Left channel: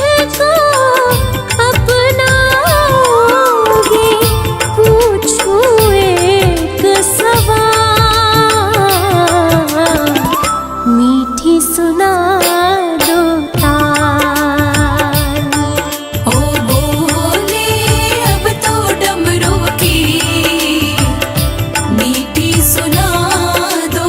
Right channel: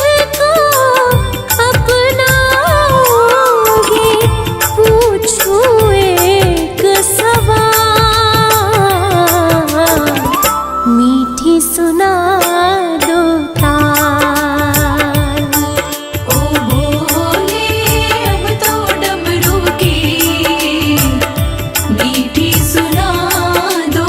मुझको अपनाओगे, पूछूं एक सवाल, मीठी सुना दो ताल। ओ बोले अब तो डमरू की मीठी सुना दो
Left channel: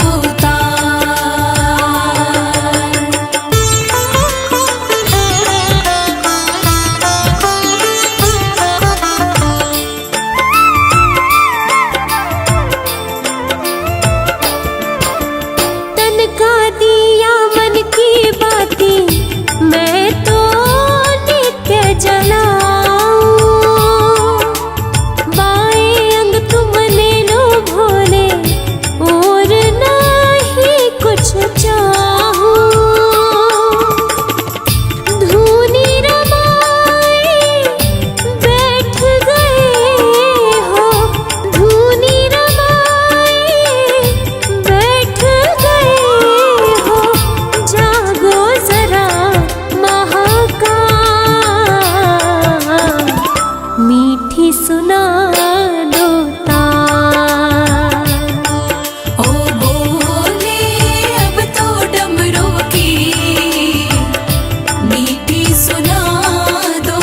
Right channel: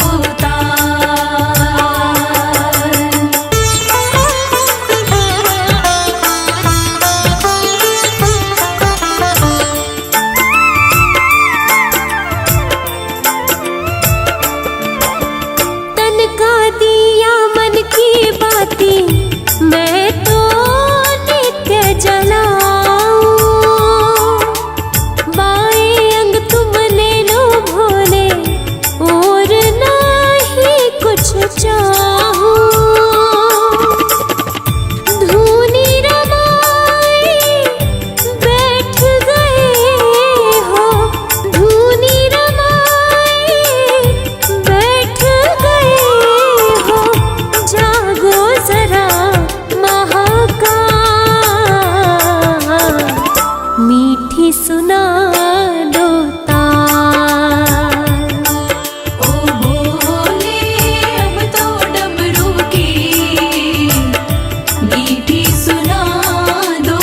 तन का दिया मन की बातें मैं तो नित्य जलाऊं, बाएं अंग तुम ले लो भोले और नहीं कुछ चाहूं। धूनी रमाए बैठ गए हो, धूनी रमाए बैठ गए हो, जागो जरा महाकाल, मीठी सुना दो ताल। ओ बोले अब तो डमरू की मीठी सुना दो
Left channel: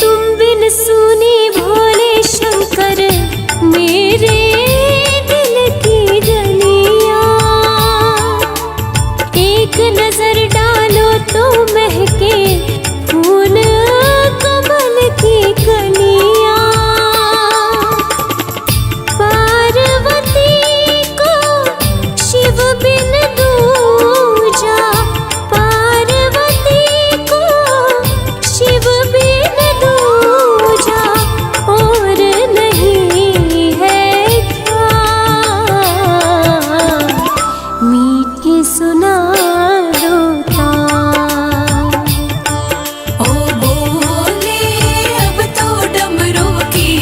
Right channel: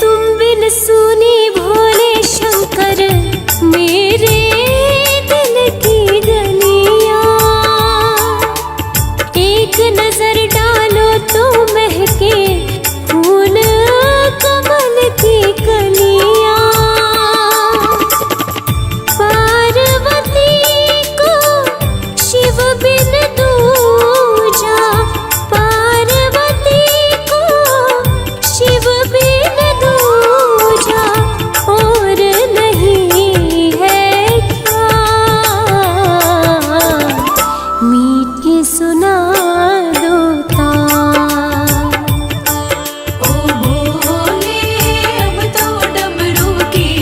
तुम बिन सुनी भोले शंकर मेरे दिल की गलियां, एक नजर डालो तो महके फूल कमल की कलियां। पार्वती को शिव बिन दूजा, पार्वती को शिव बिन दूजा और नहीं है क्या, मीठी सुना दो ताल। ओ बोले अब तो डमरू की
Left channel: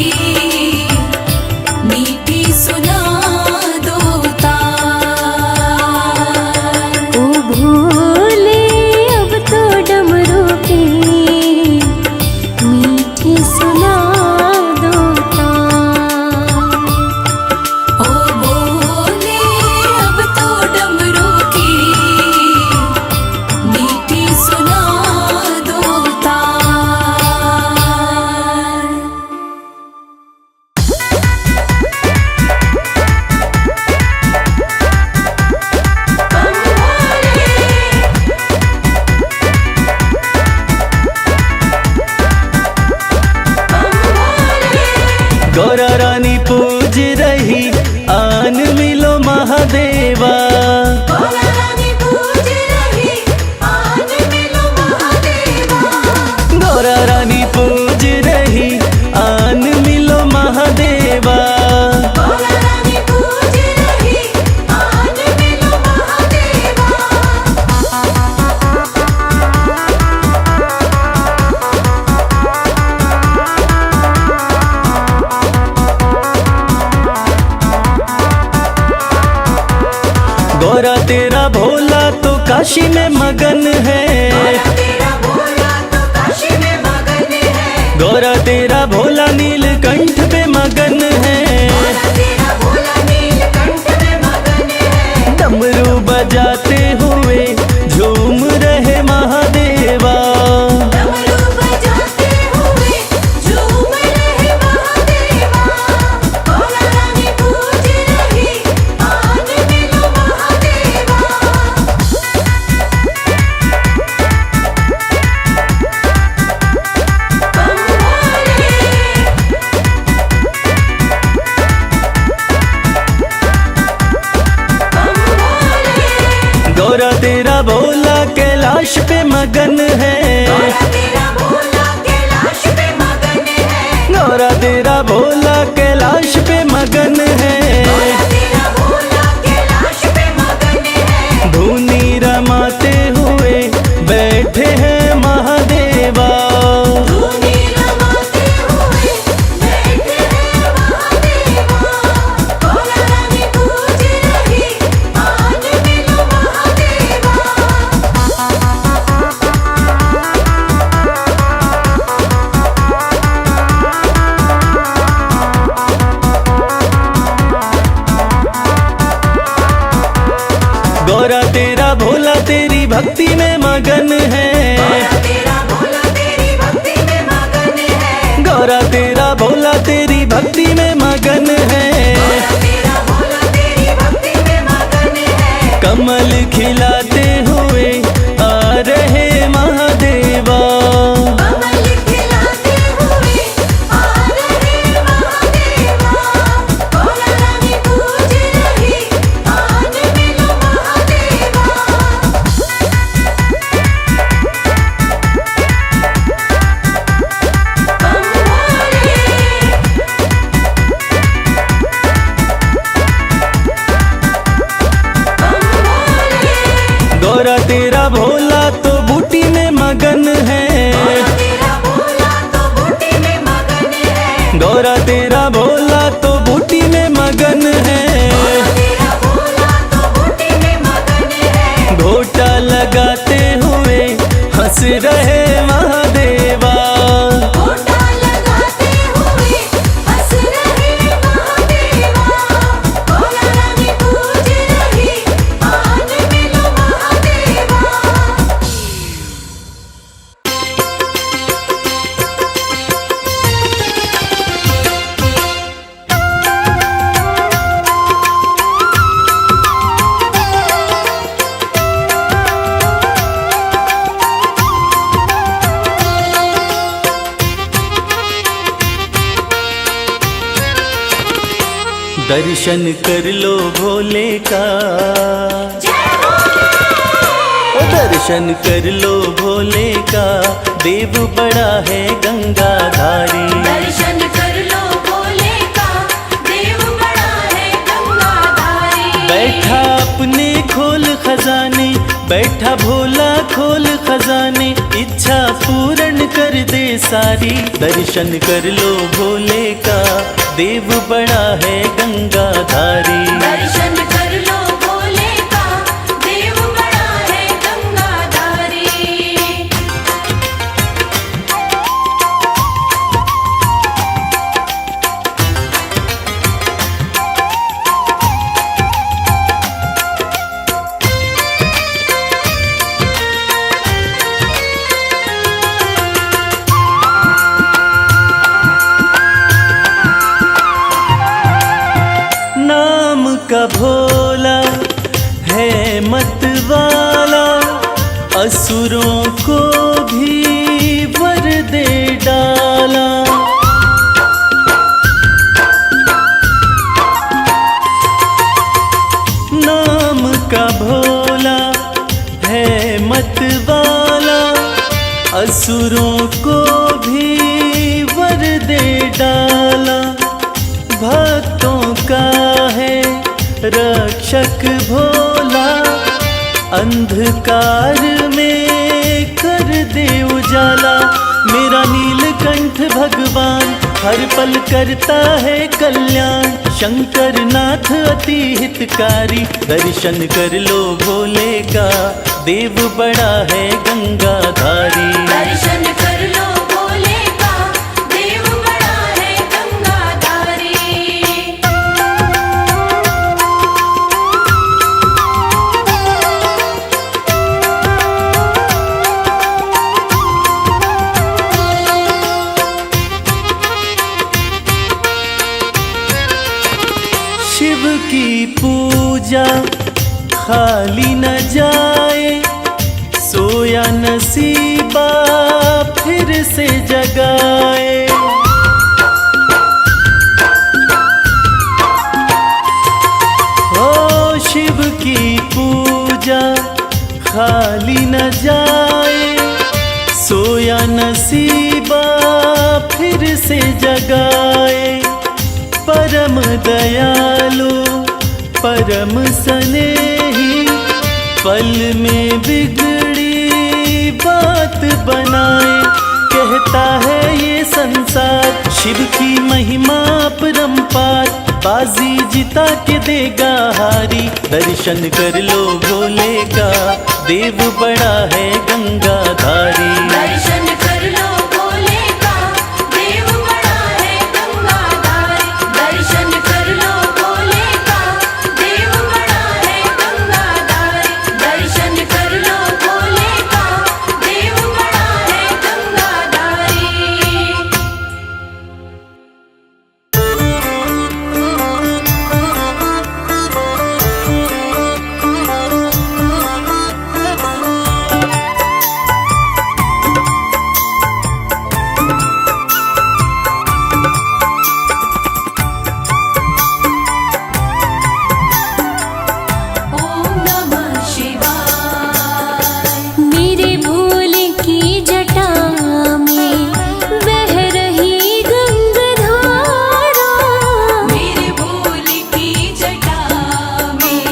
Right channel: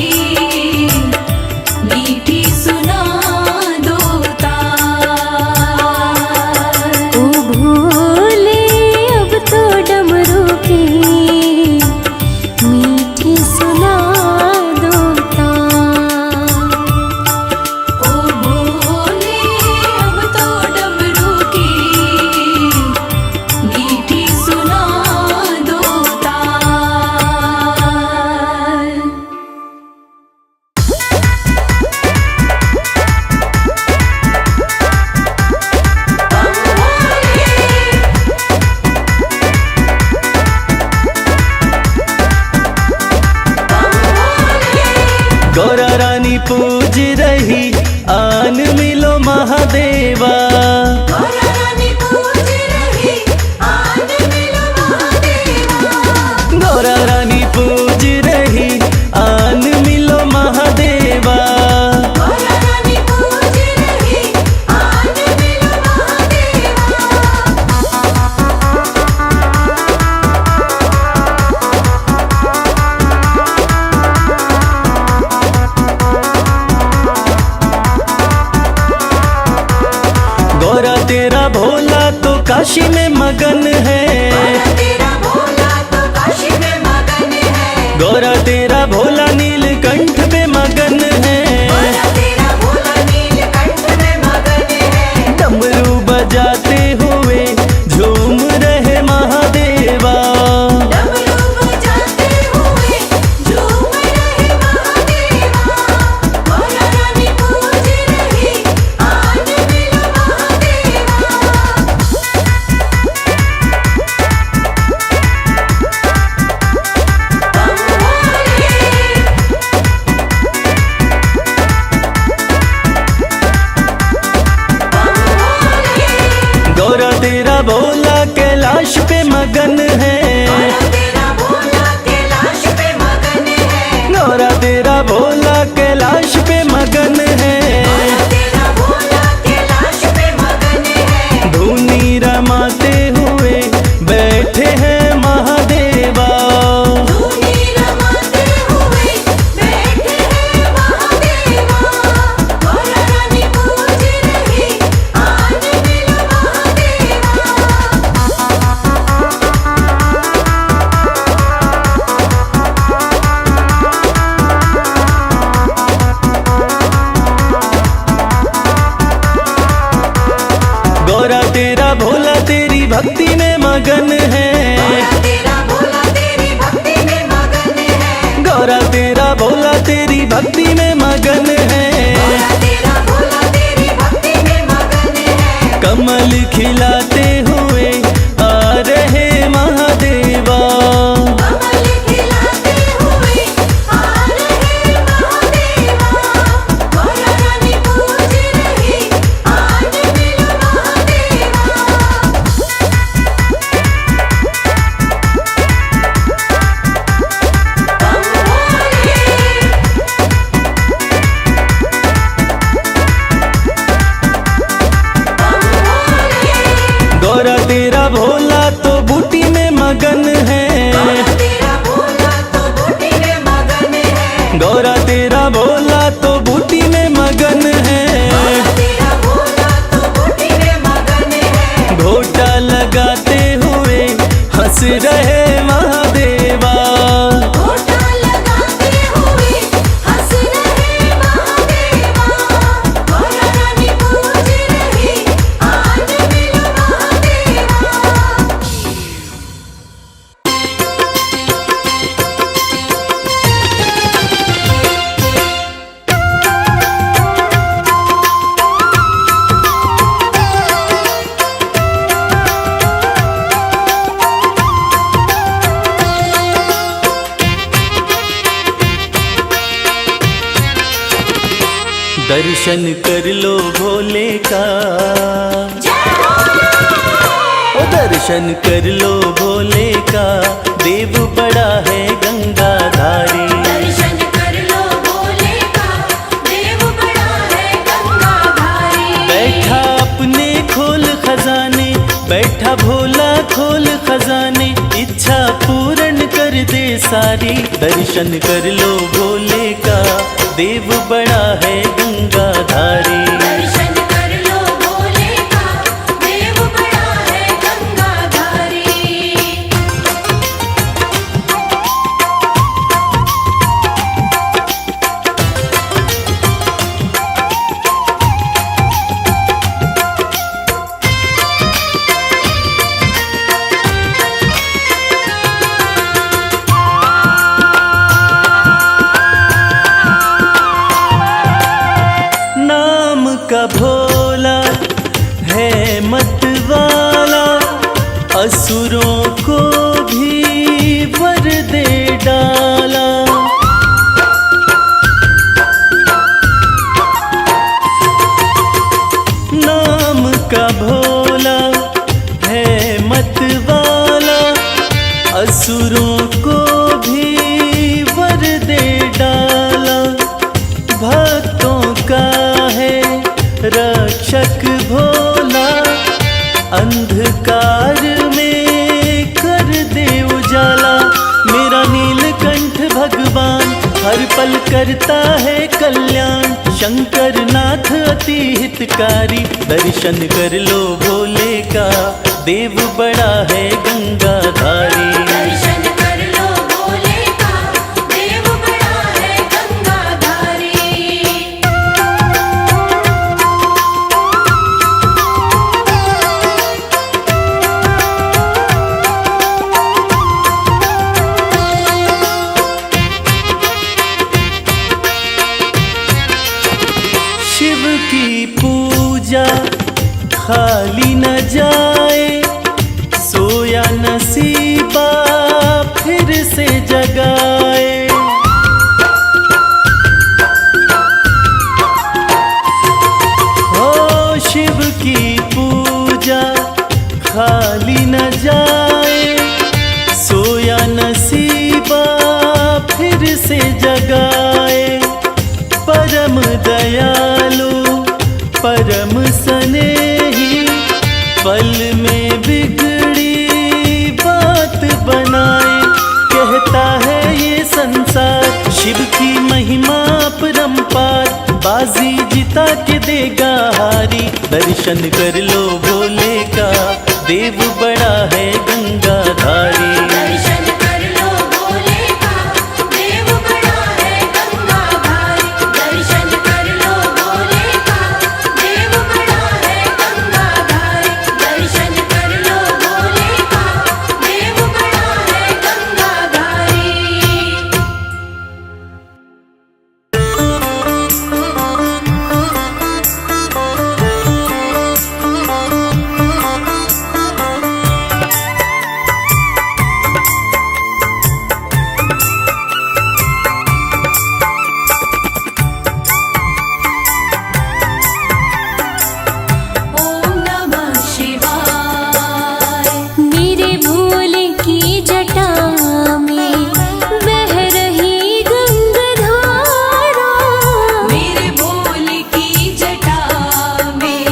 मीठी सुना दो ताल। ओ भोले अब तो डमरू की मीठी सुना दो ताल। ओ बोले अब तो डमरू की मीठी सुना दो ताल। गौरा रानी पूज रही आन मिलो महादेवा, गौरा रानी पूज रही आन मिलो महादेवा। गौरा तेरा भोला तो काशी में मगन है, गौरा तेरा भोला नीलकंठ पे मगन है। डमरू बजाते हुए झूम रहे महादेवा, गौरा तेरा भोला कैलाश पे मगन है, गौरा तेरा भोला कैलाश पे मगन है, तेरा भोला कैलाश पे मगन है। धुनी रमाते हुए बैठे हैं महादेवा। धुनी रमाते हुए बैठे हैं महादेवा। गौरा रानी पूज रही आज मिलो महादेवा। गौरा तेरा भोला तेरी भक्ति में मगन है, तेरा भोला तेरी भक्ति में मगन है। गौरा तेरा भोला तेरी भक्ति में मगन है। तेरा भोला तेरी भक्ति में मगन है। कमल खिलाते हुए आ रहे महादेवा। कमल खिलाते हुए आ रहे महादेवा। गौरा रानी पूज रही आज मिलो महादेवा। गौरा तेरा भोला तो बूटी में मगन है, तेरा भोला तो बूटी में मगन है। गौरा तेरा भोला तो बूटी में मगन है। तेरा भोला तो बूटी में मगन है। घोटा लगाते हुए हंस रहे महादेवा। घोटा लगाते हुए हंस रहे महादेवा। गौरा रानी पूज रही आज मिलो महादेवा। दर्शन कर लो भोले का, ओ दर्शन कर लो भोले का, देव बड़ा है गंगाधारी। दर्शन कर लो भोले का, देव बड़ा है गंगाधारी। बैठा अपने खोल खजाने, बैठा भोला खोल खजाने, इच्छा पूर्ण कर दे सारी। दर्शन कर लो भोले का, देव बड़ा है गंगाधारी। दर्शन कर लो भोले का, देव बड़ा है गंगाधारी। नाम का भोला है मत वाला, असुरों को भी वर दे डाला। नाम का भोला है मत वाला, असुरों को भी वर दे डाला। भक्तों का है रक्षक भोला, अंधकार में कर दे उजाला। मेरा नीलकंठ भगवान हर पल करता है कल्याण, शंकर नाथ अति हितकारी। दर्शन कर लो भोले का, देव बड़ा है गंगाधारी। दर्शन कर लो भोले का, देव बड़ा है गंगाधारी। शिव की पूजा खाली न जाए, सोया नसीबा फिर से जगाए। हो शिव की पूजा खाली न जाए, सोया नसीबा फिर से जगाए। परम दयालु परम स्नेही, पल में बिगड़ी बात बनाए। कहता है ये संसार शिव की महिमा परम्पार, बाजी जिता के देगा हारी। दर्शन कर लो भोले का, देव बड़ा है गंगाधारी। दर्शन कर लो भोले का, देव बड़ा है गंगाधारी। दर्शन कर लो भोले का, देव बड़ा है गंगाधारी। दर्शन कर लो भोले का, देव बड़ा है गंगाधारी। ओम नमः शिवाय। मेरे भोले की जटा में बह रही गंगाधारा। मेरे भोले की जटा में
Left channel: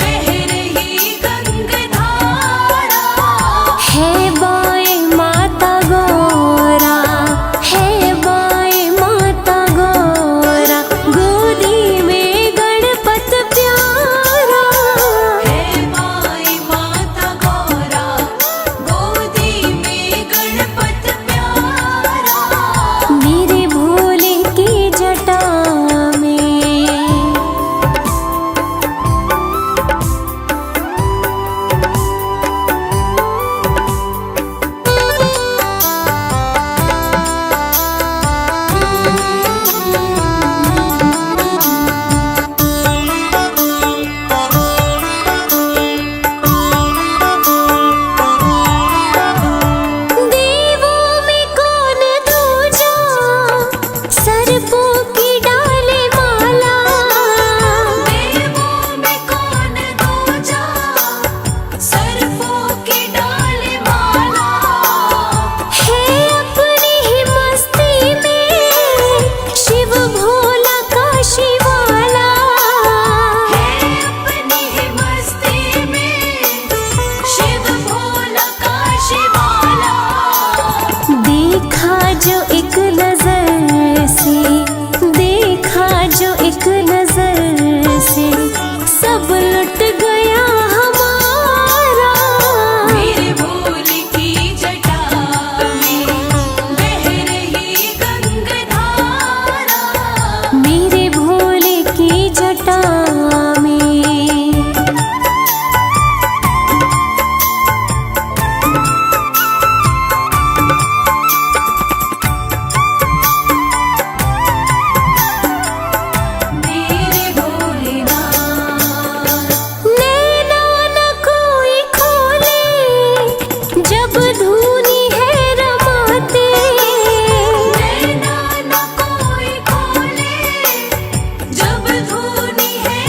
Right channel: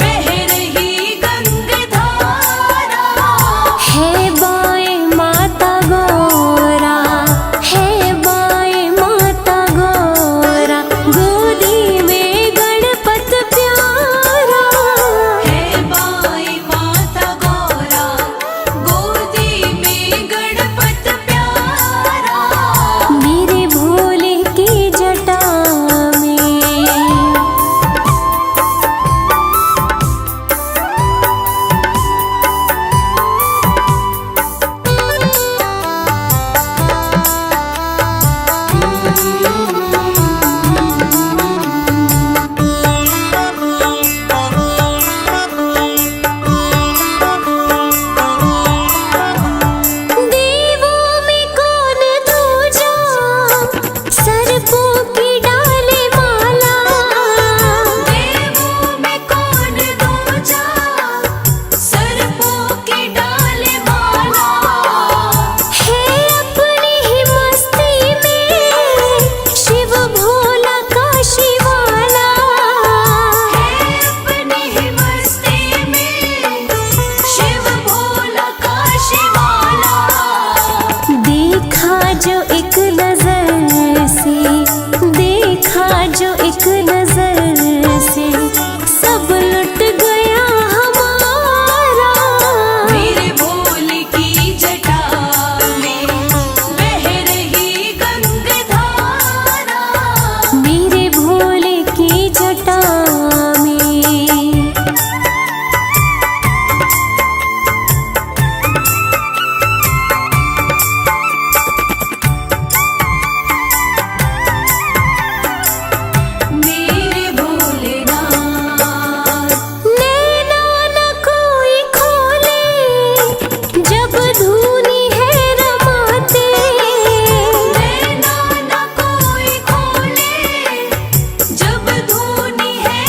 बह रही गंगाधारा। है बाएं माता गौरा, है बाएं माता गौरा, गोदी में गणपत प्यारा। है बाई माता गौरा, गोदी में गणपत प्यारा। मेरे भोले की जटा में। देवों में कौन दूजा, सर्पों की डाले माला। देवों में कौन दूजा, सर्पों की डाले माला। है अपनी ही मस्ती में शिव भोला काशी वाला। अपनी ही मस्ती में शिव भोला काशी वाला। देखा जो एक नजर से, देखा जो एक नजर से, सब लुट गया हमारा। मेरे भोले की जटा में बह रही गंगाधारा। मेरे भोले की जटा में। मेरे भोलेनाथ। नैना न कोई खोले, जब धूनी है रमाते। नैना न कोई खोले, जब धूनी है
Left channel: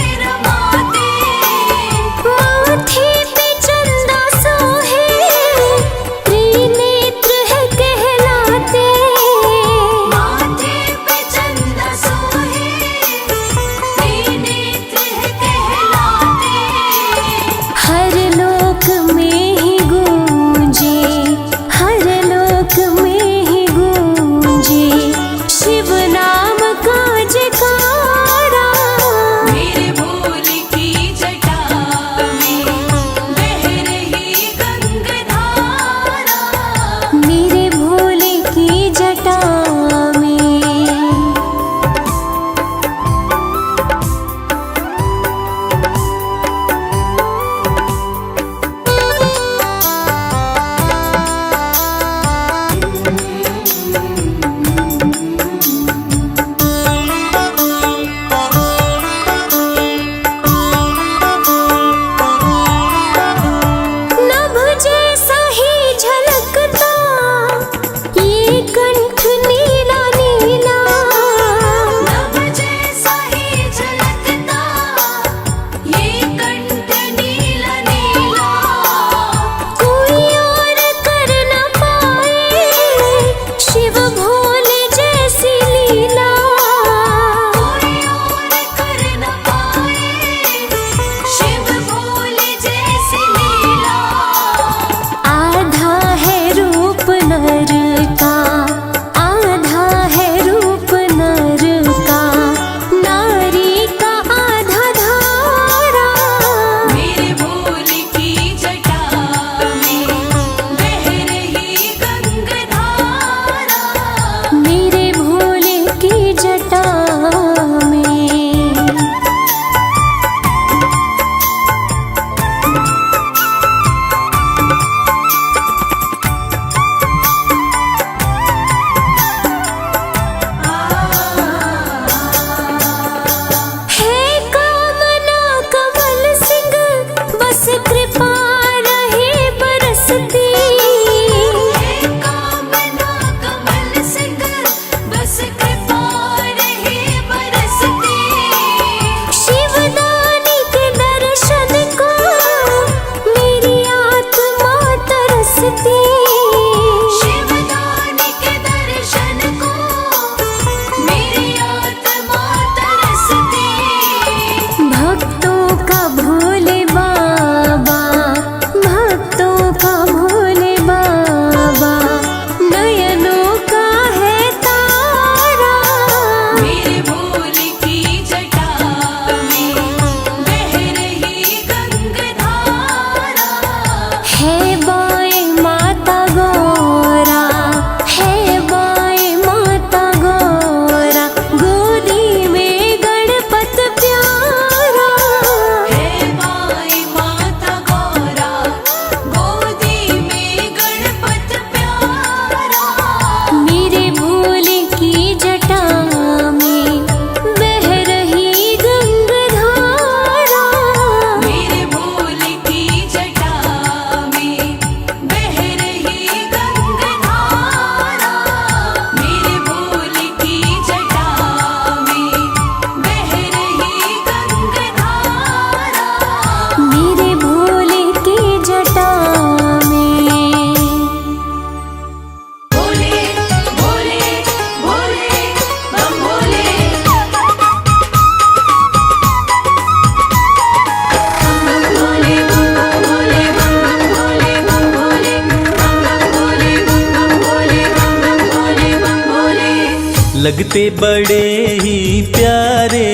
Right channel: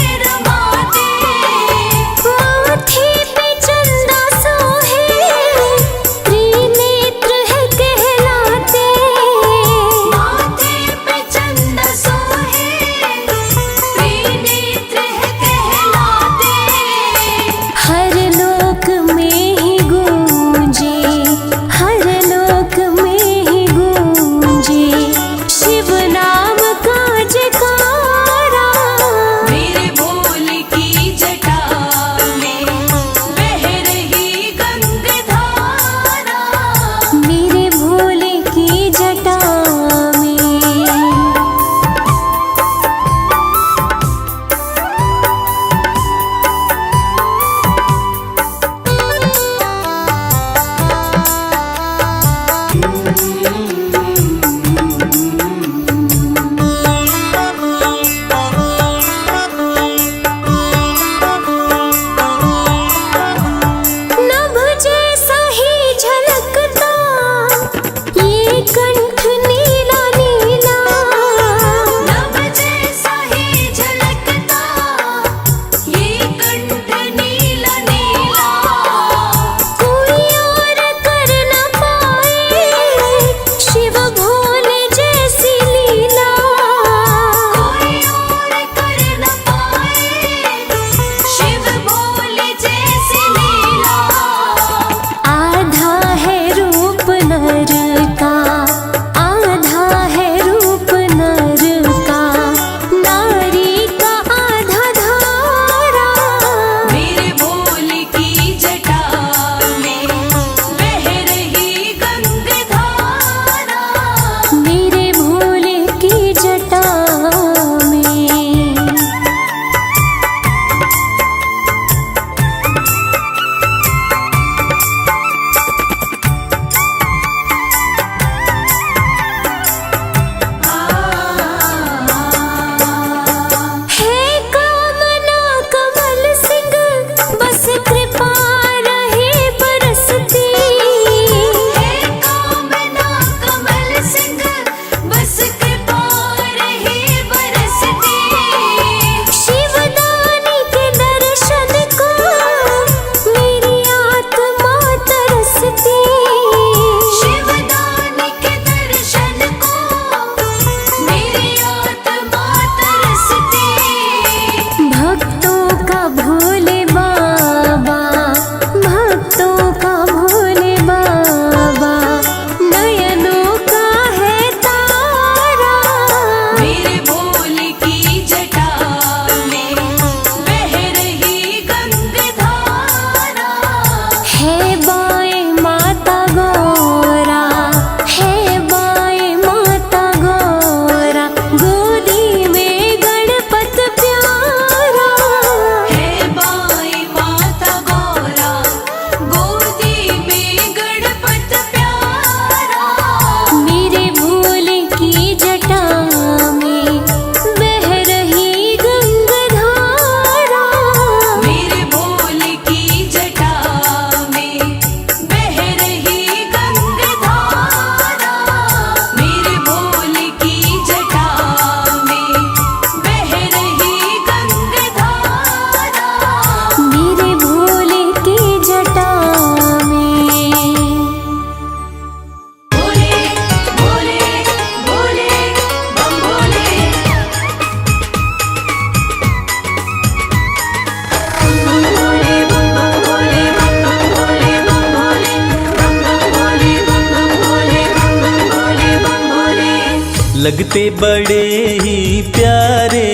लगते बड़े ही प्यारे,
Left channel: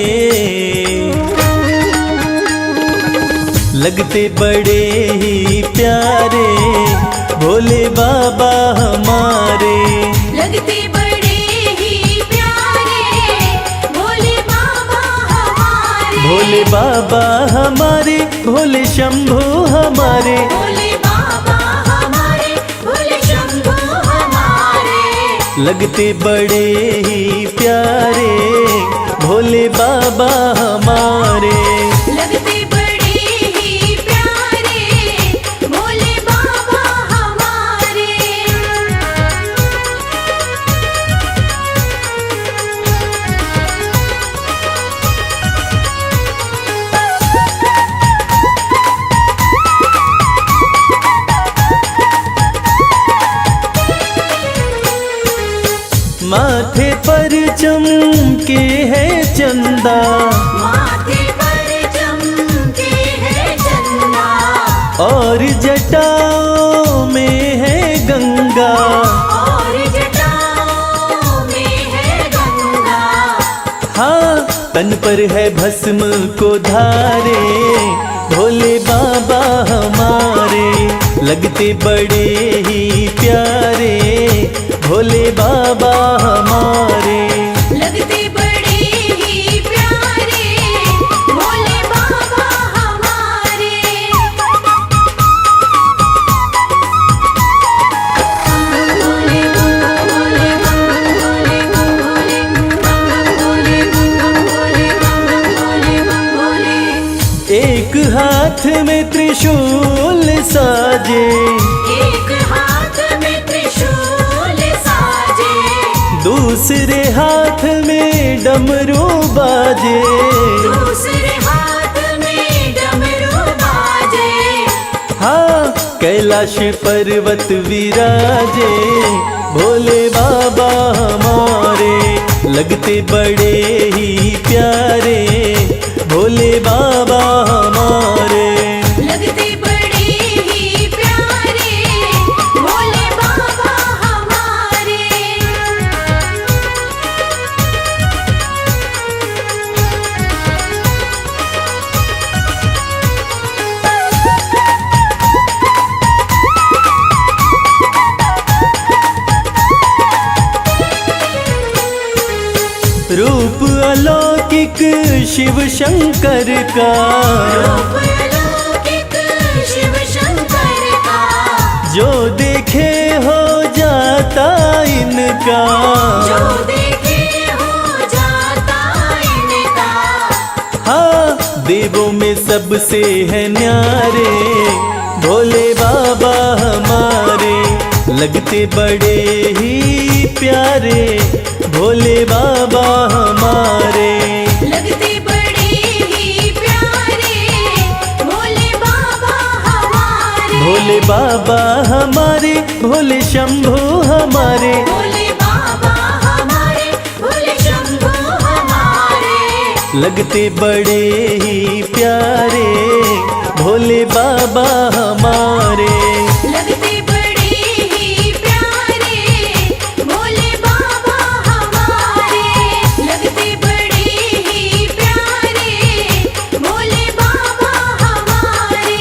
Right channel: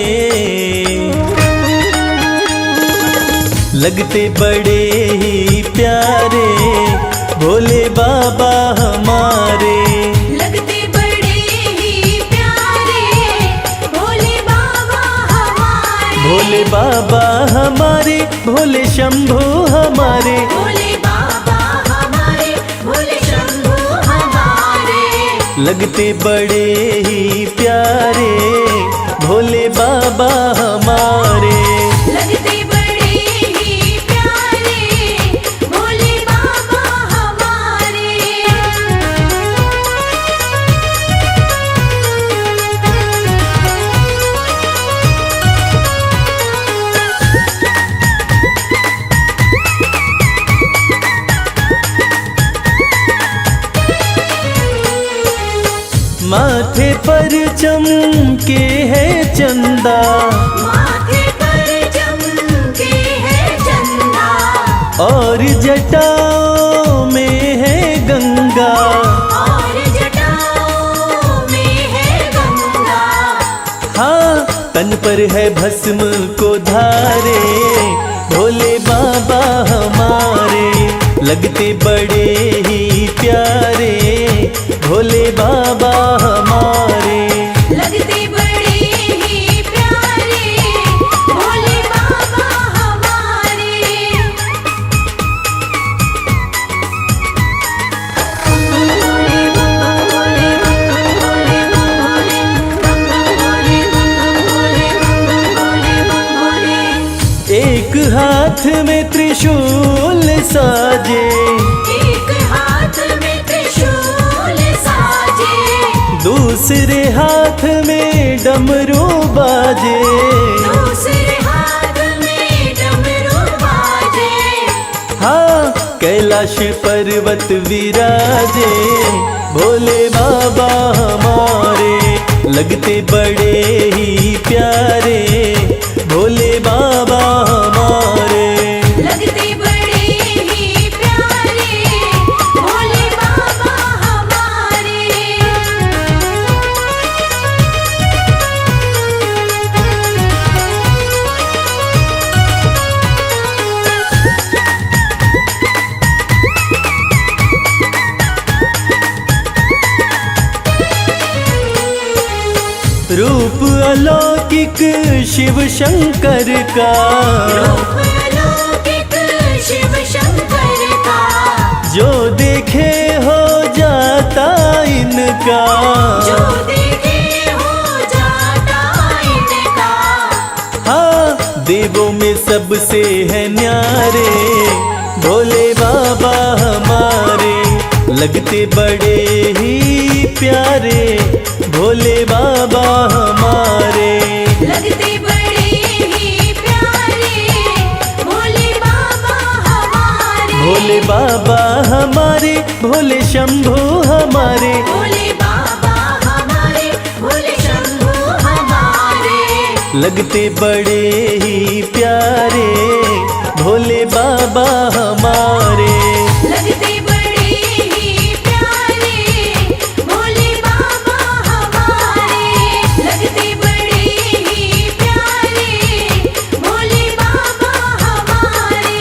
लगते बड़े ही प्यारे भोले बाबा हमारे। लगते बड़े ही प्यारे भोले बाबा हमारे। भोले बाबा हमारे, भोले शंभू हमारे, भोले बाबा हमारे, भोले शंभू हमारे। लगते बड़े ही प्यारे भोले बाबा हमारे। लगते बड़े ही प्यारे भोले बाबा हमारे। माथे पर चमके है चंदा, माथे पर चमके है चंदा, और जटाओं में है गंगा। और जटाओं में है गंगा। हाँ, तन पर है भस्म को धारे भोले बाबा हमारे। लगते बड़े ही प्यारे भोले बाबा हमारे। लगते बड़े ही प्यारे भोले बाबा हमारे। एक हाथ में त्रिशूल साजे, एक हाथ में त्रिशूल साजे, दूसरे हाथ में डमरू बाजे। दूसरे हाथ में डमरू बाजे। हाँ, कैलाश पर्वत विराजे भोले बाबा हमारे। लगते बड़े ही प्यारे भोले बाबा हमारे। लगते बड़े ही प्यारे भोले बाबा हमारे। रूप अलौकिक शिव शंकर का, अलौकिक शिव शंकर का, जो देखे हो जाता इनका। जो देखे हो जाता इनका। हाँ, देवों में सबसे है न्यारे भोले बाबा हमारे। लगते बड़े ही प्यारे भोले बाबा हमारे। लगते बड़े ही प्यारे भोले बाबा हमारे। भोले बाबा हमारे, भोले शंभू हमारे। भोले बाबा हमारे, भोले शंभू हमारे। लगते बड़े ही प्यारे भोले बाबा हमारे। लगते बड़े ही प्यारे भोले बाबा हमारे। लगते बड़े ही प्यारे भोले बाबा हमारे।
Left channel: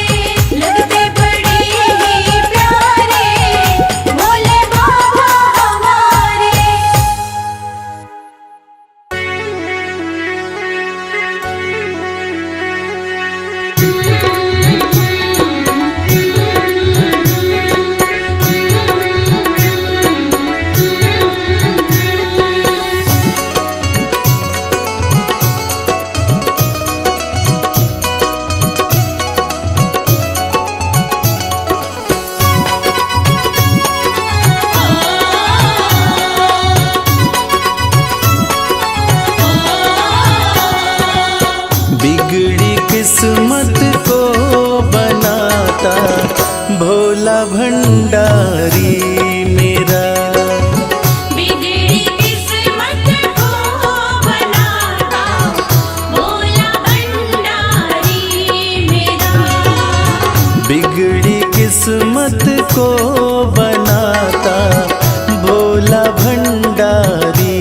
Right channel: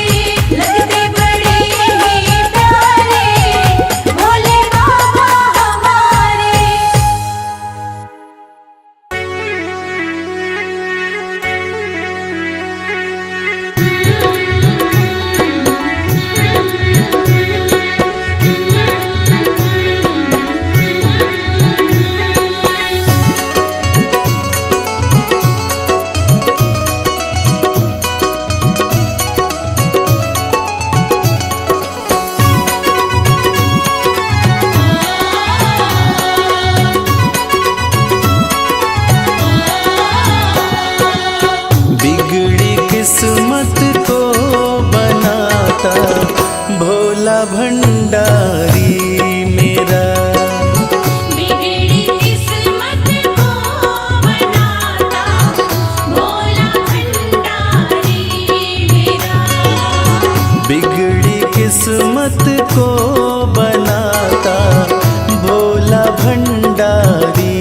लगते बड़े ही प्यारे भोले बाबा हमारे। बिगड़ी किस्मत को बनाता भोला भंडारी मेरा। बिगड़ी किस्मत को बनाता भोला भंडारी मेरा। बिगड़ी किस्मत को बनाता भोला भंडारी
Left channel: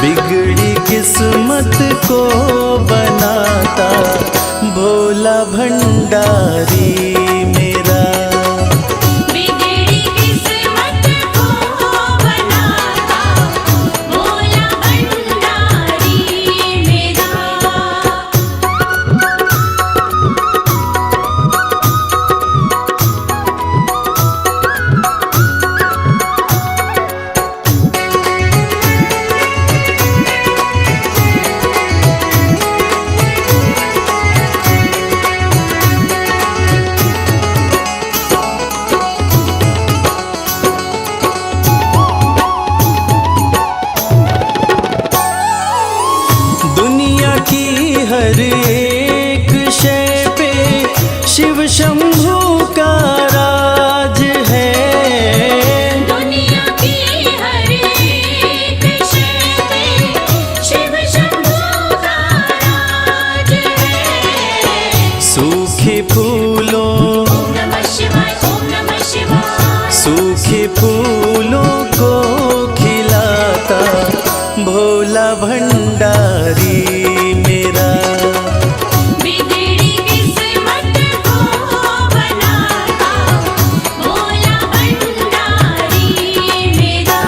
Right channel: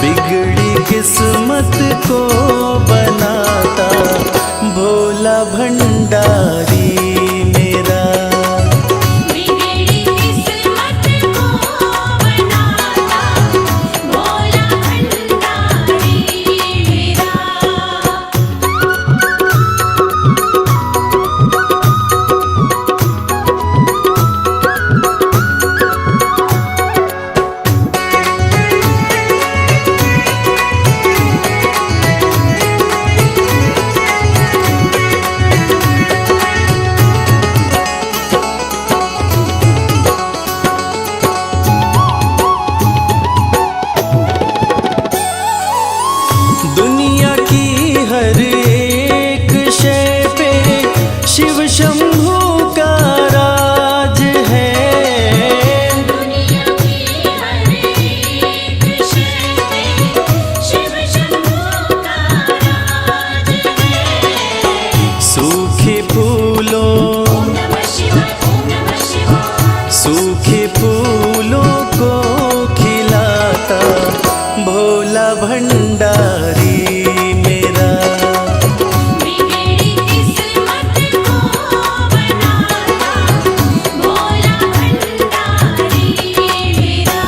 बिगड़ी किस्मत को बनाता भोला भंडारी मेरा। बिगड़ी किस्मत को बनाता भोला भंडारी मेरा। दुनिया की हर एक शय पे शिव शंभू का राज है। दुनिया की हर एक शय पे शिव शंभू का राज है। सूखे फूलों ओम नमः शिवाय, ओम नमः शिवाय। सूखे फूलों को खिलाता भोला भंडारी मेरा। बिगड़ी किस्मत को बनाता भोला भंडारी मेरा।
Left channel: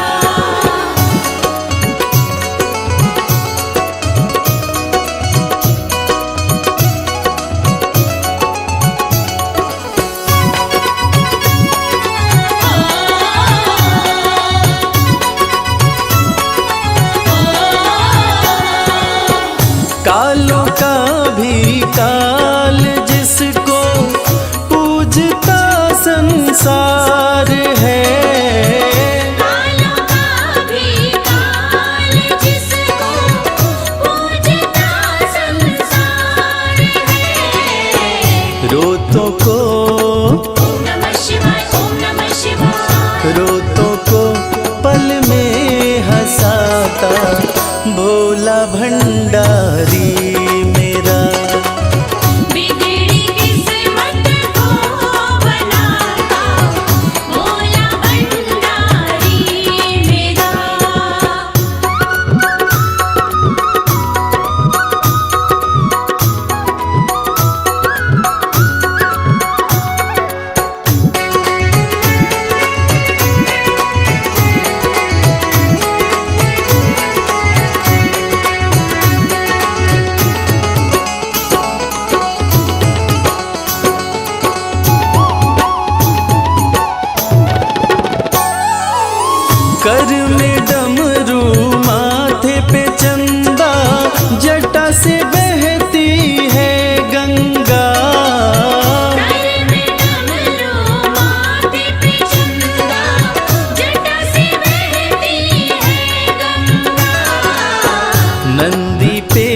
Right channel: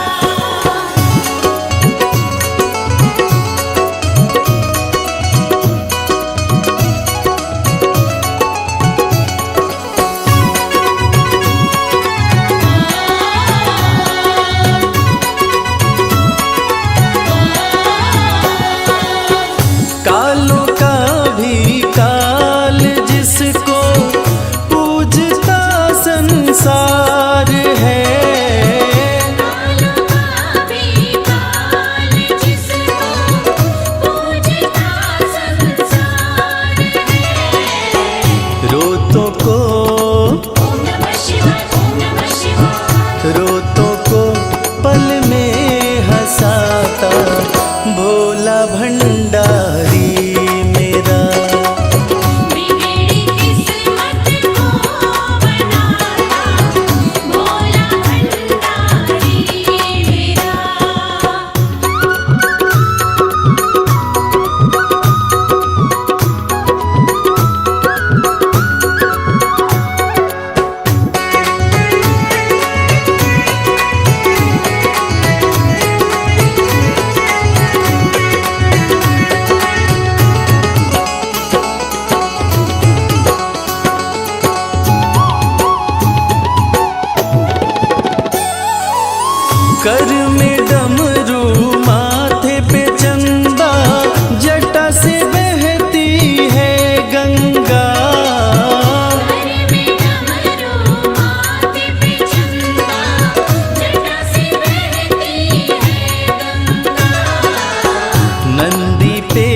कालों का भी काल जिसको पूजता संसार है। कालों का भी काल जिसको पूजता संसार है। रोतों को ओम नमः शिवाय, ओम नमः शिवाय। रोतों को पल में हंसाता भोला भंडारी मेरा। बिगड़ी किस्मत को बनाता भोला भंडारी मेरा। कर में डमरू माथे पे चंदा जटा से बहती है गंगा। सर में डमरू माथे पे चंदा जटा से बहती है गंगा। नंदी पे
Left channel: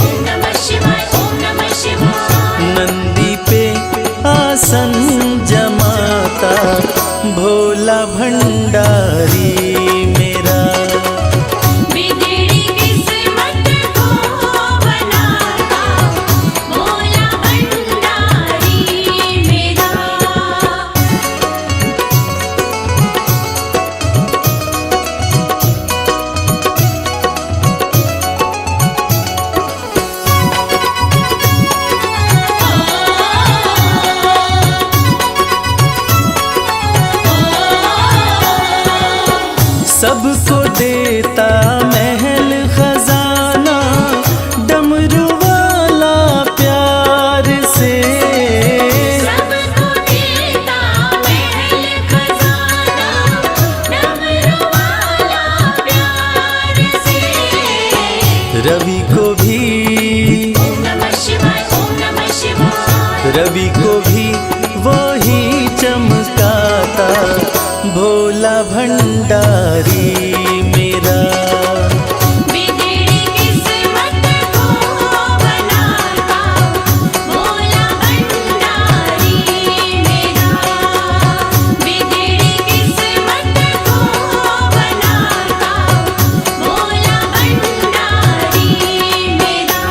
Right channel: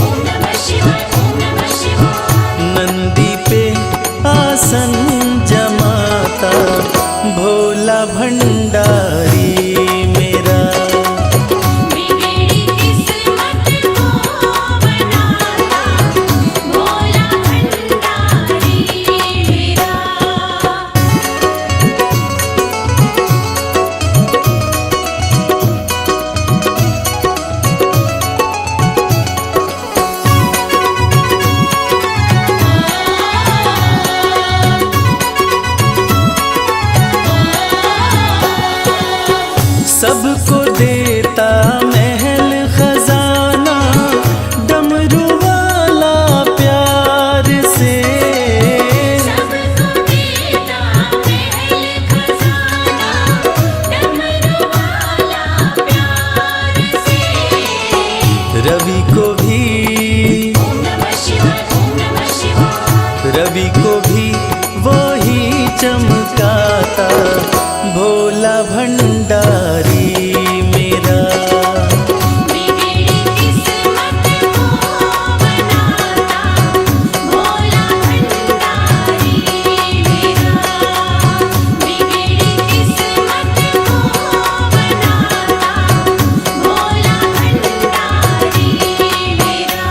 ओम नमः शिवाय, ओम नमः शिवाय। नंदी पे आसन जमाता भोला भंडारी मेरा। बिगड़ी किस्मत को बनाता भोला भंडारी मेरा। सबको देता महल खजाना डमरू वाला प्यार से। सबको देता महल खजाना डमरू वाला प्यार से। रवि को भी ओम नमः शिवाय, ओम नमः शिवाय। रवि को भी वही चमकाता भोला भंडारी मेरा। बिगड़ी किस्मत को बनाता भोला भंडारी मेरा। बिगड़ी किस्मत को बनाता भोला भंडारी मेरा।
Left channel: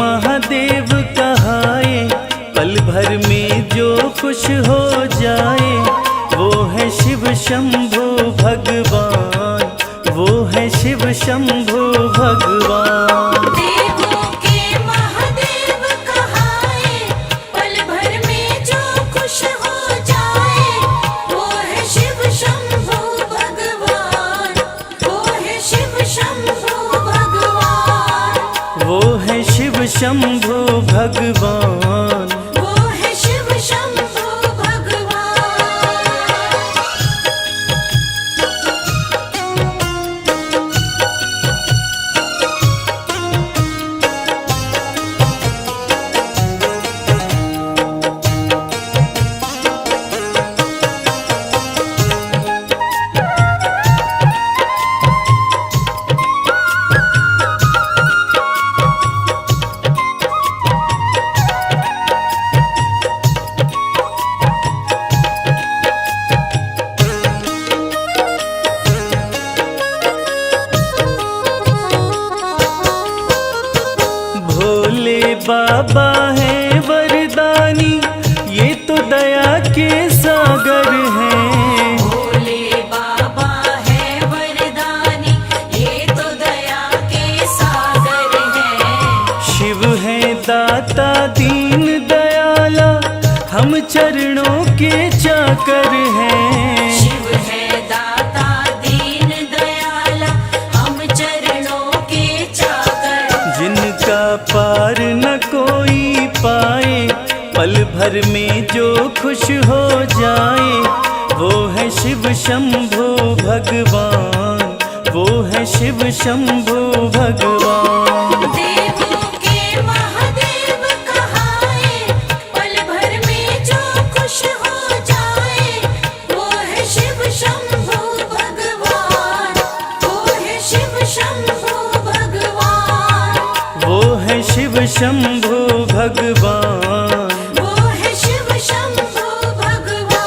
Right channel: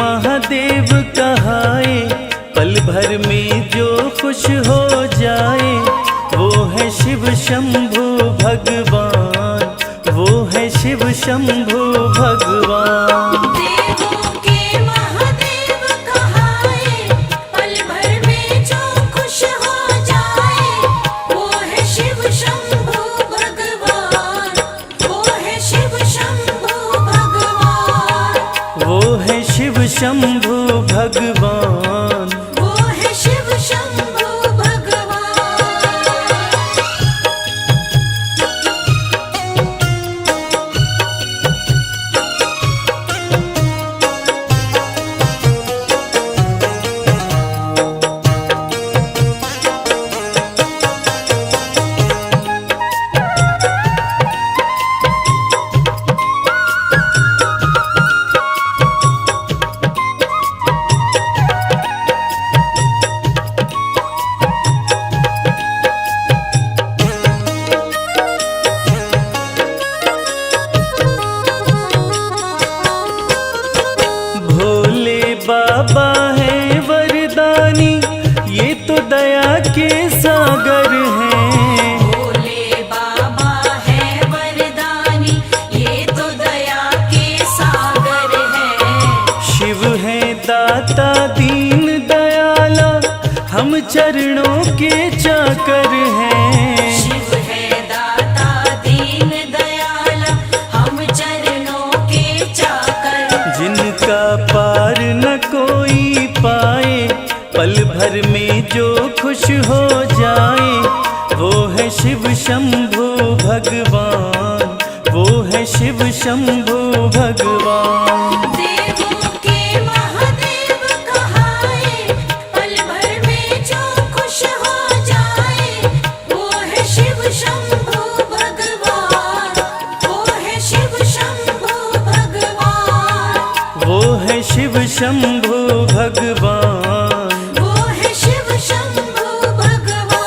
महादेव कहाए, पल भर में जो खुश हो जाए, वो है शिव शंभु भगवान, वो है शिव शंभु भगवान। देवों के महादेव कहाए, पल भर में जो खुश हो जाए, वो है शिव शंभु भगवान, वो है शिव शंभु भगवान, वो है शिव शंभु भगवान। वो है शिव शंभु भगवान। भोले बाबा है वरदानी, ये तो दया के सागर हैं। भोले बाबा है वरदानी, ये तो दया के सागर है। शिव है दाता दीन दयाला, हम चरणों के चाकर हैं। शिव है दाता दीन दयाला, हम चरणों के चाकर। जिनका पार न कोई पाए, पल भर में जो खुश हो जाए, वो है शिव शंभु भगवान, वो है शिव शंभु भगवान। देवों के महादेव कहाए, पल भर में जो खुश हो जाए, वो है शिव शंभु भगवान, वो है शिव शंभु भगवान, वो है शिव शंभु भगवान। वो है शिव शंभु भगवान।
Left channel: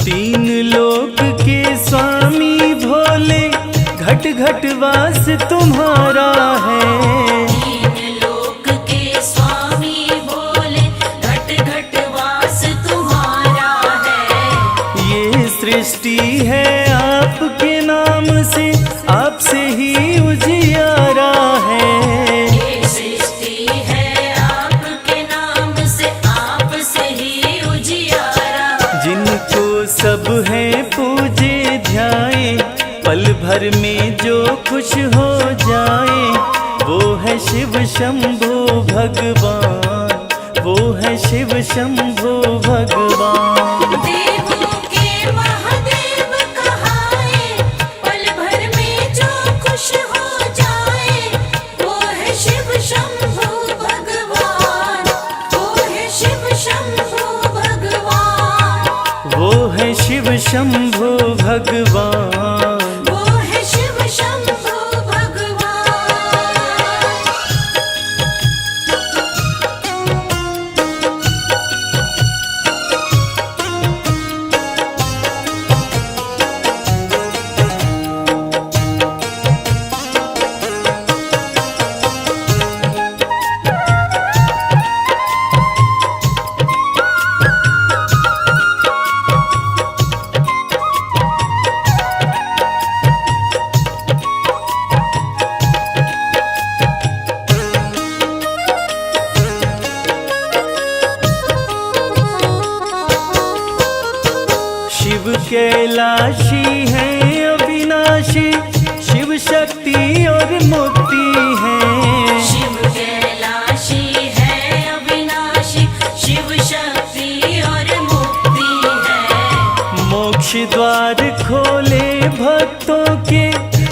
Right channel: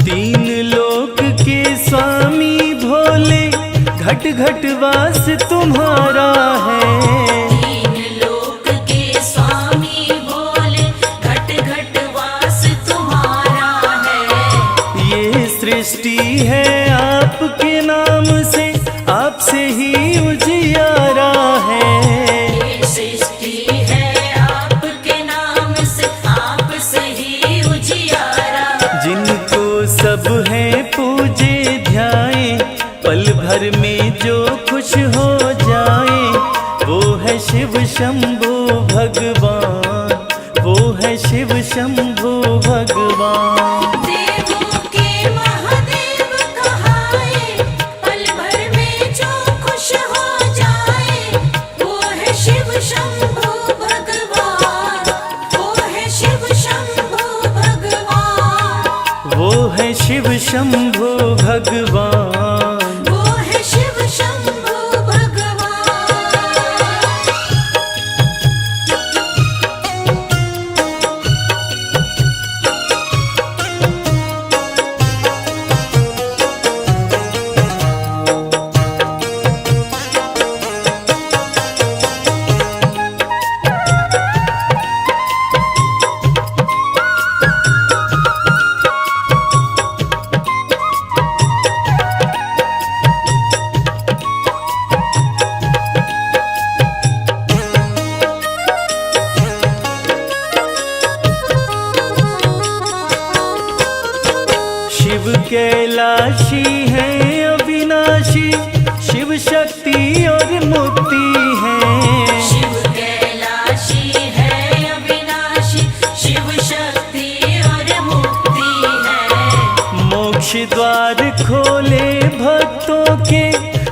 तीन लोक के स्वामी भोले, घट घट वास तुम्हारा है। तीन लोक के स्वामी भोले, घट घट वास तुम्हारा है। ये सृष्टि है आपके नाम से, आपसे ही उजियारा है। ये सृष्टि है आपके नाम से, आपसे ही उजियारा। जिनको सब है पूजे ध्याए, पल भर में जो खुश हो जाए, वो है शिव शंभु भगवान, वो है शिव शंभु भगवान। देवों के महादेव कहाए, पल भर में जो खुश हो जाए, वो है शिव शंभु भगवान, वो है शिव शंभु भगवान, वो है शिव शंभु भगवान। वो है शिव शंभु भगवान। शिव कैलाशी है अविनाशी, शिव शक्ति और मुक्ति है। शिव कैलाशी है अविनाशी, शिव शक्ति और मुक्ति है। मोक्ष द्वार खोले भक्तों के,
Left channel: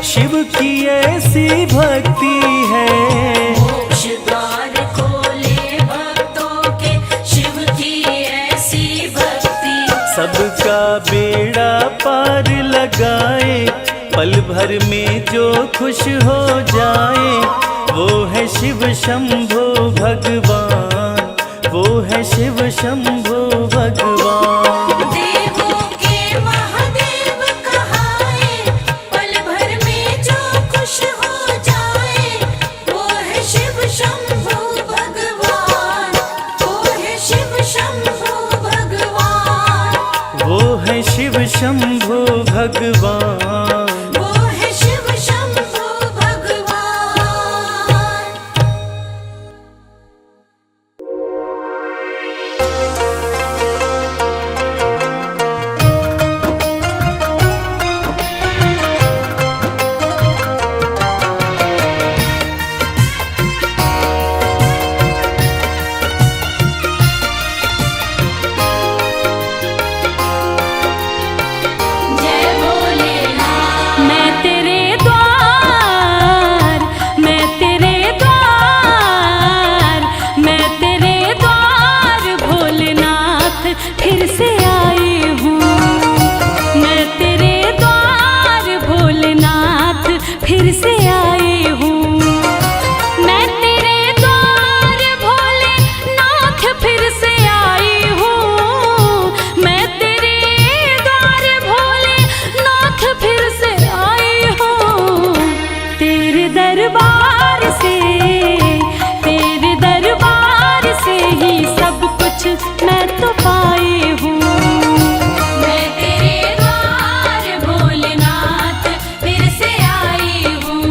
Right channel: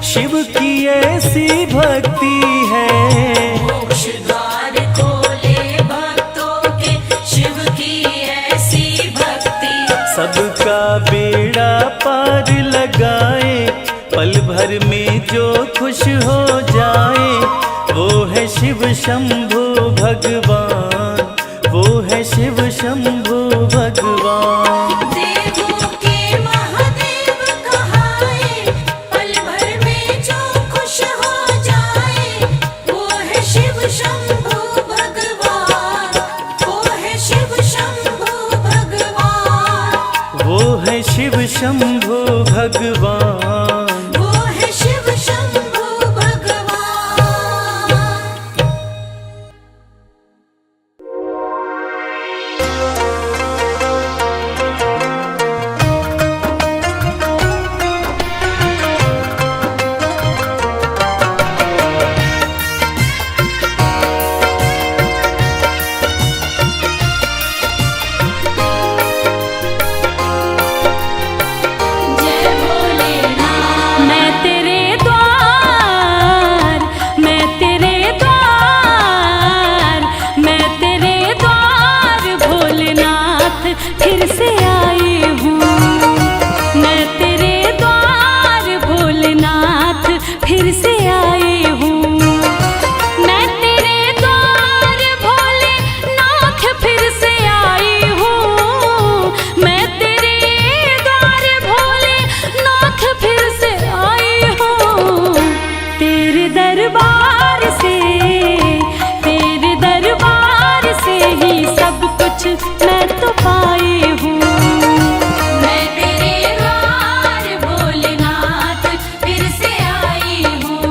शिव की ऐसी भक्ति है। मोक्ष द्वार खोले भक्तों के, शिव की ऐसी भक्ति। सबका बेड़ा पार लगाए, पल भर में जो खुश हो जाए, वो है शिव शंभो भगवान, वो है शिव शंभो भगवान। देवों के महादेव कहाए, पल भर में जो खुश हो जाए, वो है शिव शंभो भगवान, वो है शिव शंभो भगवान, वो है शिव शंभो भगवान। वो है शिव शंभो भगवान। जय भोलेनाथ। मैं तेरे द्वार, मैं तेरे द्वार, मैं तेरे द्वार भोलेनाथ फिर से आई हूँ। मैं तेरे द्वार भोलेनाथ फिर से आई हूँ। मैं तेरे द्वार भोलेनाथ फिर से आई हूँ। मैं तेरे द्वार भोलेनाथ फिर से आई हूँ। तेरे दरबार से, तेरे दरबार से ही सब कुछ मैं तो पाई हूँ। मैं तेरे द्वार भोलेनाथ फिर से आई हूँ।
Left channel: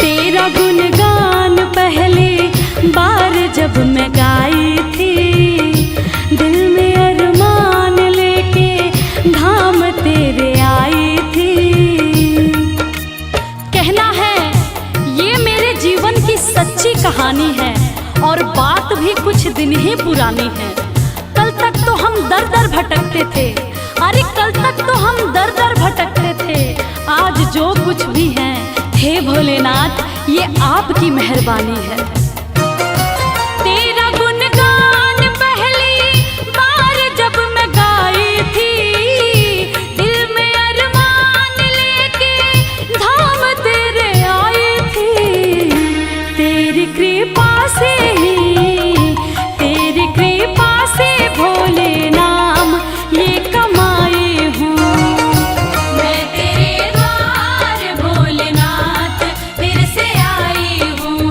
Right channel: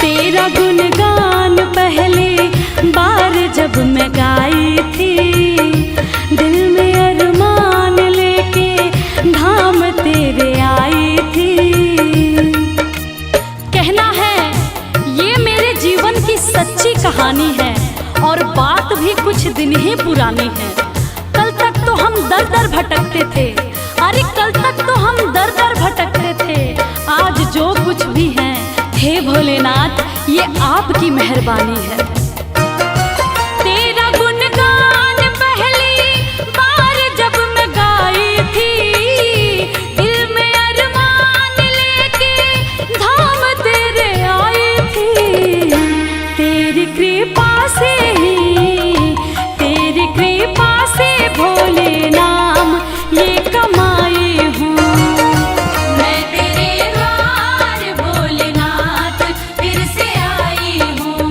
तेरा गुणगान पहले बार जब मैं गाई थी, दिल में अरमान लेके धाम तेरे आई थी। कहना है ये मेरे जीवन की सच्ची कहानी है और बात भी कुछ दिन ही पुरानी है। कल तक तो हम दर दर भटकते थे, अरे कल तक तो हम दर दर भटकते थे। आज जो कुछ भी है, हे भोलेनाथ ये आपकी मेहरबानी है। तेरा गुणगान पहली बार जब मैं गाई थी, दिल में अरमान लेके धाम तेरे आई थी। तेरी कृपा से ही, तेरी कृपा से भोले नाम ये कमाई हूँ। मैं तेरे द्वार भोलेनाथ फिर से आई हूँ।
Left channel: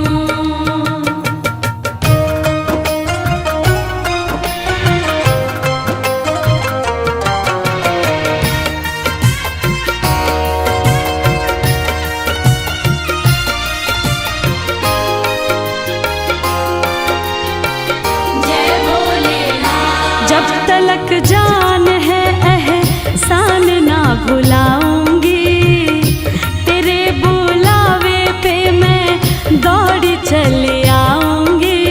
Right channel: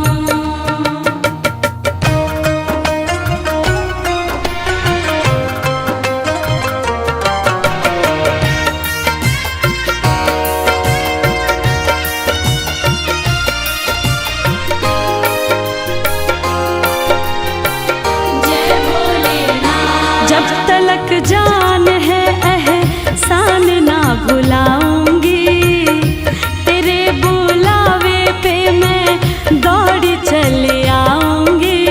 जय भोलेनाथ। जब तलक जान है एहसान ना भुलाऊंगी, तेरे बुलावे पे मैं दौड़ी चले आऊंगी।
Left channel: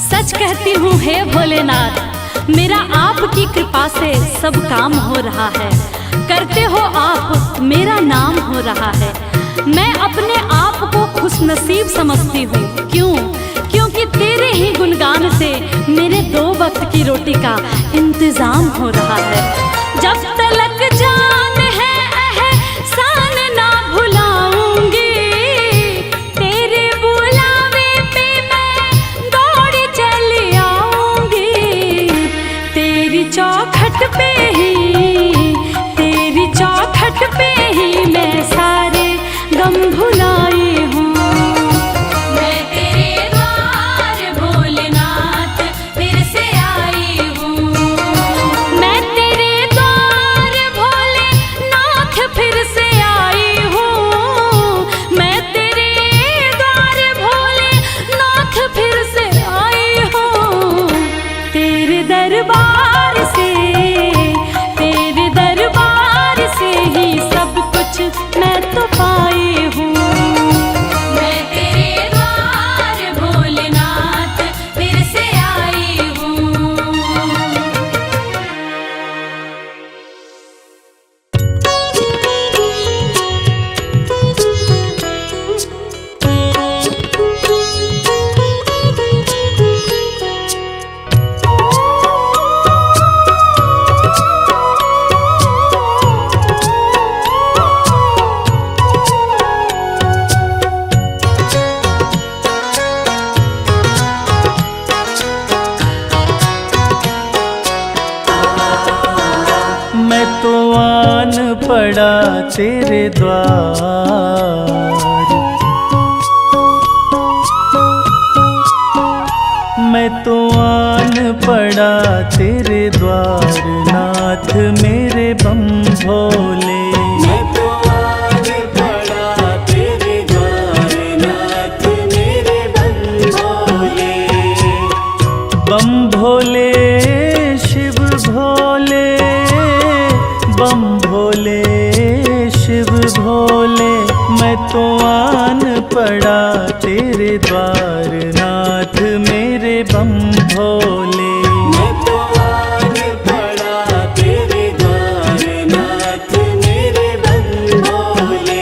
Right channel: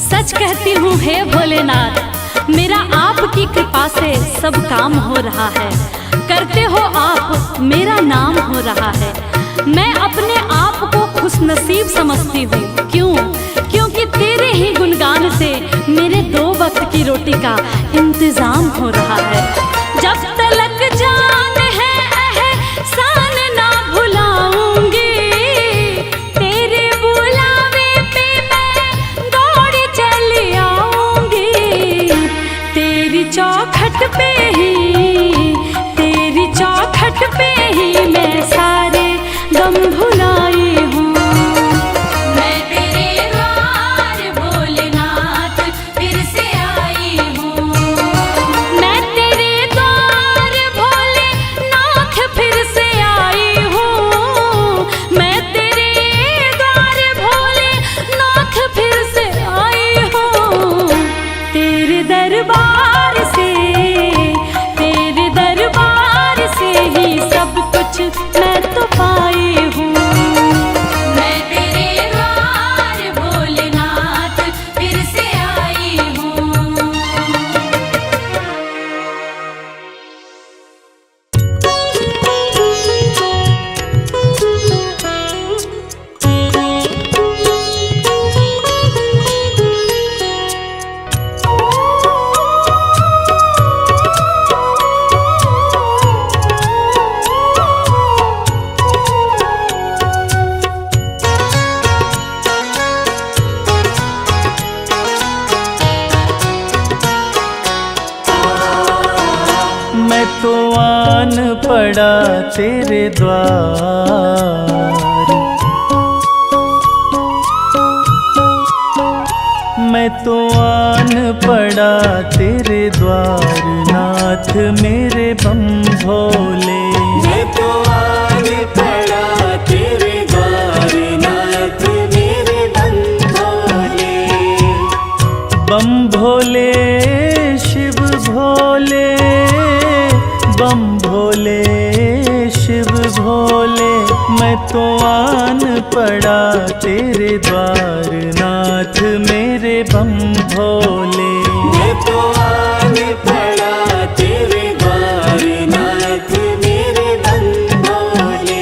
सच कहती हूँ हे भोलेनाथ, मेरा आपकी कृपा से सब काम हो रहा है। करते हो आप, मेरा नाम हो रहा है। मैं अपने आप को खुशनसीब समझती हूँ। क्यों? क्योंकि तेरे ही गुणगान से मेरे 2 वक्त की रोटी का इंतजाम हो रहा है। जब तलक जान है एहसान ना भुलाऊंगी, तेरे बुलावे पे मैं दौड़ी चली आऊंगी। तेरी चौखट पे ही, तेरी चौखट पे ही मैं सारे गम भुलाई हूँ। मैं तेरे द्वार भोलेनाथ फिर से आई हूँ। मैं तेरे द्वार भोले पड़ा तेरे द्वार। मैं तो आन पड़ा तेरे द्वार, नाथ मेरे बम भोले। मैं तो आन पड़ा तेरे द्वार, नाथ मेरे बम भोले। बम भोले शिव भोले, बम भोले शिव भोले। मैं तो आन पड़ा तेरे द्वार, नाथ मेरे बम भोले। मैं तो आन पड़ा तेरे द्वार, नाथ मेरे बम भोले।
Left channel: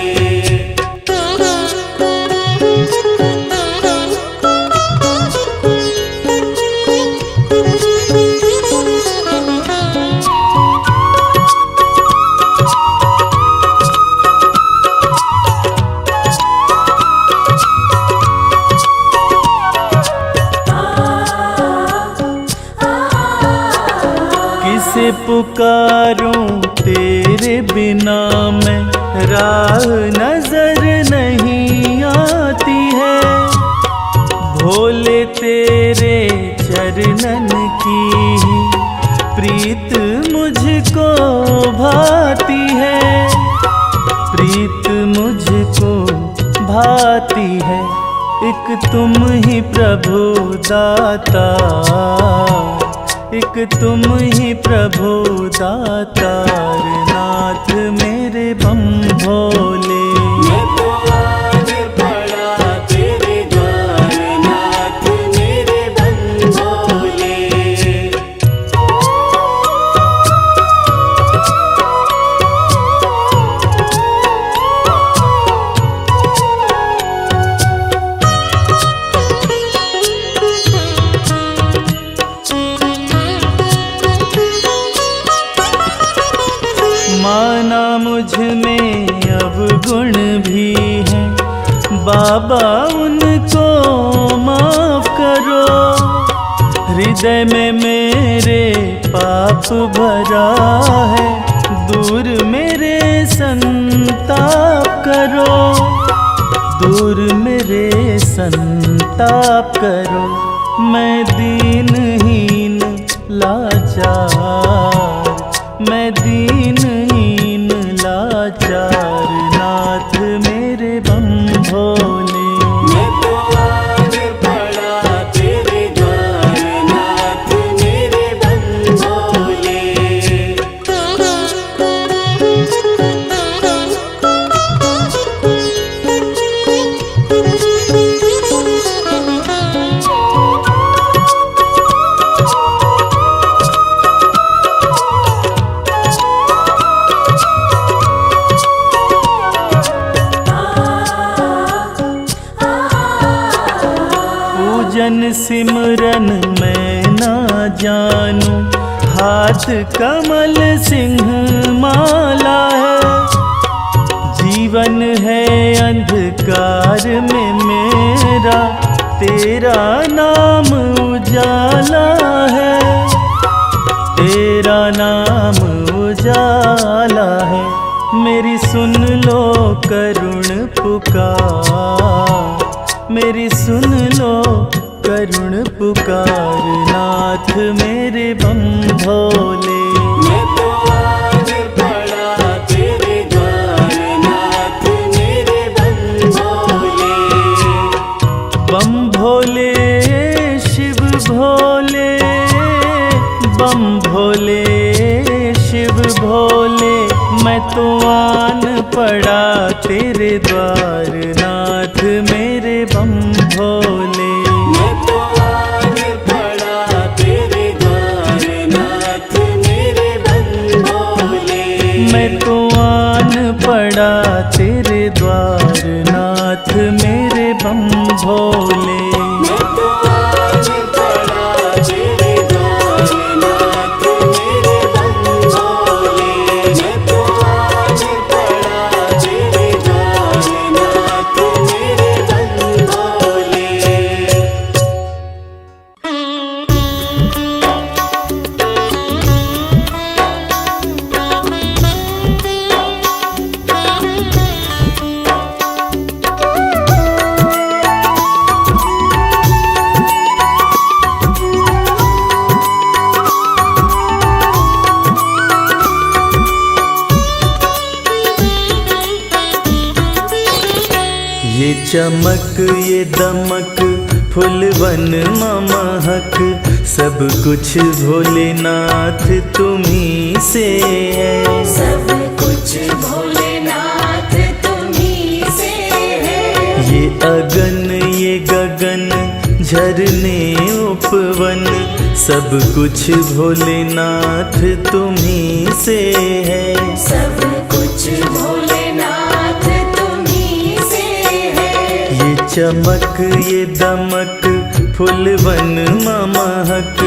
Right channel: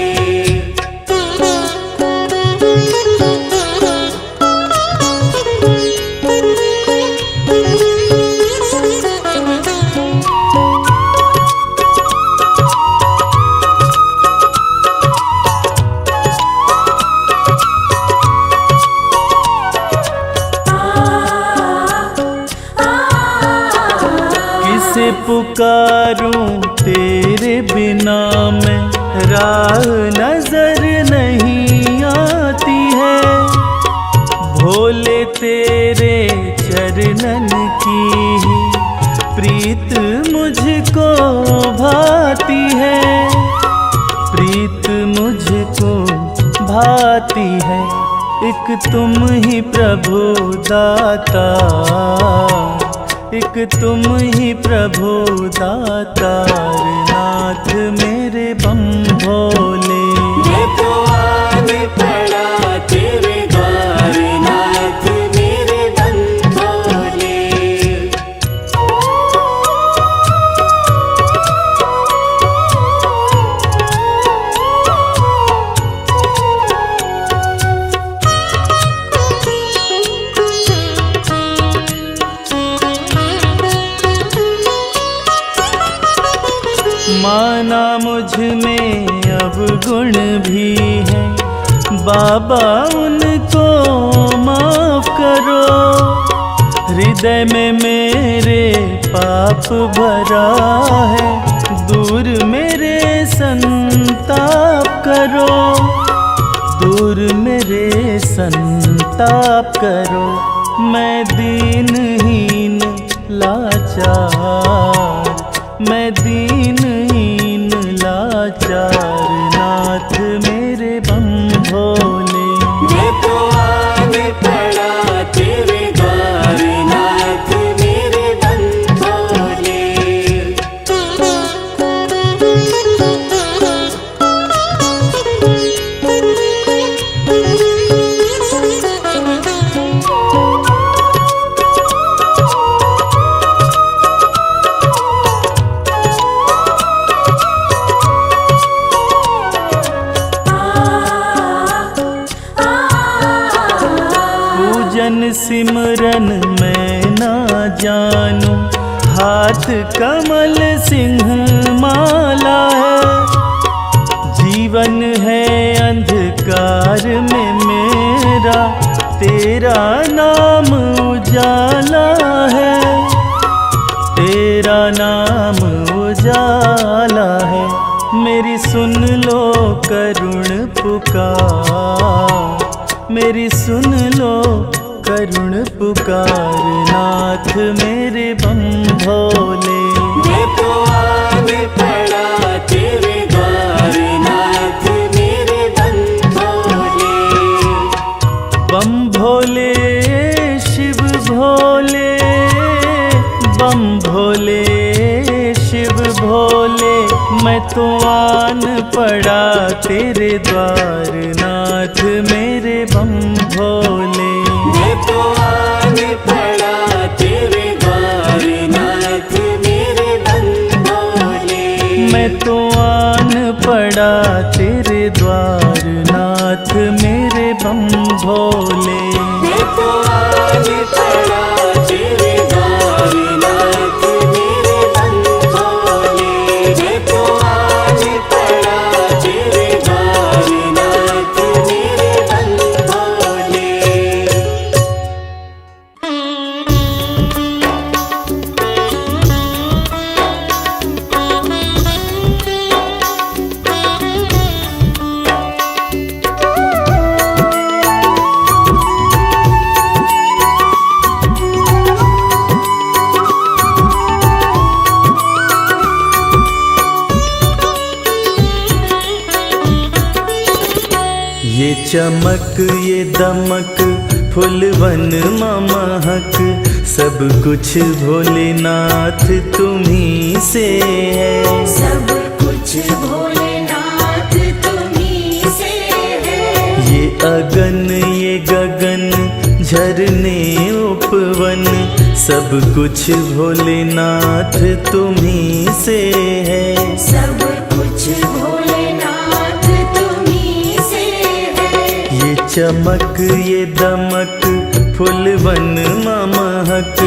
किसे पुकारूं तेरे बिना मैं, राह नजर नहीं आती है। भोले तेरे चरणन की ही प्रीत मुझको भाती है, प्रीत मुझको भाती है। एक तुम ही प्रभु दाता, एक तुम ही प्रभु दातार, नाथ मेरे बम भोले। मैं तो आन पड़ा तेरे द्वार, नाथ मेरे बम भोले। माना मुझ में अब गुण भी है, बाबा उनको माफ करो। हृदय में मेरे पाप भरा है, दूर मेरे संताप करो, दूर मेरे संताप करो। मैं दीनहीन लाचार, मैं दीनहीन लाचार, नाथ मेरे बम भोले। मैं तो आन पड़ा तेरे द्वार, नाथ मेरे बम भोले। पूजन सिमरन मैं ना जानूं, हाथ कमल सिंह माला है। जीवन है अंधकार में मेरा, तेरा नाम उजाला है, तेरा नाम उजाला है। मेरी सुन लो करुण पुकार, मेरी सुन लो करुण पुकार, नाथ मेरे बम भोले। मैं तो आन पड़ा तेरे द्वार, नाथ मेरे बम भोले। बम भोले शिव भोले, बम भोले शिव भोले। मैं तो आन पड़ा तेरे द्वार, नाथ मेरे बम भोले। मैं तो आन पड़ा तेरे द्वार, नाथ मेरे बम भोले। मैं तो आन पड़ा तेरे द्वार, नाथ मेरे बम भोले। मैं तो आन पड़ा तेरे द्वार, नाथ मेरे बम भोले। मैं तो आन पड़ा तेरे द्वार, नाथ मेरे बम भोले। चमक ये दमक फुलवन महक, सब कुछ भोलेनाथ तुम्ही से है। सब कुछ भोलेनाथ तुम्ही से है। ये अगन ये गगन झरने उपवन, सब कुछ भोलेनाथ तुम्ही से है। सब कुछ भोलेनाथ तुम्ही से है। ये चमक ये दमक फुलवन महक,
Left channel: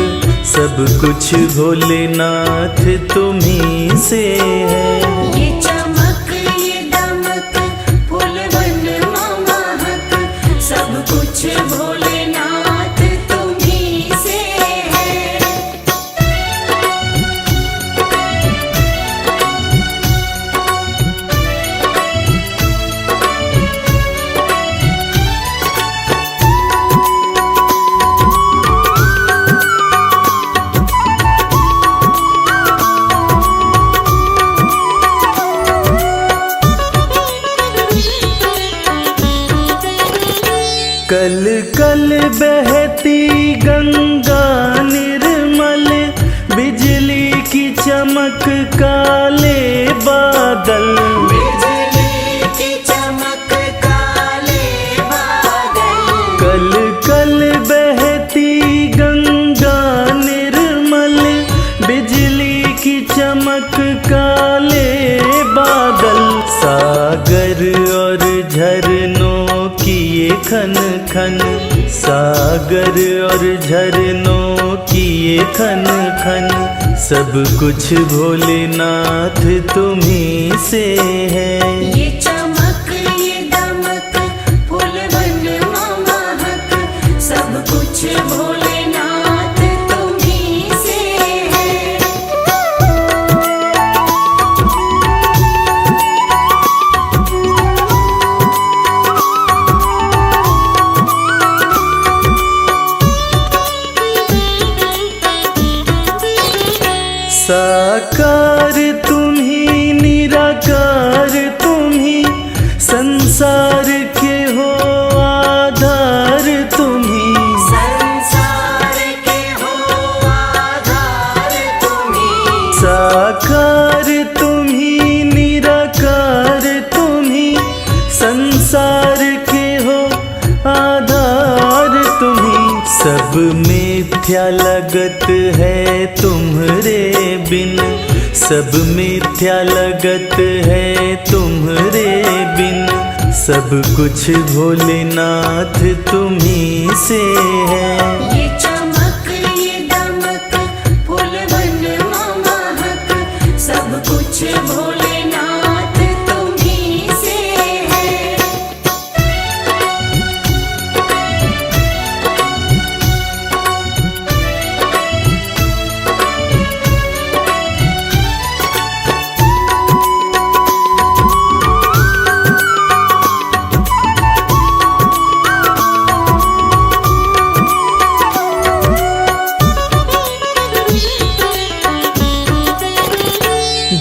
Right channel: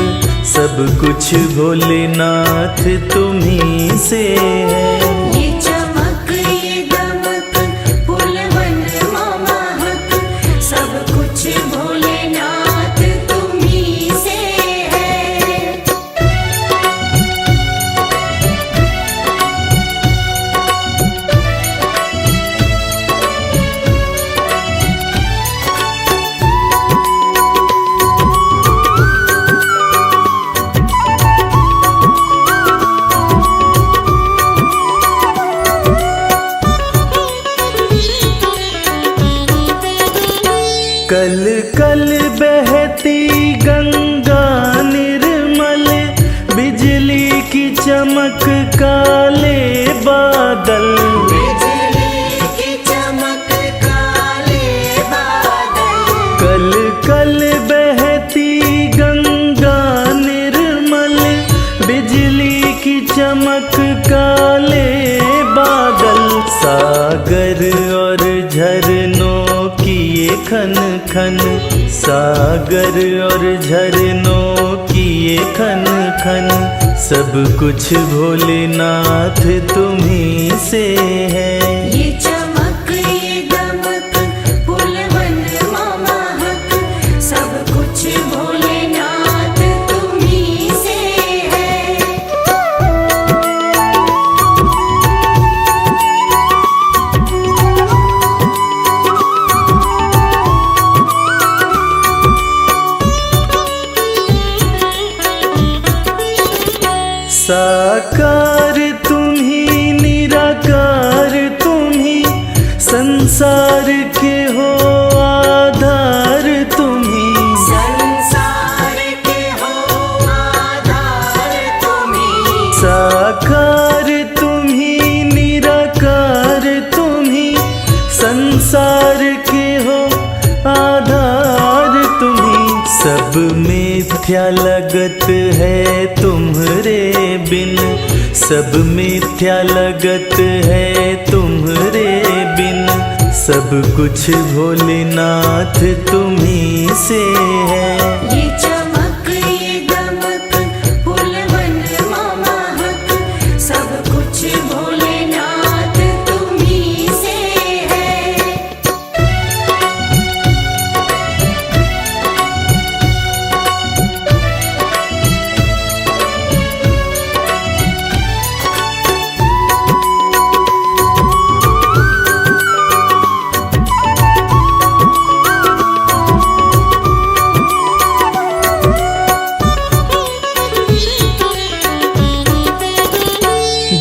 सब कुछ भोलेनाथ तुम्ही से है। ये चमक ये दमक फूलवन महक, सब कुछ भोलेनाथ तुम्ही से है। कल कल बहती गंगा निर्मल, बिजली की चमक काले बादल। बिजली की चमक काले बादल। कल कल बहती गंगा निर्मल, बिजली की चमक काले बादल। सागर और झरनों की ये खन खन, सागर और झरनों की ये खन खन, सब कुछ भोलेनाथ तुम्ही से है। ये चमक ये दमक फूलवन महक, सब कुछ भोलेनाथ तुम्ही से है। साकार तुम्ही निराकार तुम्ही, संसार के हो आधार तुम्ही। संसार के हो आधार तुम्ही। साकार तुम्ही निराकार तुम्ही, संसार के हो आधार तुम्ही। सब मिथ्या लगत है तुम्हरे बिन, सब मिथ्या लगत है तुम्हरे बिन, सब कुछ भोलेनाथ तुम्ही से है। ये चमक ये दमक फूलवन महक, सब कुछ भोलेनाथ तुम्ही से है।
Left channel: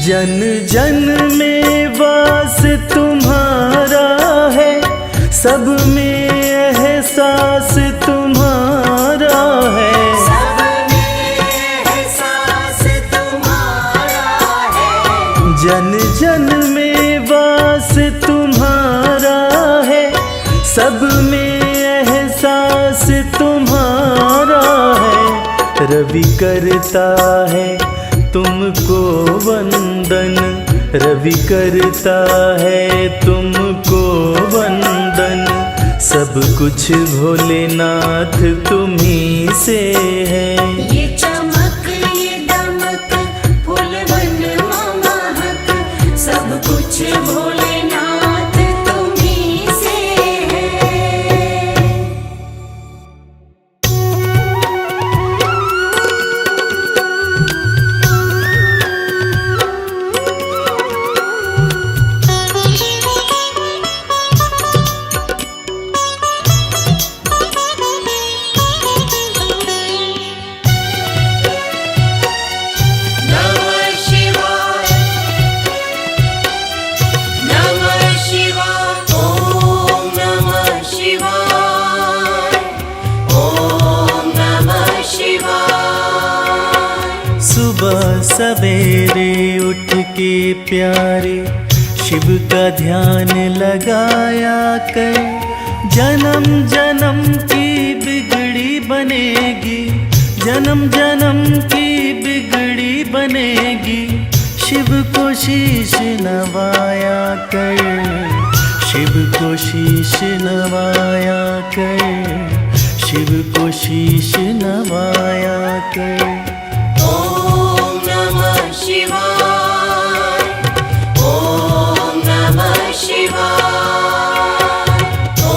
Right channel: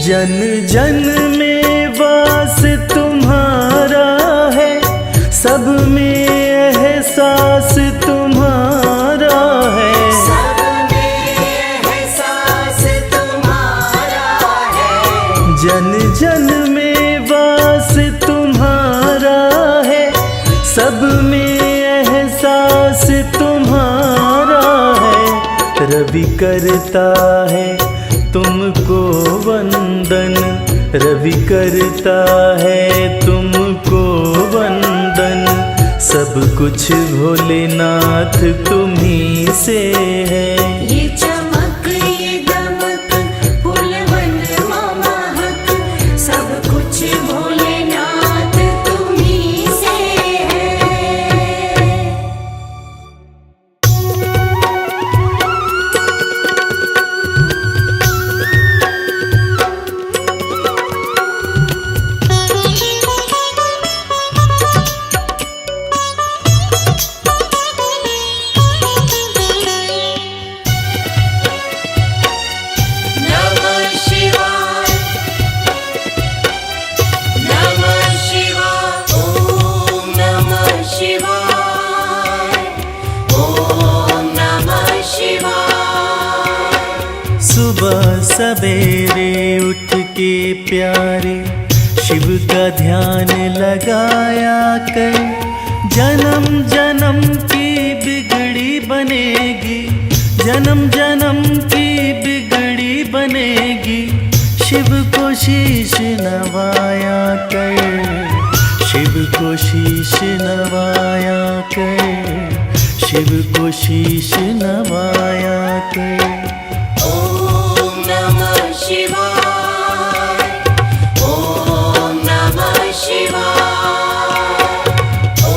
जन जन में वास तुम्हारा है, सब में एहसास तुम्हारा है। सब में एहसास तुम्हारा है। जन जन में वास तुम्हारा है, सब में एहसास तुम्हारा है। रवि करता है तुमको वंदन, रवि करता है तुमको वंदन, सब कुछ भोलेनाथ तुम्ही से है। ये चमक ये दमक फूलवन महक, सब कुछ भोलेनाथ तुम्ही से है। सुबह सवेरे उठ के प्यारे शिव का ध्यान लगाया कर, जन्म जन्म की बिगड़ी बनेगी, जन्म जन्म की बिगड़ी बनेगी। शिव को शीश नवाया कर, शिव को शीश नवाया कर, शिव को शीश नवाया कर। ॐ नमः शिवाय, ॐ नमः शिवाय, ॐ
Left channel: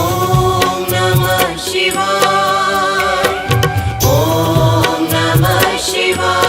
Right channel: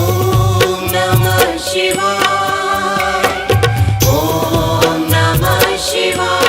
नमः शिवाय, ॐ नमः शिवाय।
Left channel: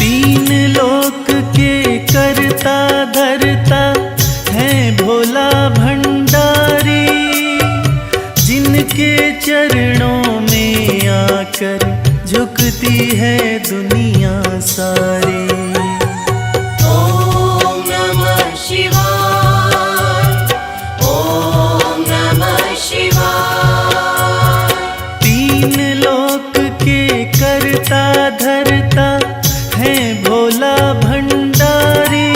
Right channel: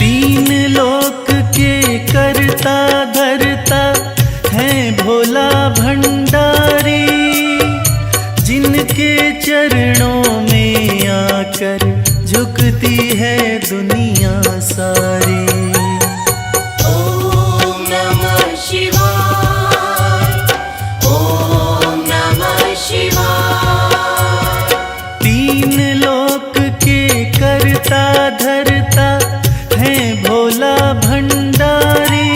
तीन लोक के करता धरता है भोला भंडारी, जिनके चरणों में आकर झुकती है दुनिया सारी। ॐ नमः शिवाय, ॐ नमः शिवाय। तीन लोक के करता धरता है भोला भंडारी,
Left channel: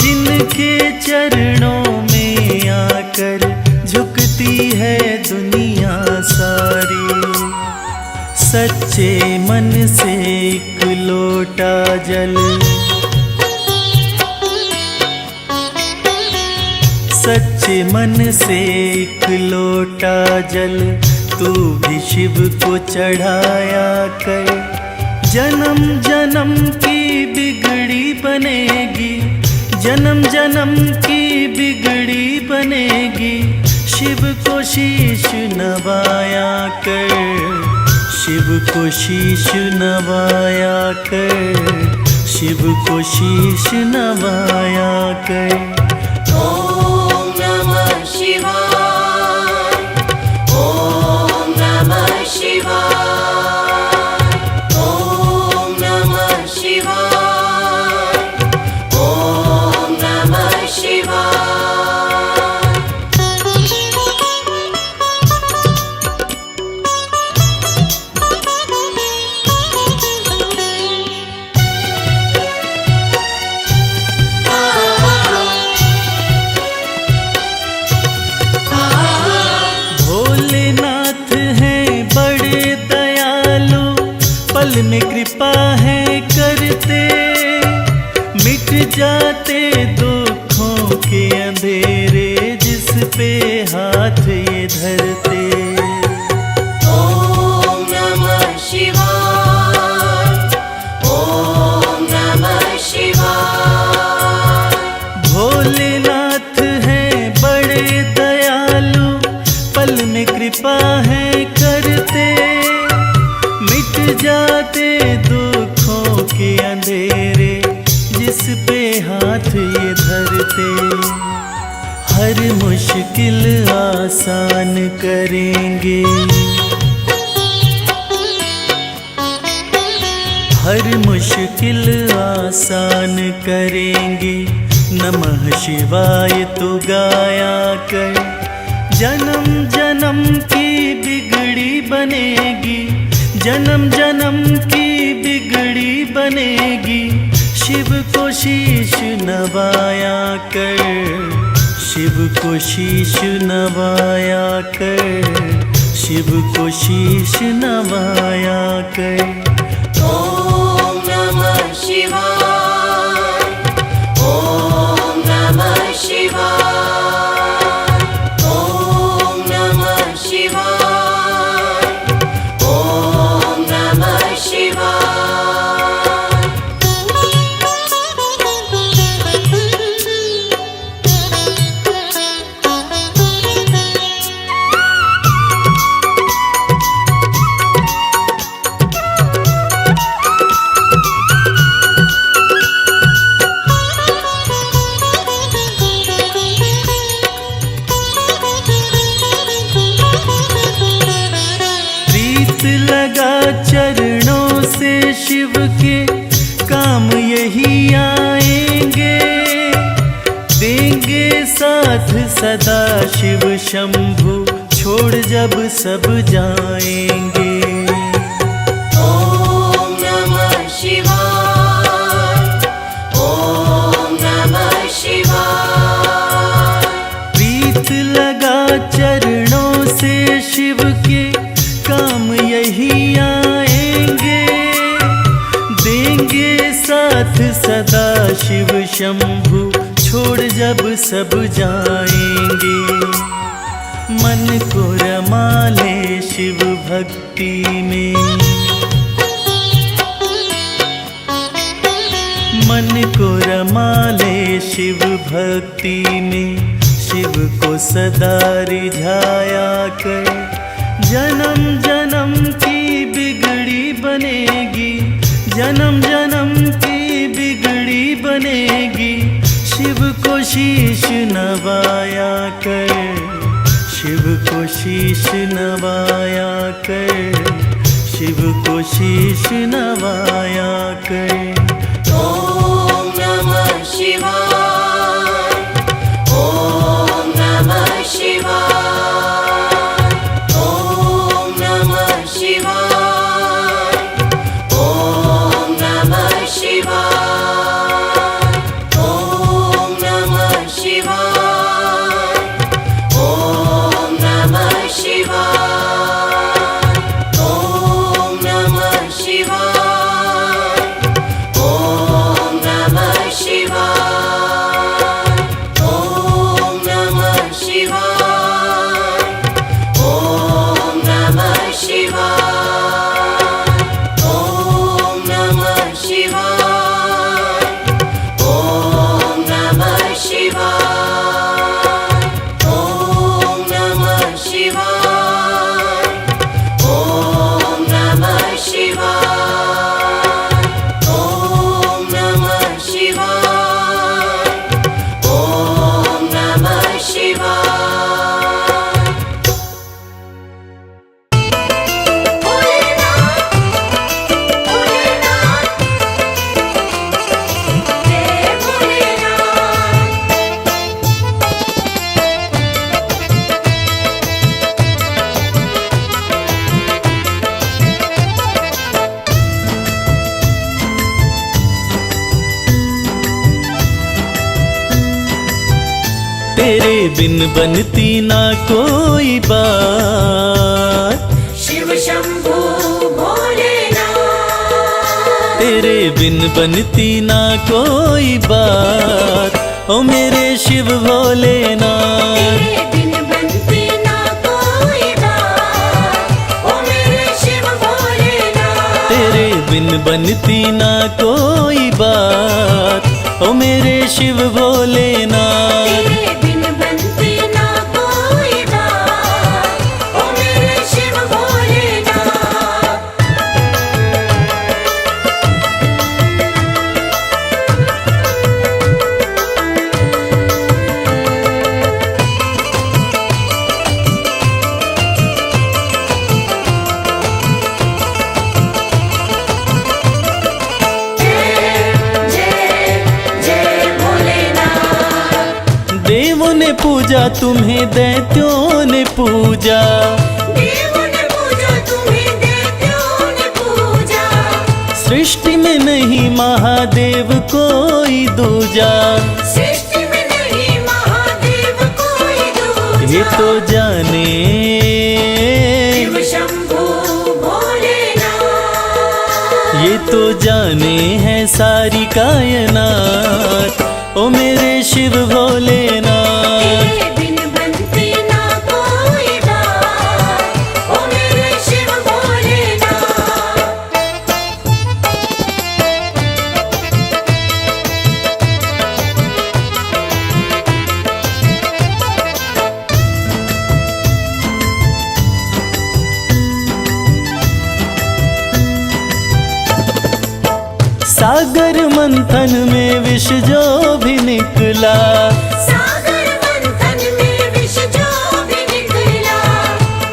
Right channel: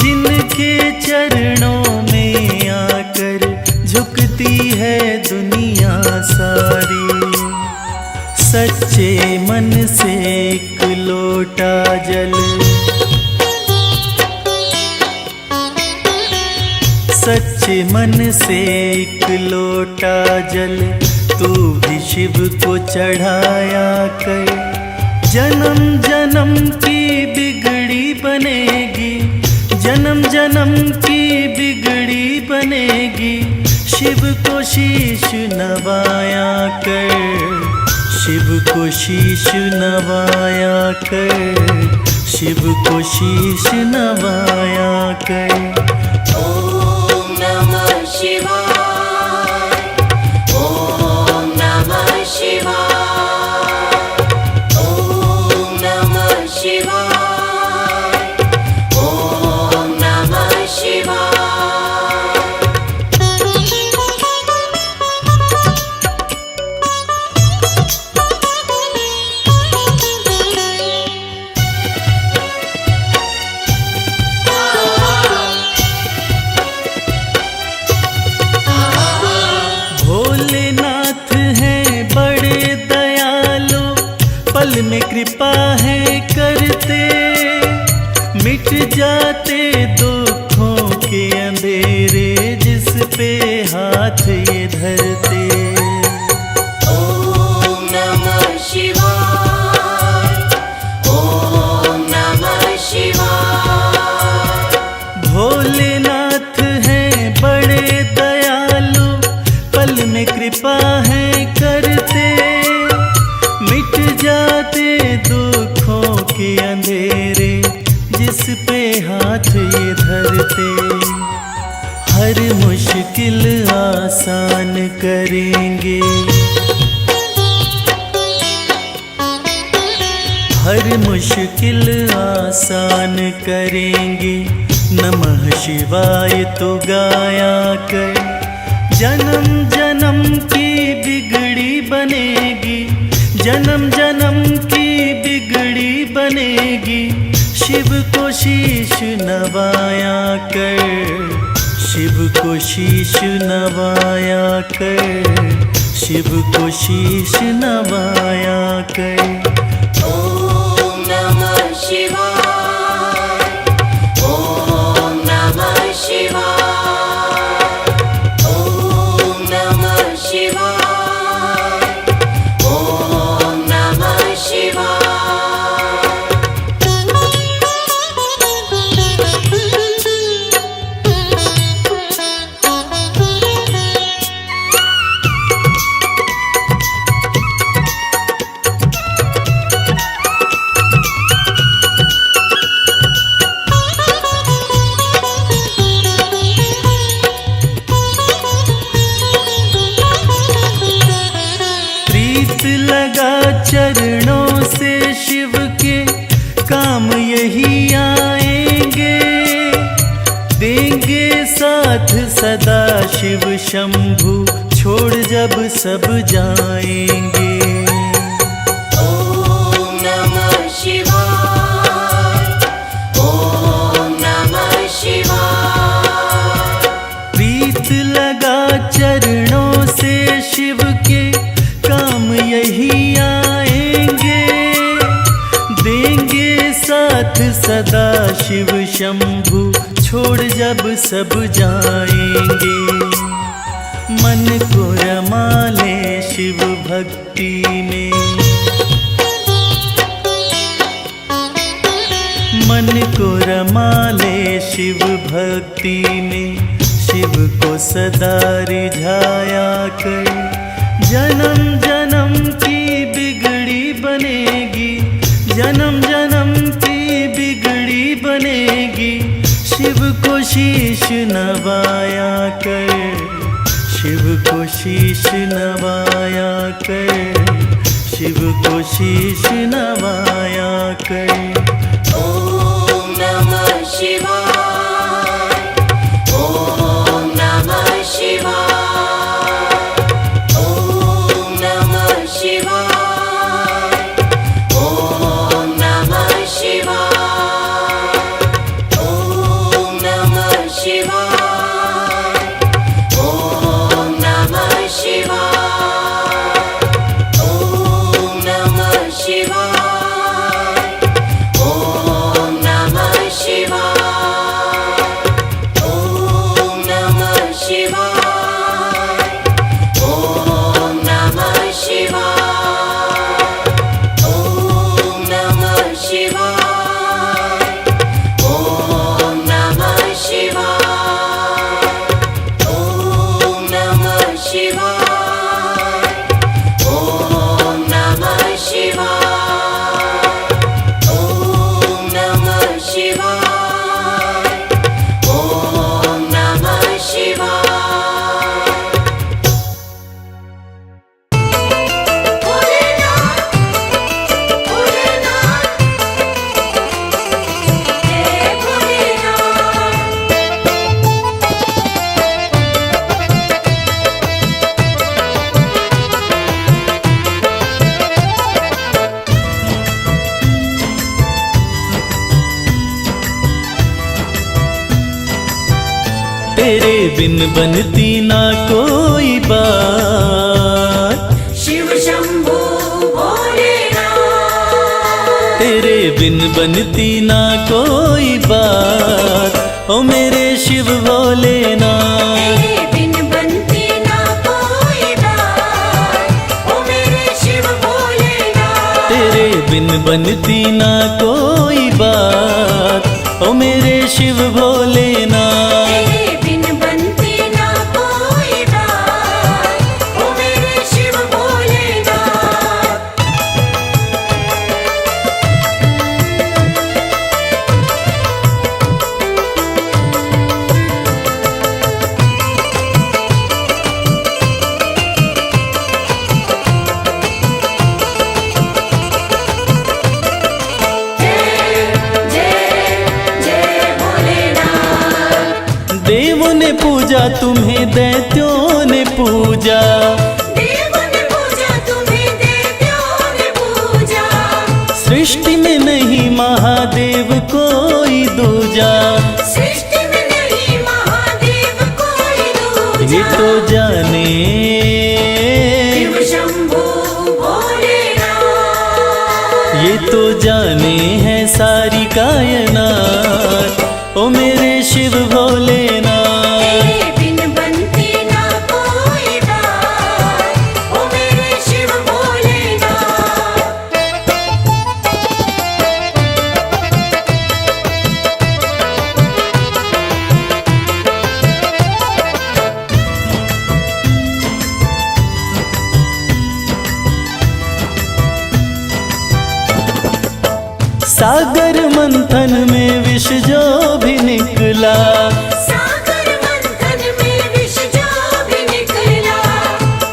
जिनके चरणों में आकर झुकती है दुनिया सारी। सच्चे मन से एक लोटा जल, सच्चे मन से एक लोटा जल तू भी शिव को चढ़ाया कर, जन्म जन्म की बिगड़ी बनेगी, जन्म जन्म की बिगड़ी बनेगी। शिव को शीश नवाया कर, शिव को शीश नवाया कर, शिव को शीश नवाया कर। ॐ नमः शिवाय, ॐ नमः शिवाय, ॐ नमः शिवाय, ॐ नमः शिवाय। भोलेनाथ हैं बड़े दयालु, पल में कृपा है करते, मिट जाते दुखों के अंधेरे जिस पे हाथ ये धरते। ॐ नमः शिवाय, ॐ नमः शिवाय। भोलेनाथ हैं बड़े दयालु, पल में कृपा है करते, मिट जाते दुखों के अंधेरे जिस पे हाथ ये धरते। हर मुश्किल आसान करेंगे, हर मुश्किल आसान करेंगे। नमः शिवाय तो गाया कर, जन्म जन्म की बिगड़ी बनेगी, जन्म जन्म की बिगड़ी बनेगी। शिव को शीश नवाया कर, शिव को शीश नवाया कर, शिव को शीश नवाया कर। ॐ नमः शिवाय, ॐ नमः शिवाय, ॐ नमः शिवाय, ॐ नमः शिवाय। शिव के काम यही आएंगे, देंगे साथ सदा शिव शंभु, छोड़ जब सब जाएंगे। ओम नमः शिवाय, ओम नमः शिवाय। प्रीत लगा चरणों से शिव के काम यही आएंगे, देंगे साथ सदा शिव शंभु, छोड़ जब सब जाएंगे। मन को रमा ले शिव भक्ति में, मन को रमा ले शिव भक्ति में, शिव को सदा रिझाया कर, जन्म जन्म की बिगड़ी बनेगी, जन्म जन्म की बिगड़ी बनेगी। शिव को शीश नवाया कर, शिव को शीश नवाया कर, शिव को शीश नवाया कर। ओम नमः शिवाय, ओम नमः शिवाय, ओम नमः शिवाय, ओम नमः शिवाय, ओम नमः शिवाय, ओम नमः शिवाय, ओम नमः शिवाय, ओम नमः शिवाय, ओम नमः शिवाय, ओम नमः शिवाय, ओम नमः शिवाय, ओम नमः शिवाय, ओम नमः शिवाय, ओम नमः शिवाय, ओम नमः शिवाय, ओम नमः शिवाय। भोलेनाथ, भोलेनाथ, जय भोलेनाथ। तेरे बिन बनती ना कोई बात, शिव शंभो भोलेनाथ। तेरे बिन बनती ना कोई बात, ओ मेरे शिव भोलेनाथ। तेरे बिन बनती ना कोई बात, ओ मेरे शिव भोलेनाथ। तेरे बिन बनती ना कोई बात, ओ मेरे शिव भोलेनाथ। तेरे बिन बनती ना कोई बात, ओ मेरे शिव भोलेनाथ। देवों ने पूजा तुम्हें, दैत्यों ने पूजा, देवों ने पूजा तुम्हें, दैत्यों ने पूजा। सृष्टि में नहीं महादेव कोई दूजा। सृष्टि में नहीं महादेव कोई दूजा। ये तो जाने, शिव शंभो भोलेनाथ। ये तो जाने है सारी कायनात, ओ मेरे शिव भोलेनाथ। तेरे बिन बनती ना कोई बात, ओ मेरे शिव भोलेनाथ। सागर मंथन में विष जो भी निकला, सागर मंथन में विष जो भी निकला।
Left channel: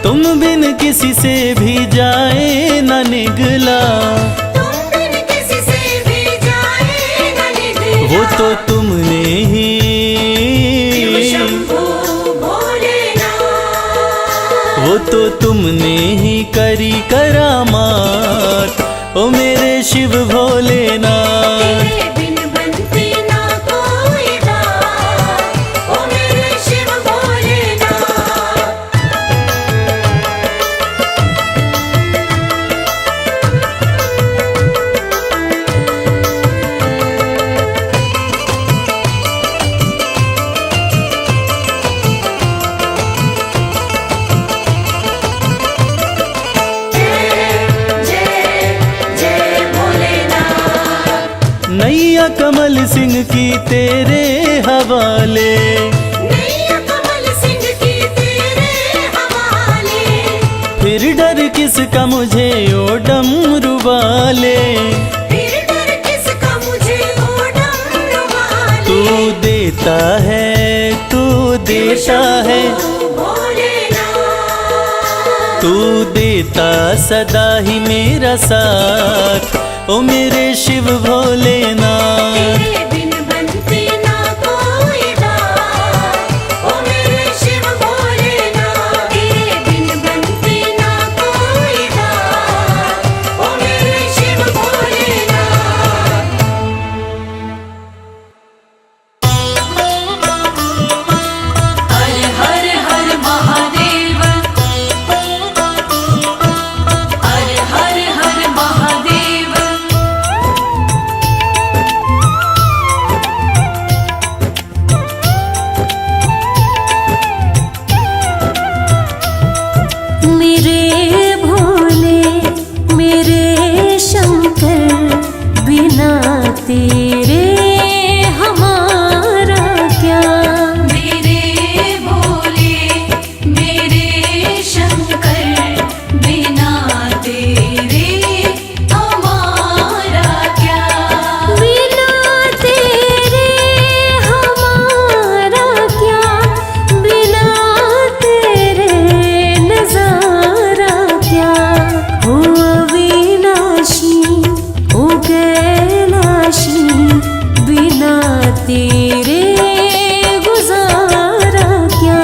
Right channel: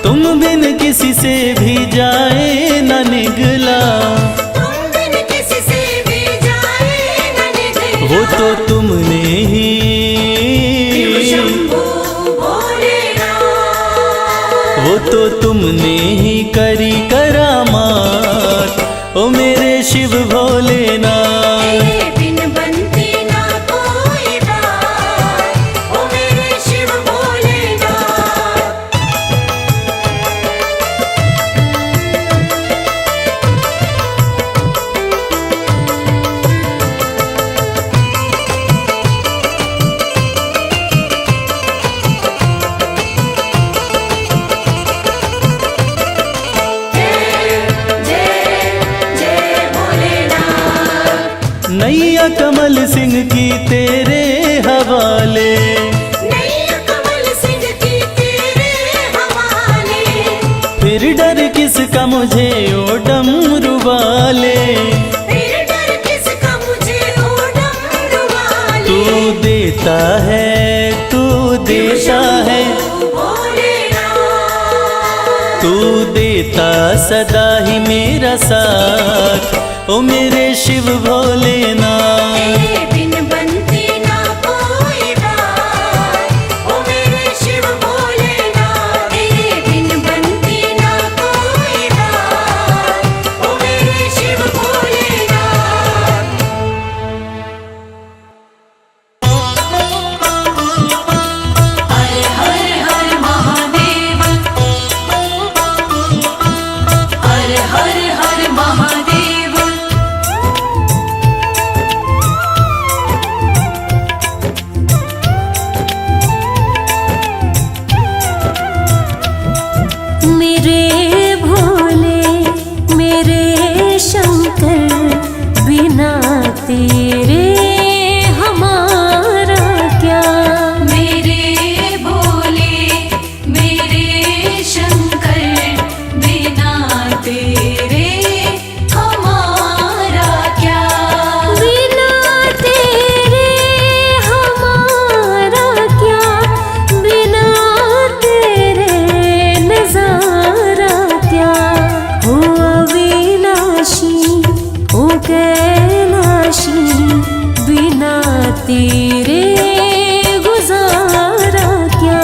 तुम बिन किसी से भी जाए न निगला। तुम बिन वो तो तुमने ही शंभो भोलेनाथ। वो तो तुमने ही करी करामात, ओ मेरे शिव भोलेनाथ। तेरे बिन बनती ना कोई बात, ओ मेरे शिव भोलेनाथ। नैया कमल सिंह की तेरे हवाले, नैया कमल सिंह की तेरे हवाले। फिर डर किसका मुझे ओ डमरू वाले। फिर डर किसका मुझे ओ डमरू वाले। तू देता है, तू देता है, भोलेनाथ। तू देता सदा ही मेरा साथ, ओ मेरे शिव भोलेनाथ। तेरे बिन बनती ना कोई बात, ओ मेरे शिव भोलेनाथ। तेरे बिन बनती ना कोई बात, ओ मेरे शिव भोलेनाथ। हर हर हर महादेव, हर हर हर महादेव। मेरे भोले मेरे शंकर, बिना तेरे हमारा क्या। मेरे भोले मेरे शंकर, बिना तेरे हमारा क्या। बिना तेरे हमारा क्या, बिना तेरे नजारा क्या। हो अविनाशी ओ कैलाशी, बिना तेरे गुजारा क्या।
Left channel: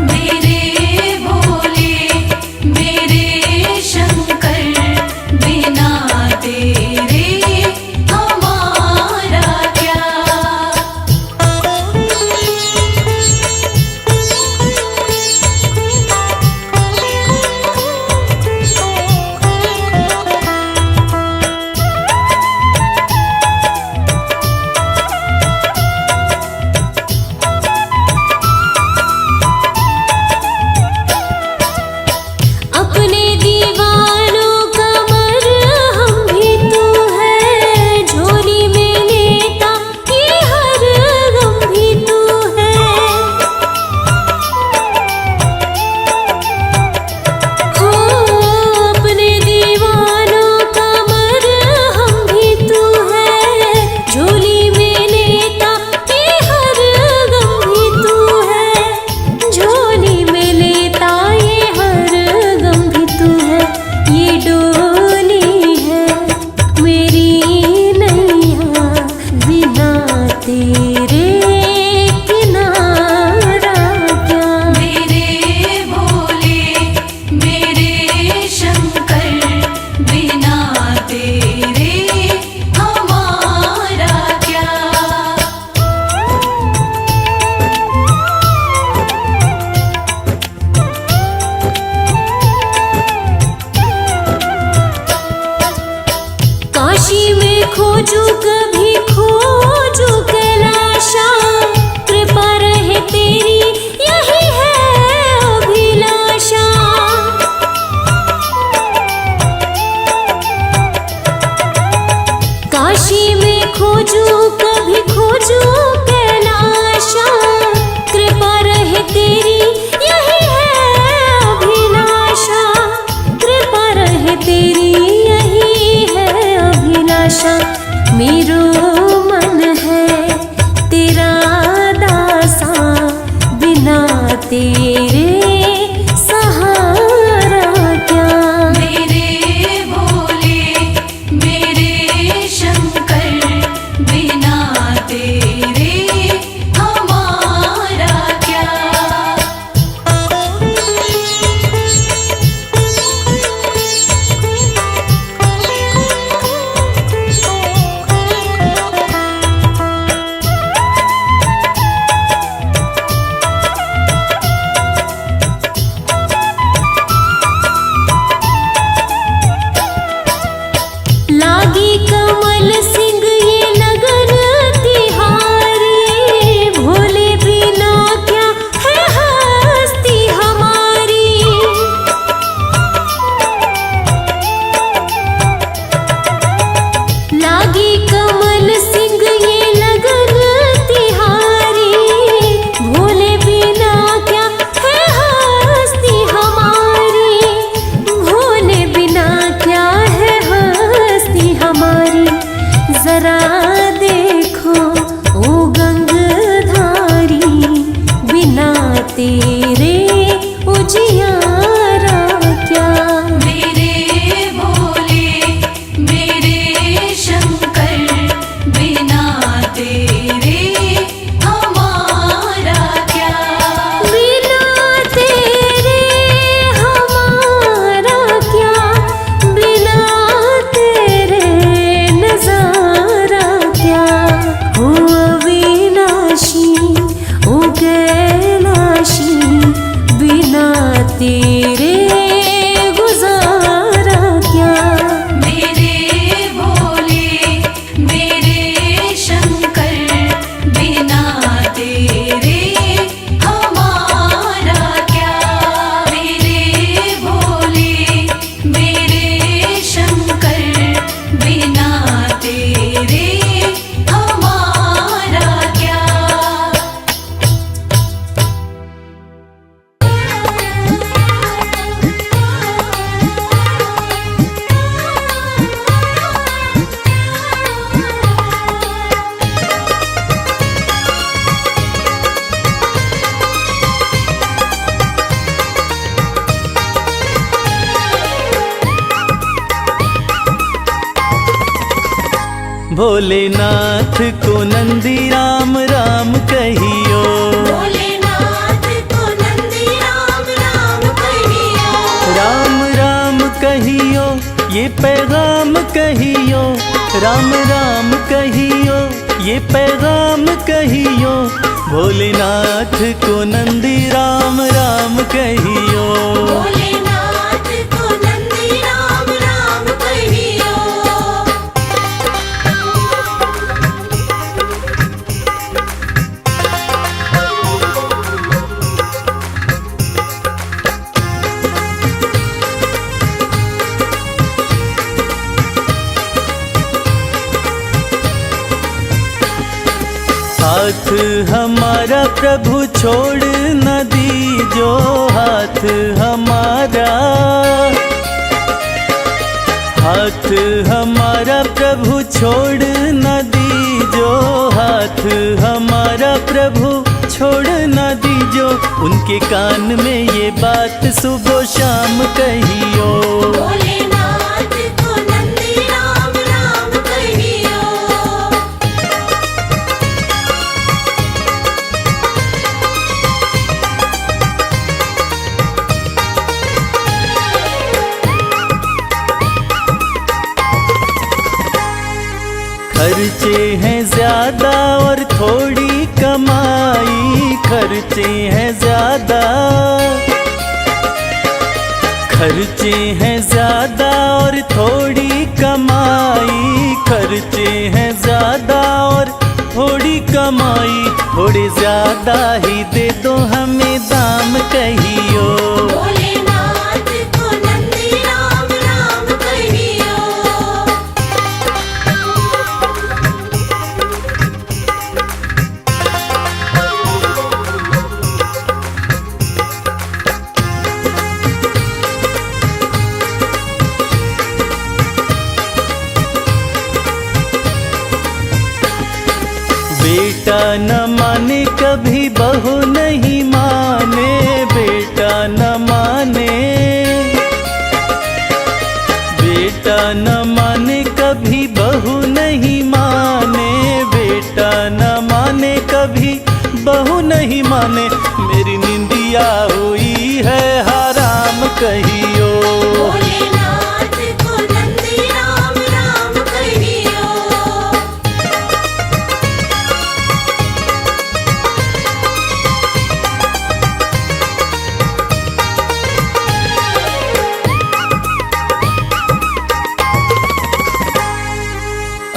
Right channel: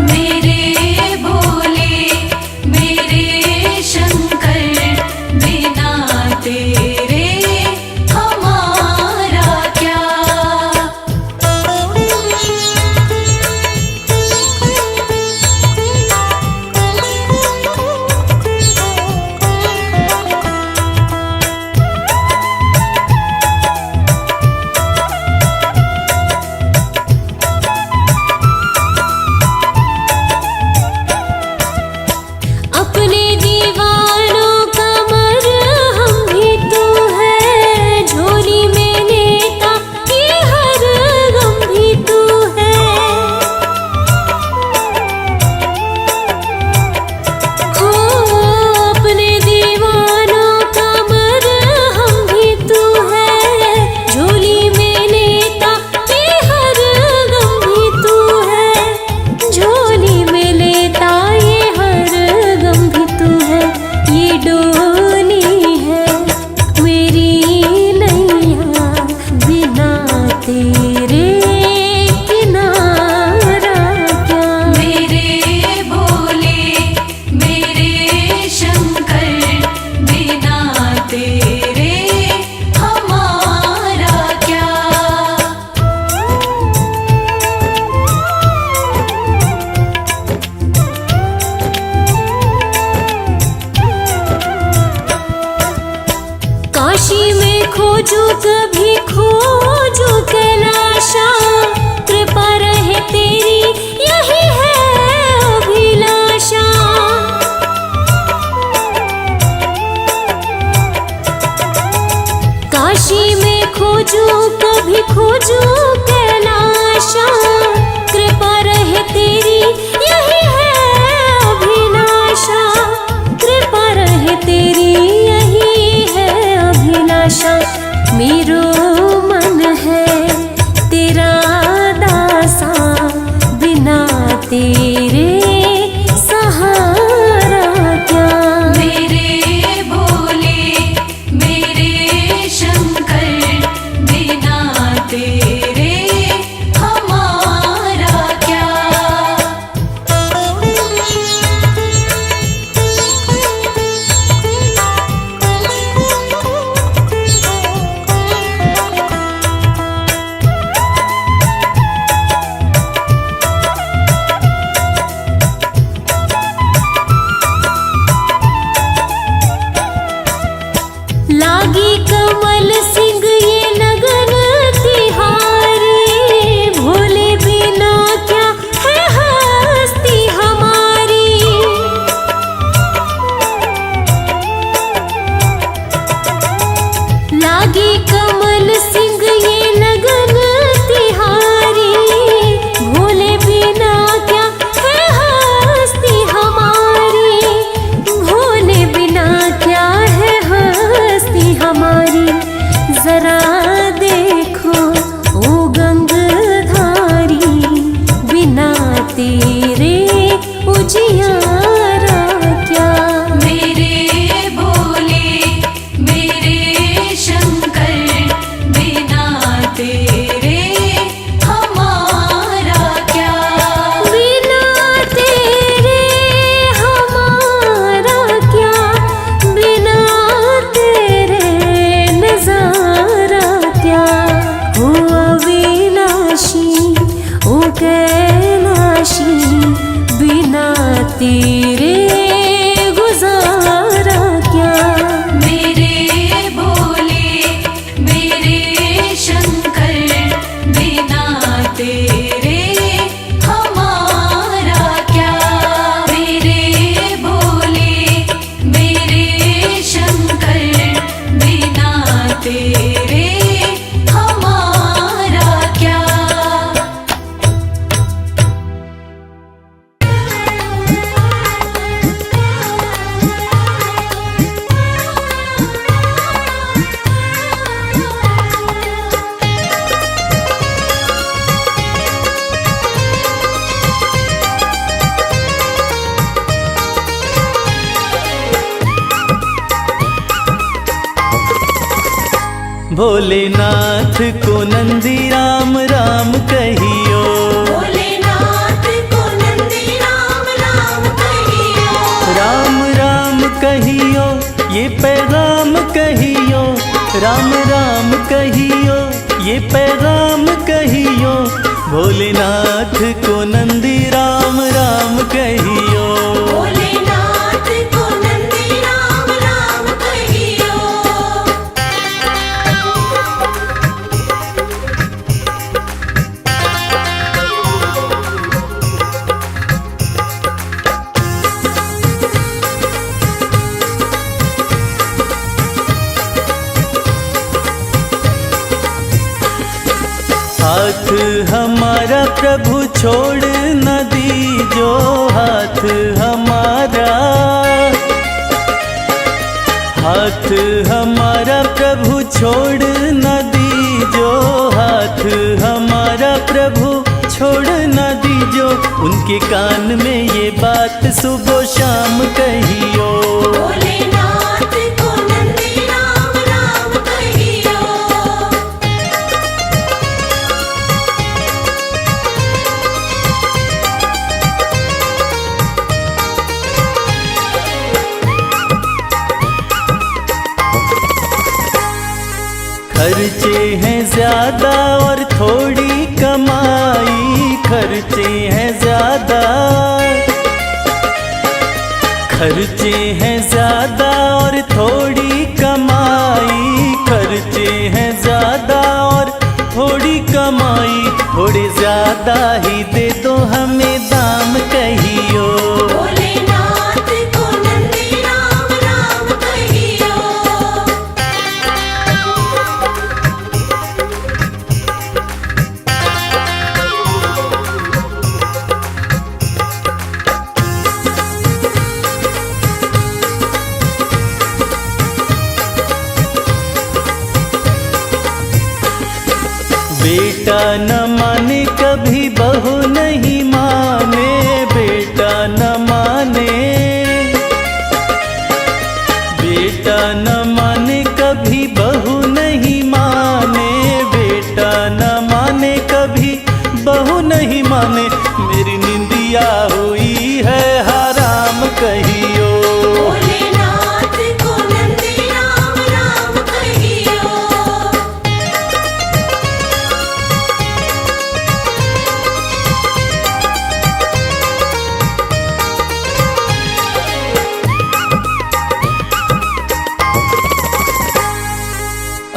मेरे भोले मेरे शंकर, बिना तेरे हमारा क्या। अपने दीवानों का मरहम भी तू है, झोली में लेता ये हर गम भी तू है। हो अपने दीवानों का मरहम भी तू है, झोली में लेता ये हर गम भी तू है। झोली में लेता ये हर गम भी तू है। ये डोली है मेरी नैया, बिना तेरे किनारा क्या। मेरे भोले मेरे शंकर, बिना तेरे हमारा क्या। काशी में खोजू कभी खोजू कैलाशा, कृपा रहे तेरी यही है अभिलाषा। काशी में खोजू कभी खोजू कैलाशा, कृपा रहे तेरी यही है अभिलाषा। कृपा रहे तेरी यही है अभिलाषा। मेरो मन है तेरा दासा, बिना तेरे सहारा क्या। मेरे भोले मेरे शंकर, बिना तेरे त्यागी कमल सिंह ये लगन तिहारी, भोले बिना क्या है हस्ती हमारी, भोले बिना क्या है हस्ती हमारी। जरा देखो ओ गंगधारी, बिना तेरे उजियारा क्या। मेरे भोले मेरे शंकर, बिना तेरे हमारा क्या। बिना तेरे हमारा क्या, बिना तेरे नजारा क्या। हो अविनाशी ओ कैलाशी, बिना तेरे गुजारा क्या। मेरे भोले मेरे शंकर, बिना तेरे हमारा क्या। मेरे भोले मेरे शंकर, बिना तेरे हमारा क्या। भोलेनाथ को नंदी राम राम कहियो, भोलेनाथ को नंदी राम राम कहियो। राम राम कहियो ये पैगाम कहियो, राम राम कहियो ये पैगाम कहियो। भोलेनाथ को नंदी राम राम कहियो। भोलेनाथ को नंदी राम राम कहियो। हाथ हमारा प्रभु छोड़ न दीजो, हाथ हमारा, हाथ हमारा प्रभु छोड़ न दीजो, हाथ हमारा प्रभु छोड़ न दीजो। उनके कान में ये बात सुबह शाम कहियो। भोलेनाथ को नंदी राम राम कहियो। खर्चे हैं ज्यादा और थोड़ी कमाई, खर्चे हैं ज्यादा, खर्चे हैं ज्यादा और थोड़ी कमाई, खर्चे हैं ज्यादा और थोड़ी कमाई। थोड़े ज्यादा ही दे दो हमें दाम कहियो। भोलेनाथ को नंदी राम राम कहियो। बेटा न माने कभी बहू नहीं माने, बेटा न माने, बेटा न माने कभी बहू नहीं माने, बेटा न माने कभी बहू नहीं माने। मेरी निंदिया हुई है हराम कहियो। भोलेनाथ को नंदी राम राम कहियो।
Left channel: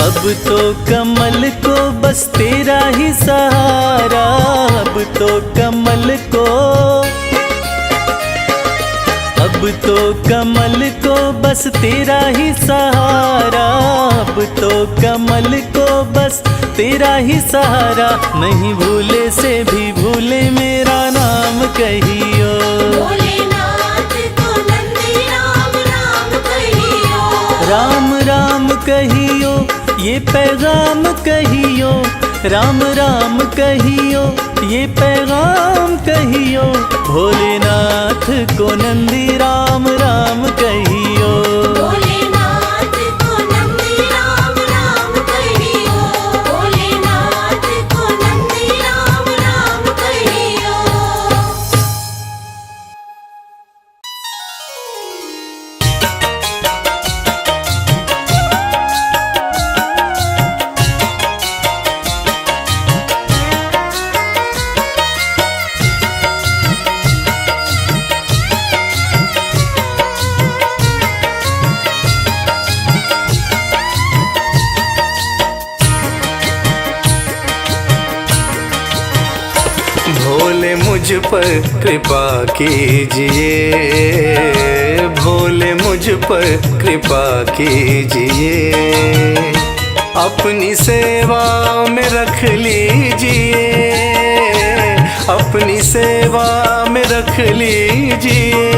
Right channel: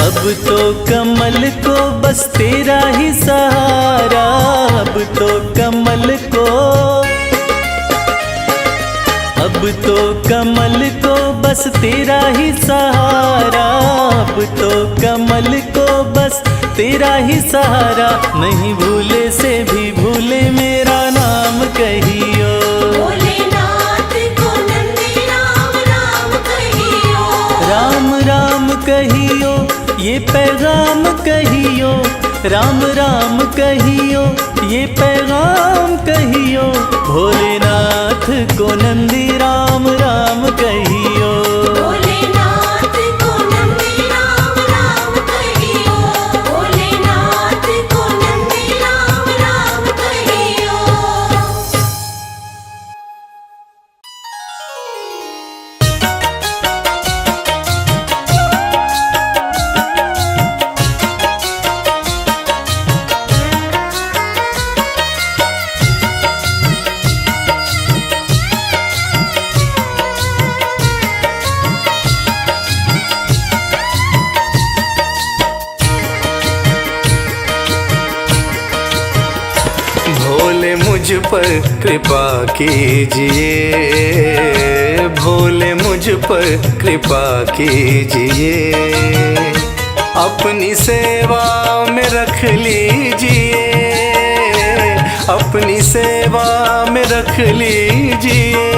अब तो कमल को बस तेरा ही सहारा, अब तो कमल को, अब तो कमल को बस तेरा ही सहारा, अब तो कमल को बस तेरा ही सहारा। नहीं भूले से भी भूले मेरा नाम कहियो। भोलेनाथ को नंदी राम राम कहियो। राम राम कहियो ये पैगाम कहियो, राम राम कहियो ये पैगाम कहियो। भोलेनाथ को नंदी राम राम कहियो। भोलेनाथ को नंदी राम राम कहियो। भोलेनाथ को नंदी राम राम कहियो। भोले मुझ पर कृपा कीजिए, भोले मुझ पर कृपा कीजिए। अपनी सेवा में रख लीजिए, अपनी सेवा में रख लीजिए,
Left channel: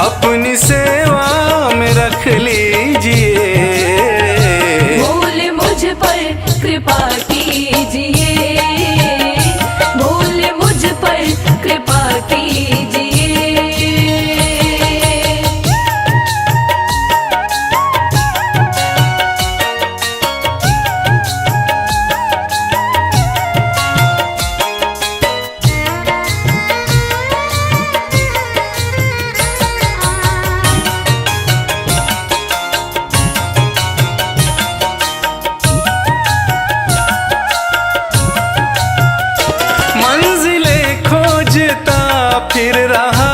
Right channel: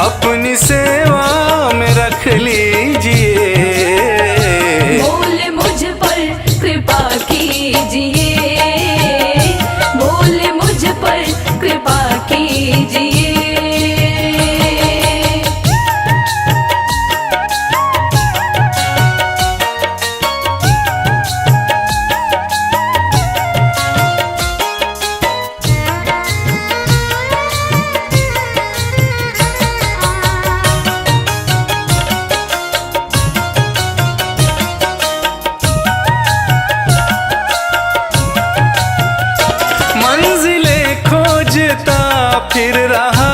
अपनी सेवा में रख लीजिए। भोले मुझ पर कृपा कीजिए। भोले मुझ पर कृपा कीजिए। मंजिलें खोजता फिर रहा,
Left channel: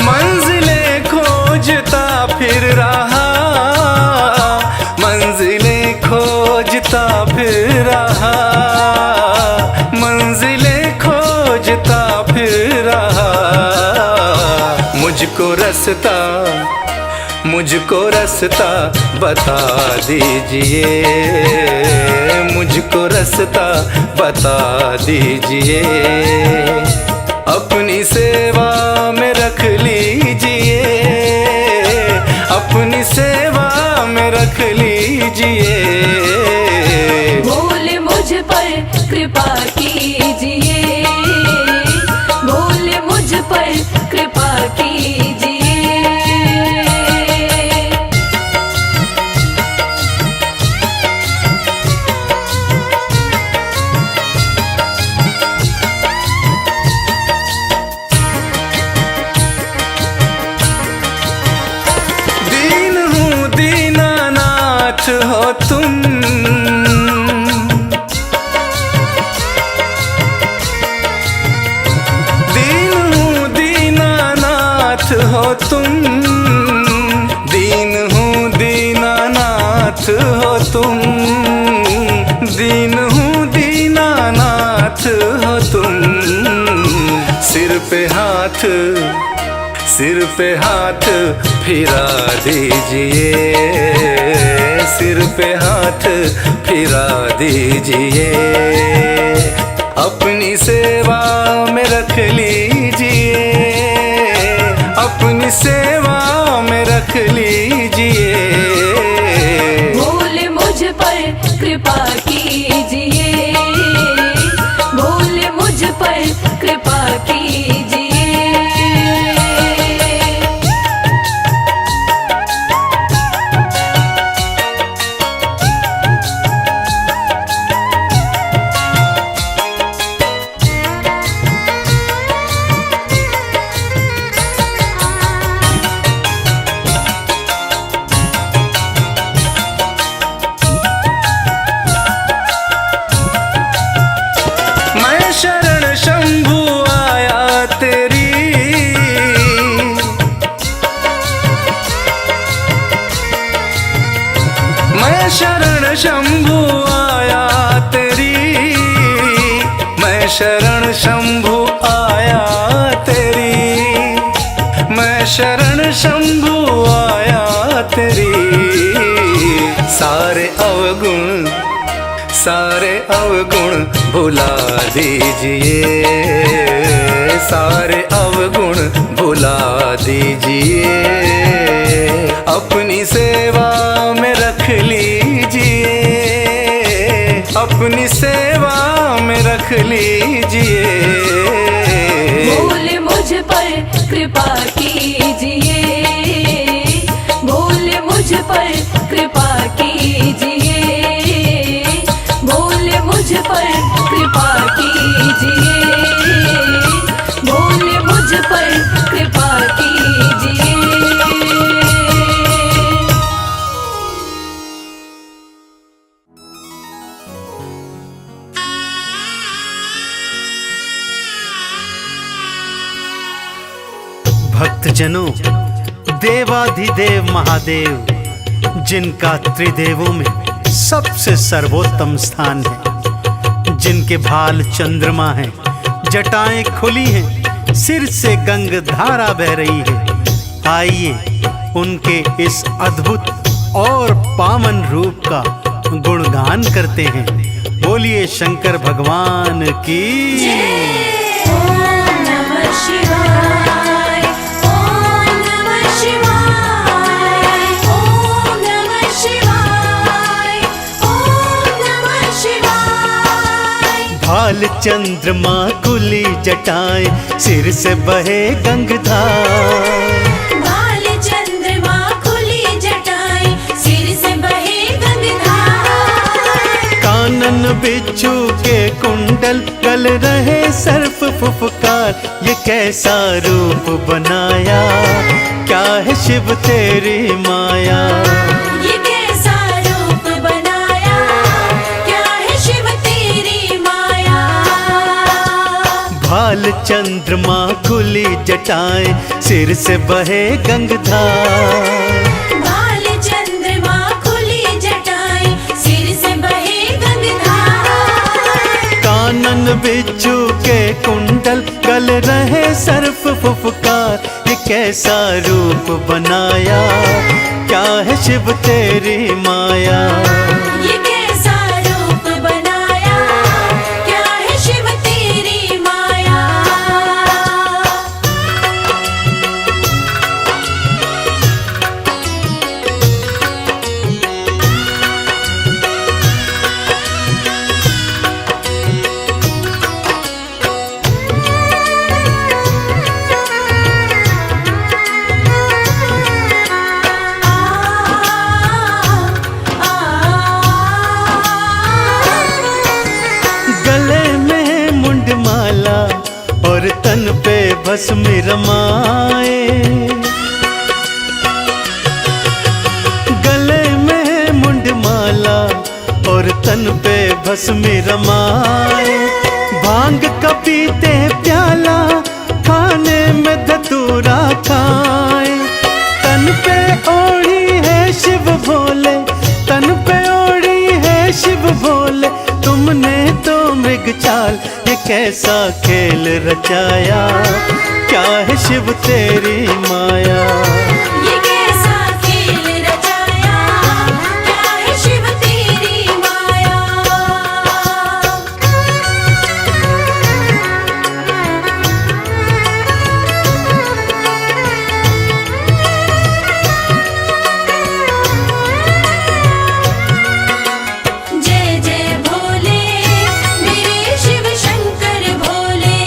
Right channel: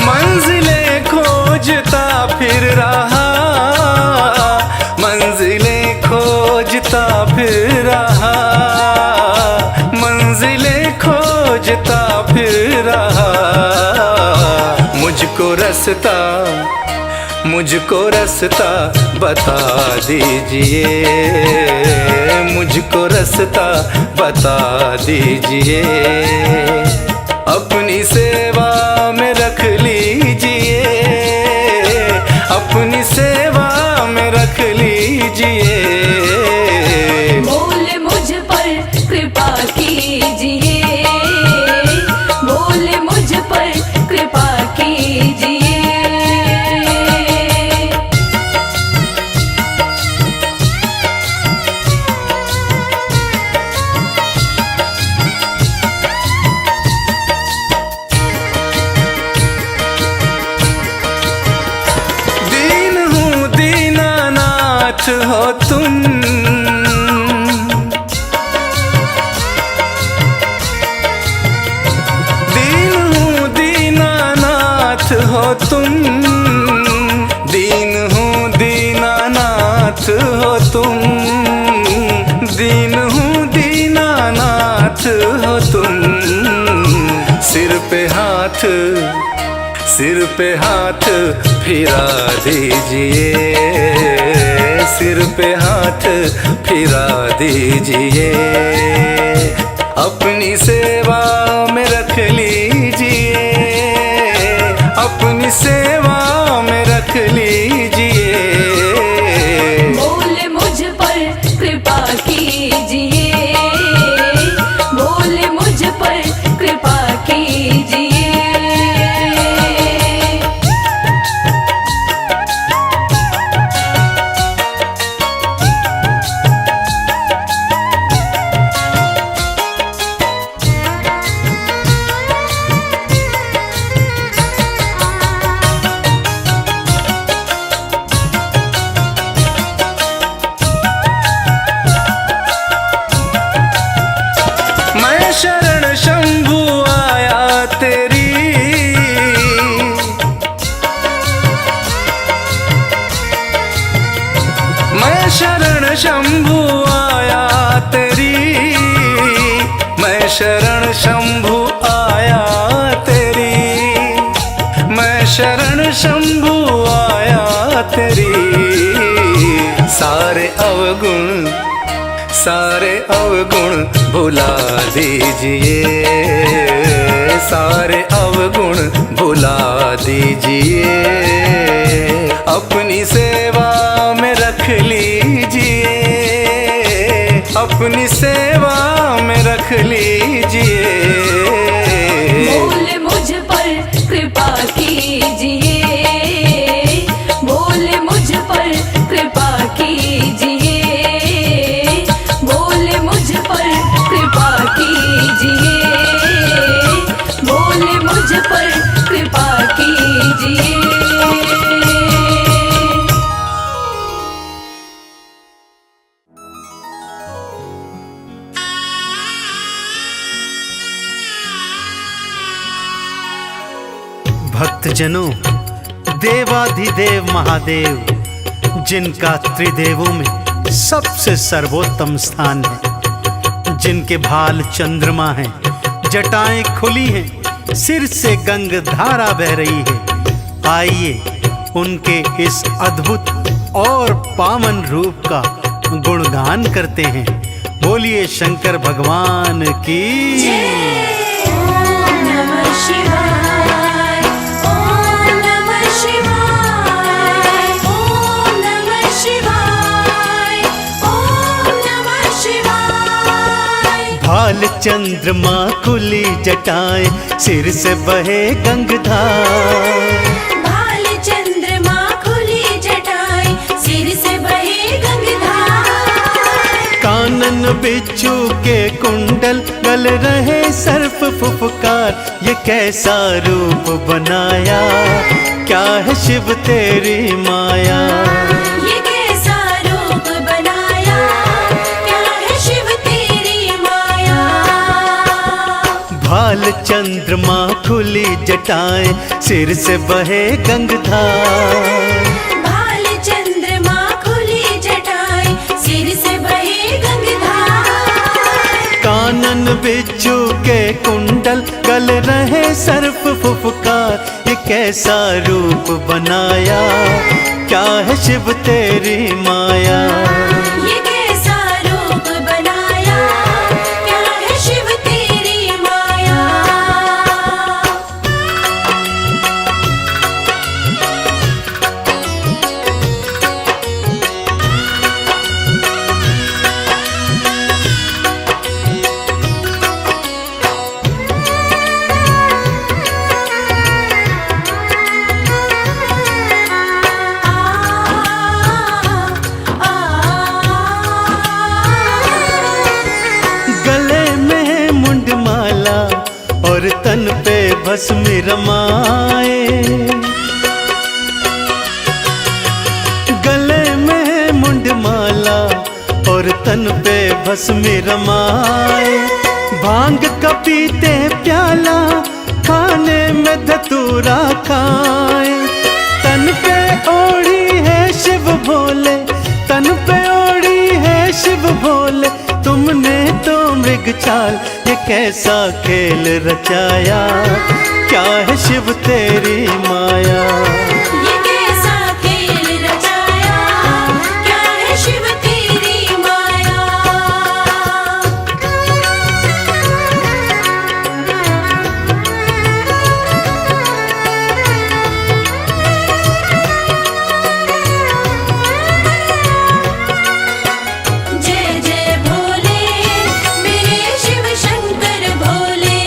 मंजिलें खोजता फिर रहा, मंजिलें खोजता फिर रहा, मंजिलें खोजता फिर रहा। मुझको रास्ता, मुझको रास्ता बता दीजिए, मुझको रास्ता बता दीजिए। अपनी सेवा में रख लीजिए, अपनी सेवा में रख लीजिए। भोले मुझ पर कृपा कीजिए। भोले मुझ पर कृपा कीजिए। दीन हूँ दीनानाथ हो तुम, दीन हूँ दीनानाथ हो तुम, दीन हूँ दीनानाथ हो तुम, दीन हूँ दीनानाथ हो तुम। सिर पे हाथ, सिर पे हाथ फिरा दीजिए, सिर पे हाथ फिरा दीजिए। अपनी सेवा में रख लीजिए, अपनी सेवा में रख लीजिए। भोले मुझ पर कृपा कीजिए। भोले मुझ पर कृपा कीजिए। मैं शरण शंभु आया तेरी, मैं शरण शंभु आया तेरी, मैं शरण शंभु आया तेरी, मैं शरण शंभु आया तेरी। सारे अवगुण भुला दीजिए, सारे अवगुण भुला दीजिए। अपनी सेवा में रख लीजिए, अपनी सेवा में रख लीजिए। बोल मुझ पर कृपा कीजिए, बोल मुझ पर कृपा कीजिए, बोल मुझ पर कृपा कीजिए, बोल मुझ पर कृपा कीजिए। भक्तजनों, देवाधिदेव महादेव जिनका त्रिदेवों में सबसे सर्वोत्तम स्थान है, जिनके भाल चंद्रमा हैं, जटाएं खुली हैं, सिर से गंग धारा बह रही है। आइए उनके इस अद्भुत और पावन रूप का गुणगान करते हैं। बोलिए शंकर भगवान की। भाल चंद्रमा खुली जटाएं, सिर से बहे गंगधार। भाल चंद्रमा खुली जटाएं, सिर से बहे गंगधार। कानन बिच्छू के कुंडल, गल रहे सर्प फुफकार। ये कैसा रूप बनाया, क्या है शिव तेरी माया। ये कैसा रूप बनाया, क्या है शिव तेरी माया। भाल चंद्रमा खुली जटाएं, सिर से बहे गंगधार। भाल चंद्रमा खुली जटाएं, सिर से बहे गंगधार। कानन बिच्छू के कुंडल, गल रहे सर्प फुफकार। ये कैसा रूप बनाया, क्या है शिव तेरी माया। ये कैसा रूप बनाया, क्या है शिव तेरी माया। गले में मुंडमाला और तन पे भस्म रमाए। गले में मुंडमाला और तन पे भस्म रमाए। भांग का पीते प्याला, खाने में धतूरा खाए। तन पे ओढ़ी है शिव भोले, तन पे ओढ़ी है शिव भोले। तुमने तो मृग चाल, ये कैसा खेल रचाया, क्या है शिव तेरी माया। ये कैसा खेल रचाया, क्या है शिव तेरी माया। जय जय भोले, मेरे शिव शंकर भोले।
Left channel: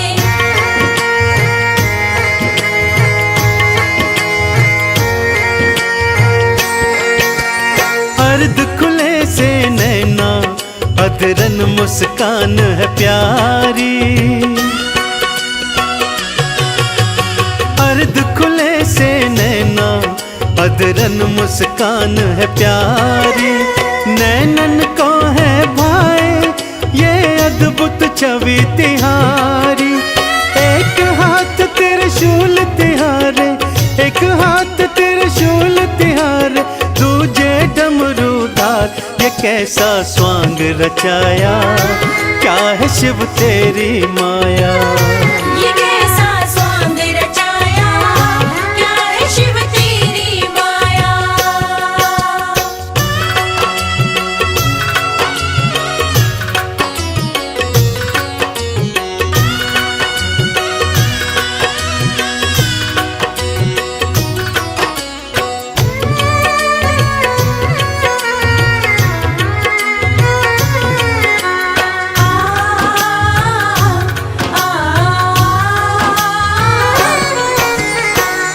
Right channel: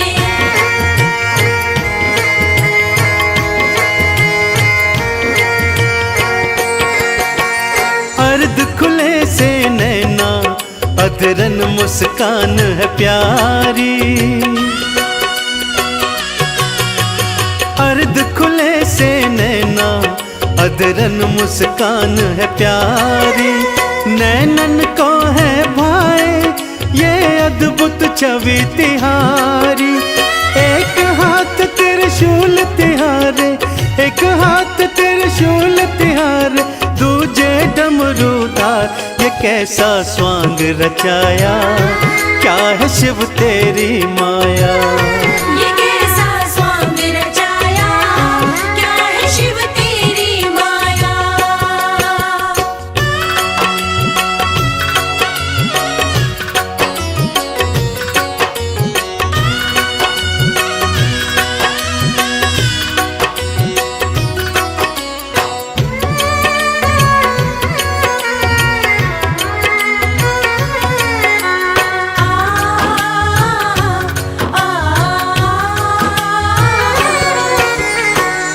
अर्ध खुले से नैना, अधरन मुस्कान है प्यारी। अर्ध खुले से नैना, अधरन मुस्कान है प्यारी। नैनन को है भाई ये अद्भुत छवि तिहारी। एक हाथ त्रिशूल तिहारे, एक हाथ त्रिशूल तिहारे। दूजे डमरूदार, ये कैसा स्वांग रचाया, क्या है शिव तेरी माया। ये कैसा स्वांग रचाया, क्या है शिव तेरी माया।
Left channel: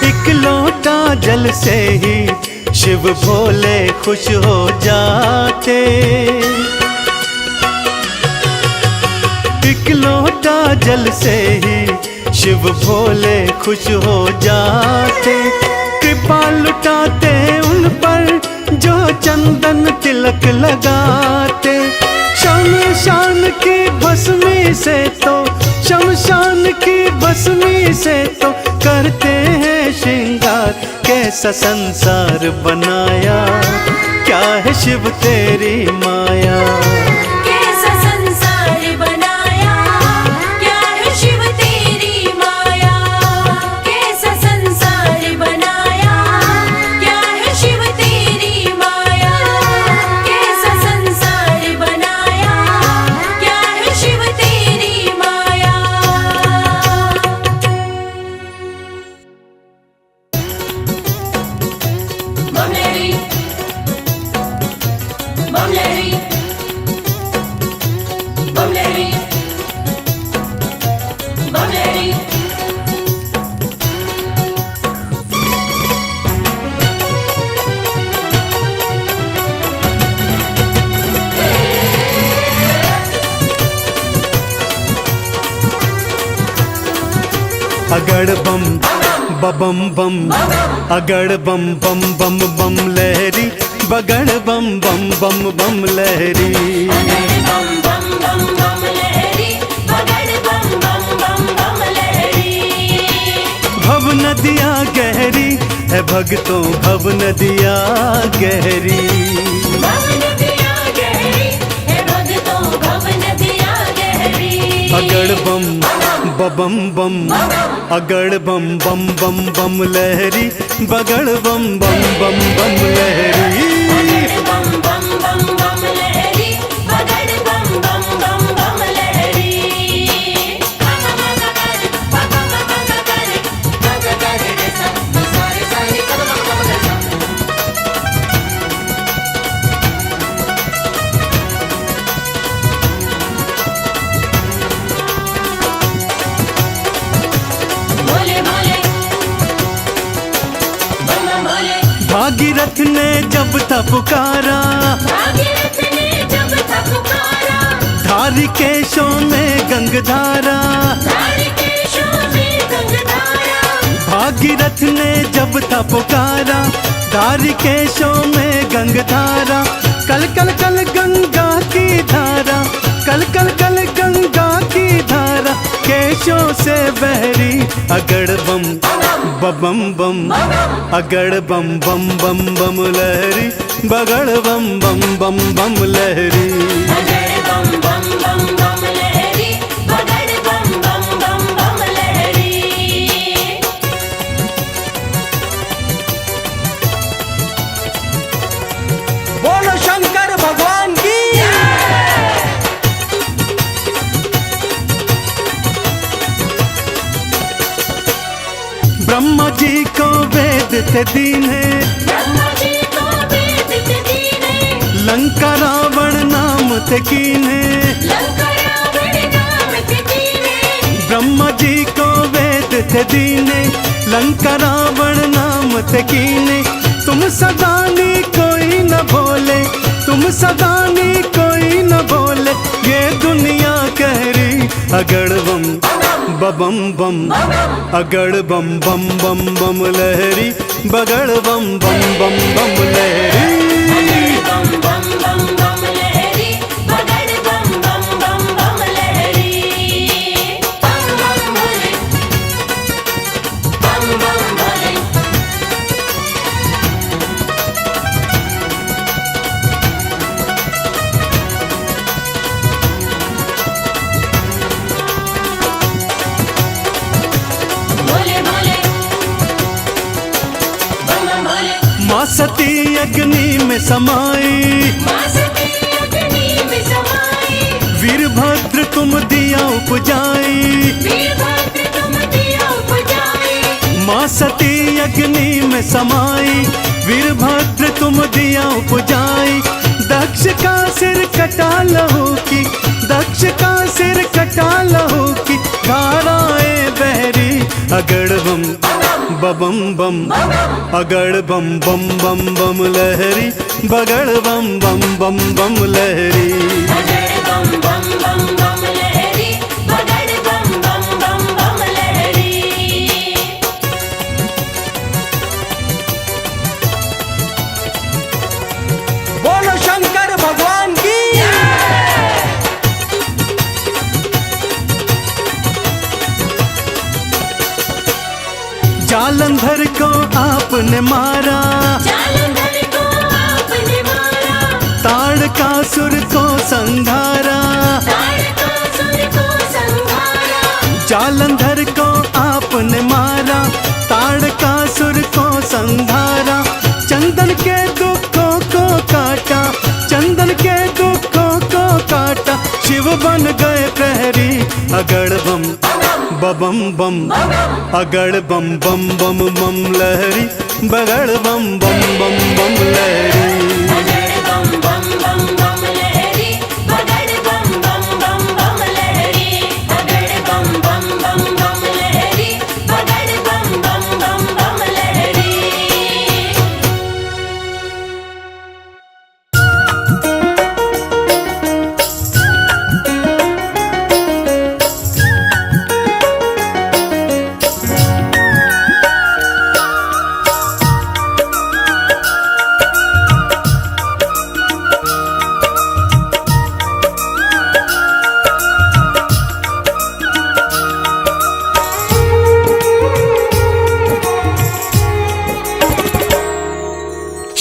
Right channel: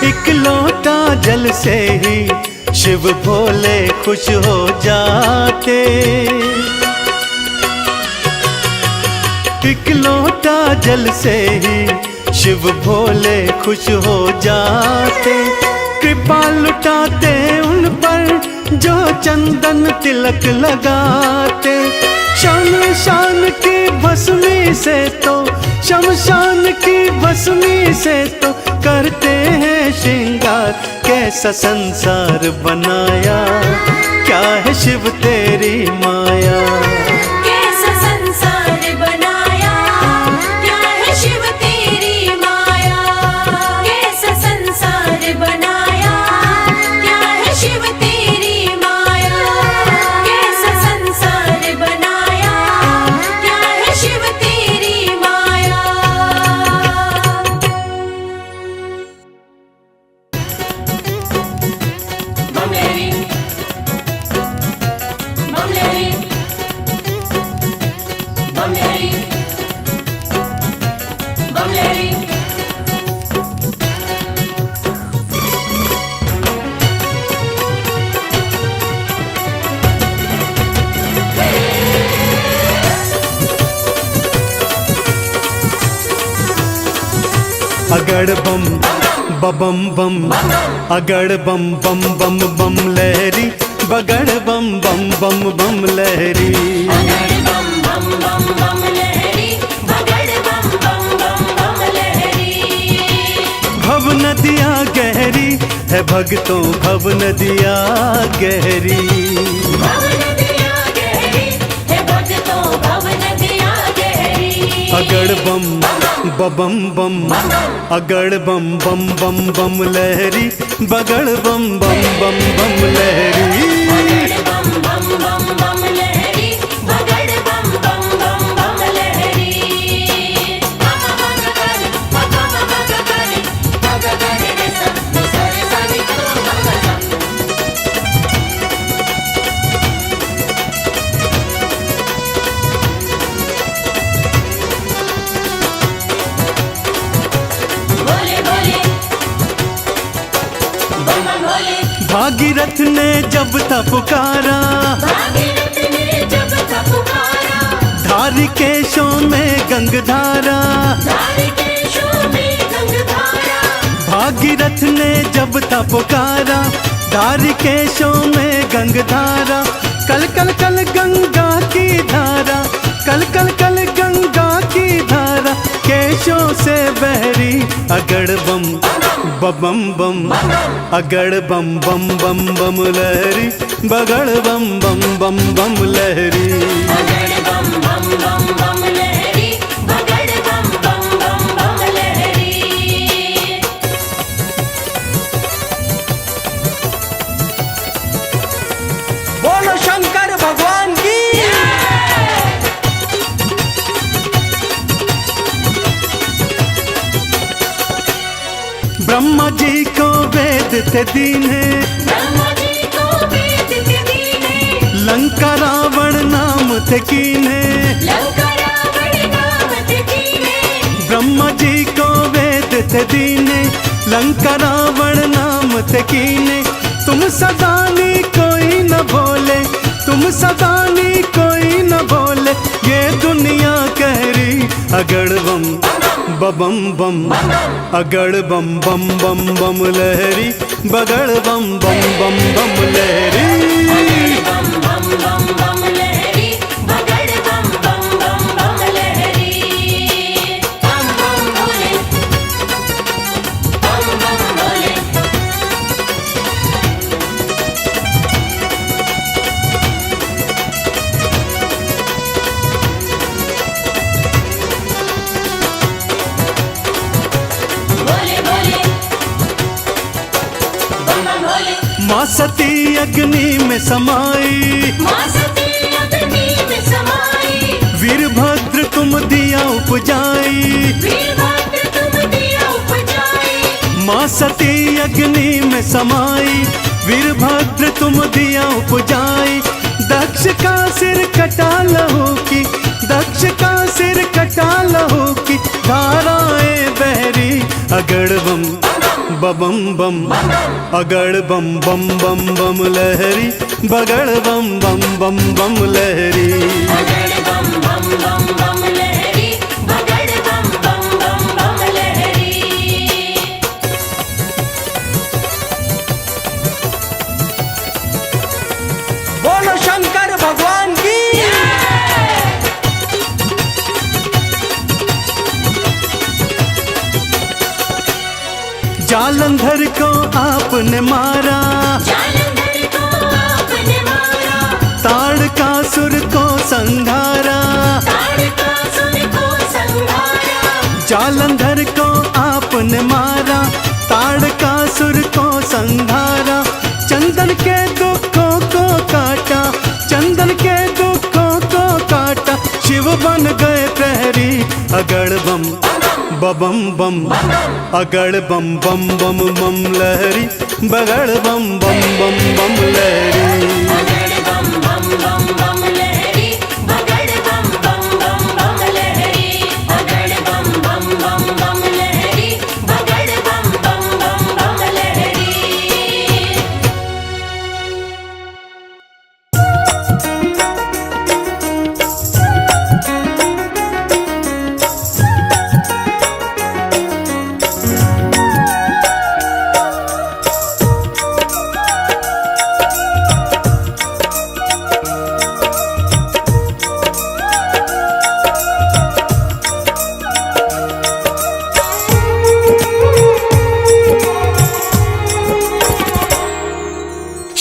एक लोटा जल से ही शिव भोले खुश हो जाते, एक लोटा जल से ही शिव भोले खुश हो जाते। कृपा लुटाते उन पर जो चंदन तिलक लगाते। शमशान की भस्मी से तो, शमशान की भस्मी से तो करते हैं श्रृंगार। कैसा संसार बनाया, क्या है शिव तेरी माया। कैसा संसार बनाया, क्या है शिव तेरी माया। कैसा संसार बनाया, क्या है शिव तेरी माया। कैसा संसार बनाया, क्या है शिव तेरी माया। बमलेरी बमलेरी बमलेरी बमलेरी। अगड़ बम बबम बम, अगड़ बम बम बम बम लहरी, बगड़ बम बम बम बम लहरी। बम बम बम बम लहरी, बगड़ बम बम बम बम लहरी। भव नदिया गहरी है भगतों, भव नदिया गहरी। भव नदिया गहरी है भगतों, भव नदिया गहरी। अगड़ बम बबम बम, अगड़ बम बम बम बम लहरी, बगड़ बम बम बम बम लहरी। बम बम बम बम लहरी, बगड़ बम बम बम बम लहरी। बोले बोले बम बम बोले। भागीरथ ने जब था पुकारा, भागीरथ ने जब था पुकारा, धारी केशों में गंगधारा। धारी केशों में गंगधारा। भागीरथ ने जब था पुकारा, धारी केशों में गंगधारा। कल कल कल गंगा की धारा, कल कल कल गंगा की धारा, केशों से बहरी। अगड़ बम बबम बम, अगड़ बम बम बम बम लहरी, बगड़ बम बम बम बम लहरी। बगड़ बम बम बम बम लहरी, बगड़ बम बम बम बम लहरी। बोलो शंकर भगवान की। ब्रह्मा जी को वेद थे दीने, ब्रह्मा जी को वेद थे दीने। लंका रावण नाम थे कीने। लंका रावण नाम थे दीने। ब्रह्मा जी को वेद थे दीने, लंका रावण नाम थे कीने। तुम सदानी कोई न भोले, तुम सदानी कोई न भोले, ये दुनिया कह रही। अगड़ बम बबम बम, अगड़ बम बम बम बम लहरी, बगड़ बम बम बम बम लहरी। बम बम बम बम लहरी, बगड़ बम बम बम बम लहरी। बम बम भोले, बम बम भोले। माँ सती अग्नि में समाई, माँ सती अग्नि में समाई, वीरभद्र तुम दिया उपजाई। वीरभद्र तुम दिया उपजाई। माँ सती अग्नि में समाई, वीरभद्र तुम दिया उपजाई। दक्ष का सिर कटा लहू की, दक्ष का सिर कटा लहू की धाराएं बहरी। अगड़ बम बम बम, अगड़ बम बम बम बम लहरी, बगड़ बम बम बम बम लहरी। बगड़ बम बम बम बम लहरी, बगड़ बम बम बम बम लहरी। बोलो शंकर भगवान की। जालंधर को आपने मारा, जालंधर को आपने मारा, ताड़कासुर को संघारा। ताड़कासुर को संहारा। जालंधर को आपने मारा, ताड़कासुर को संघारा। चंदन के दुखों को काटा, चंदन के दुखों को काटा। शिव बन गए प्रहरी। अगड़ बम बम बम, अगड़ बम बम बम बम लहरी, बगड़ बम बम बम बम लहरी। बगड़ बम बम बम बम लहरी, बगड़ बम बम बम बम लहरी। बगड़ बम बम बम बम लहरी, बगड़ बम बम बम बम लहरी।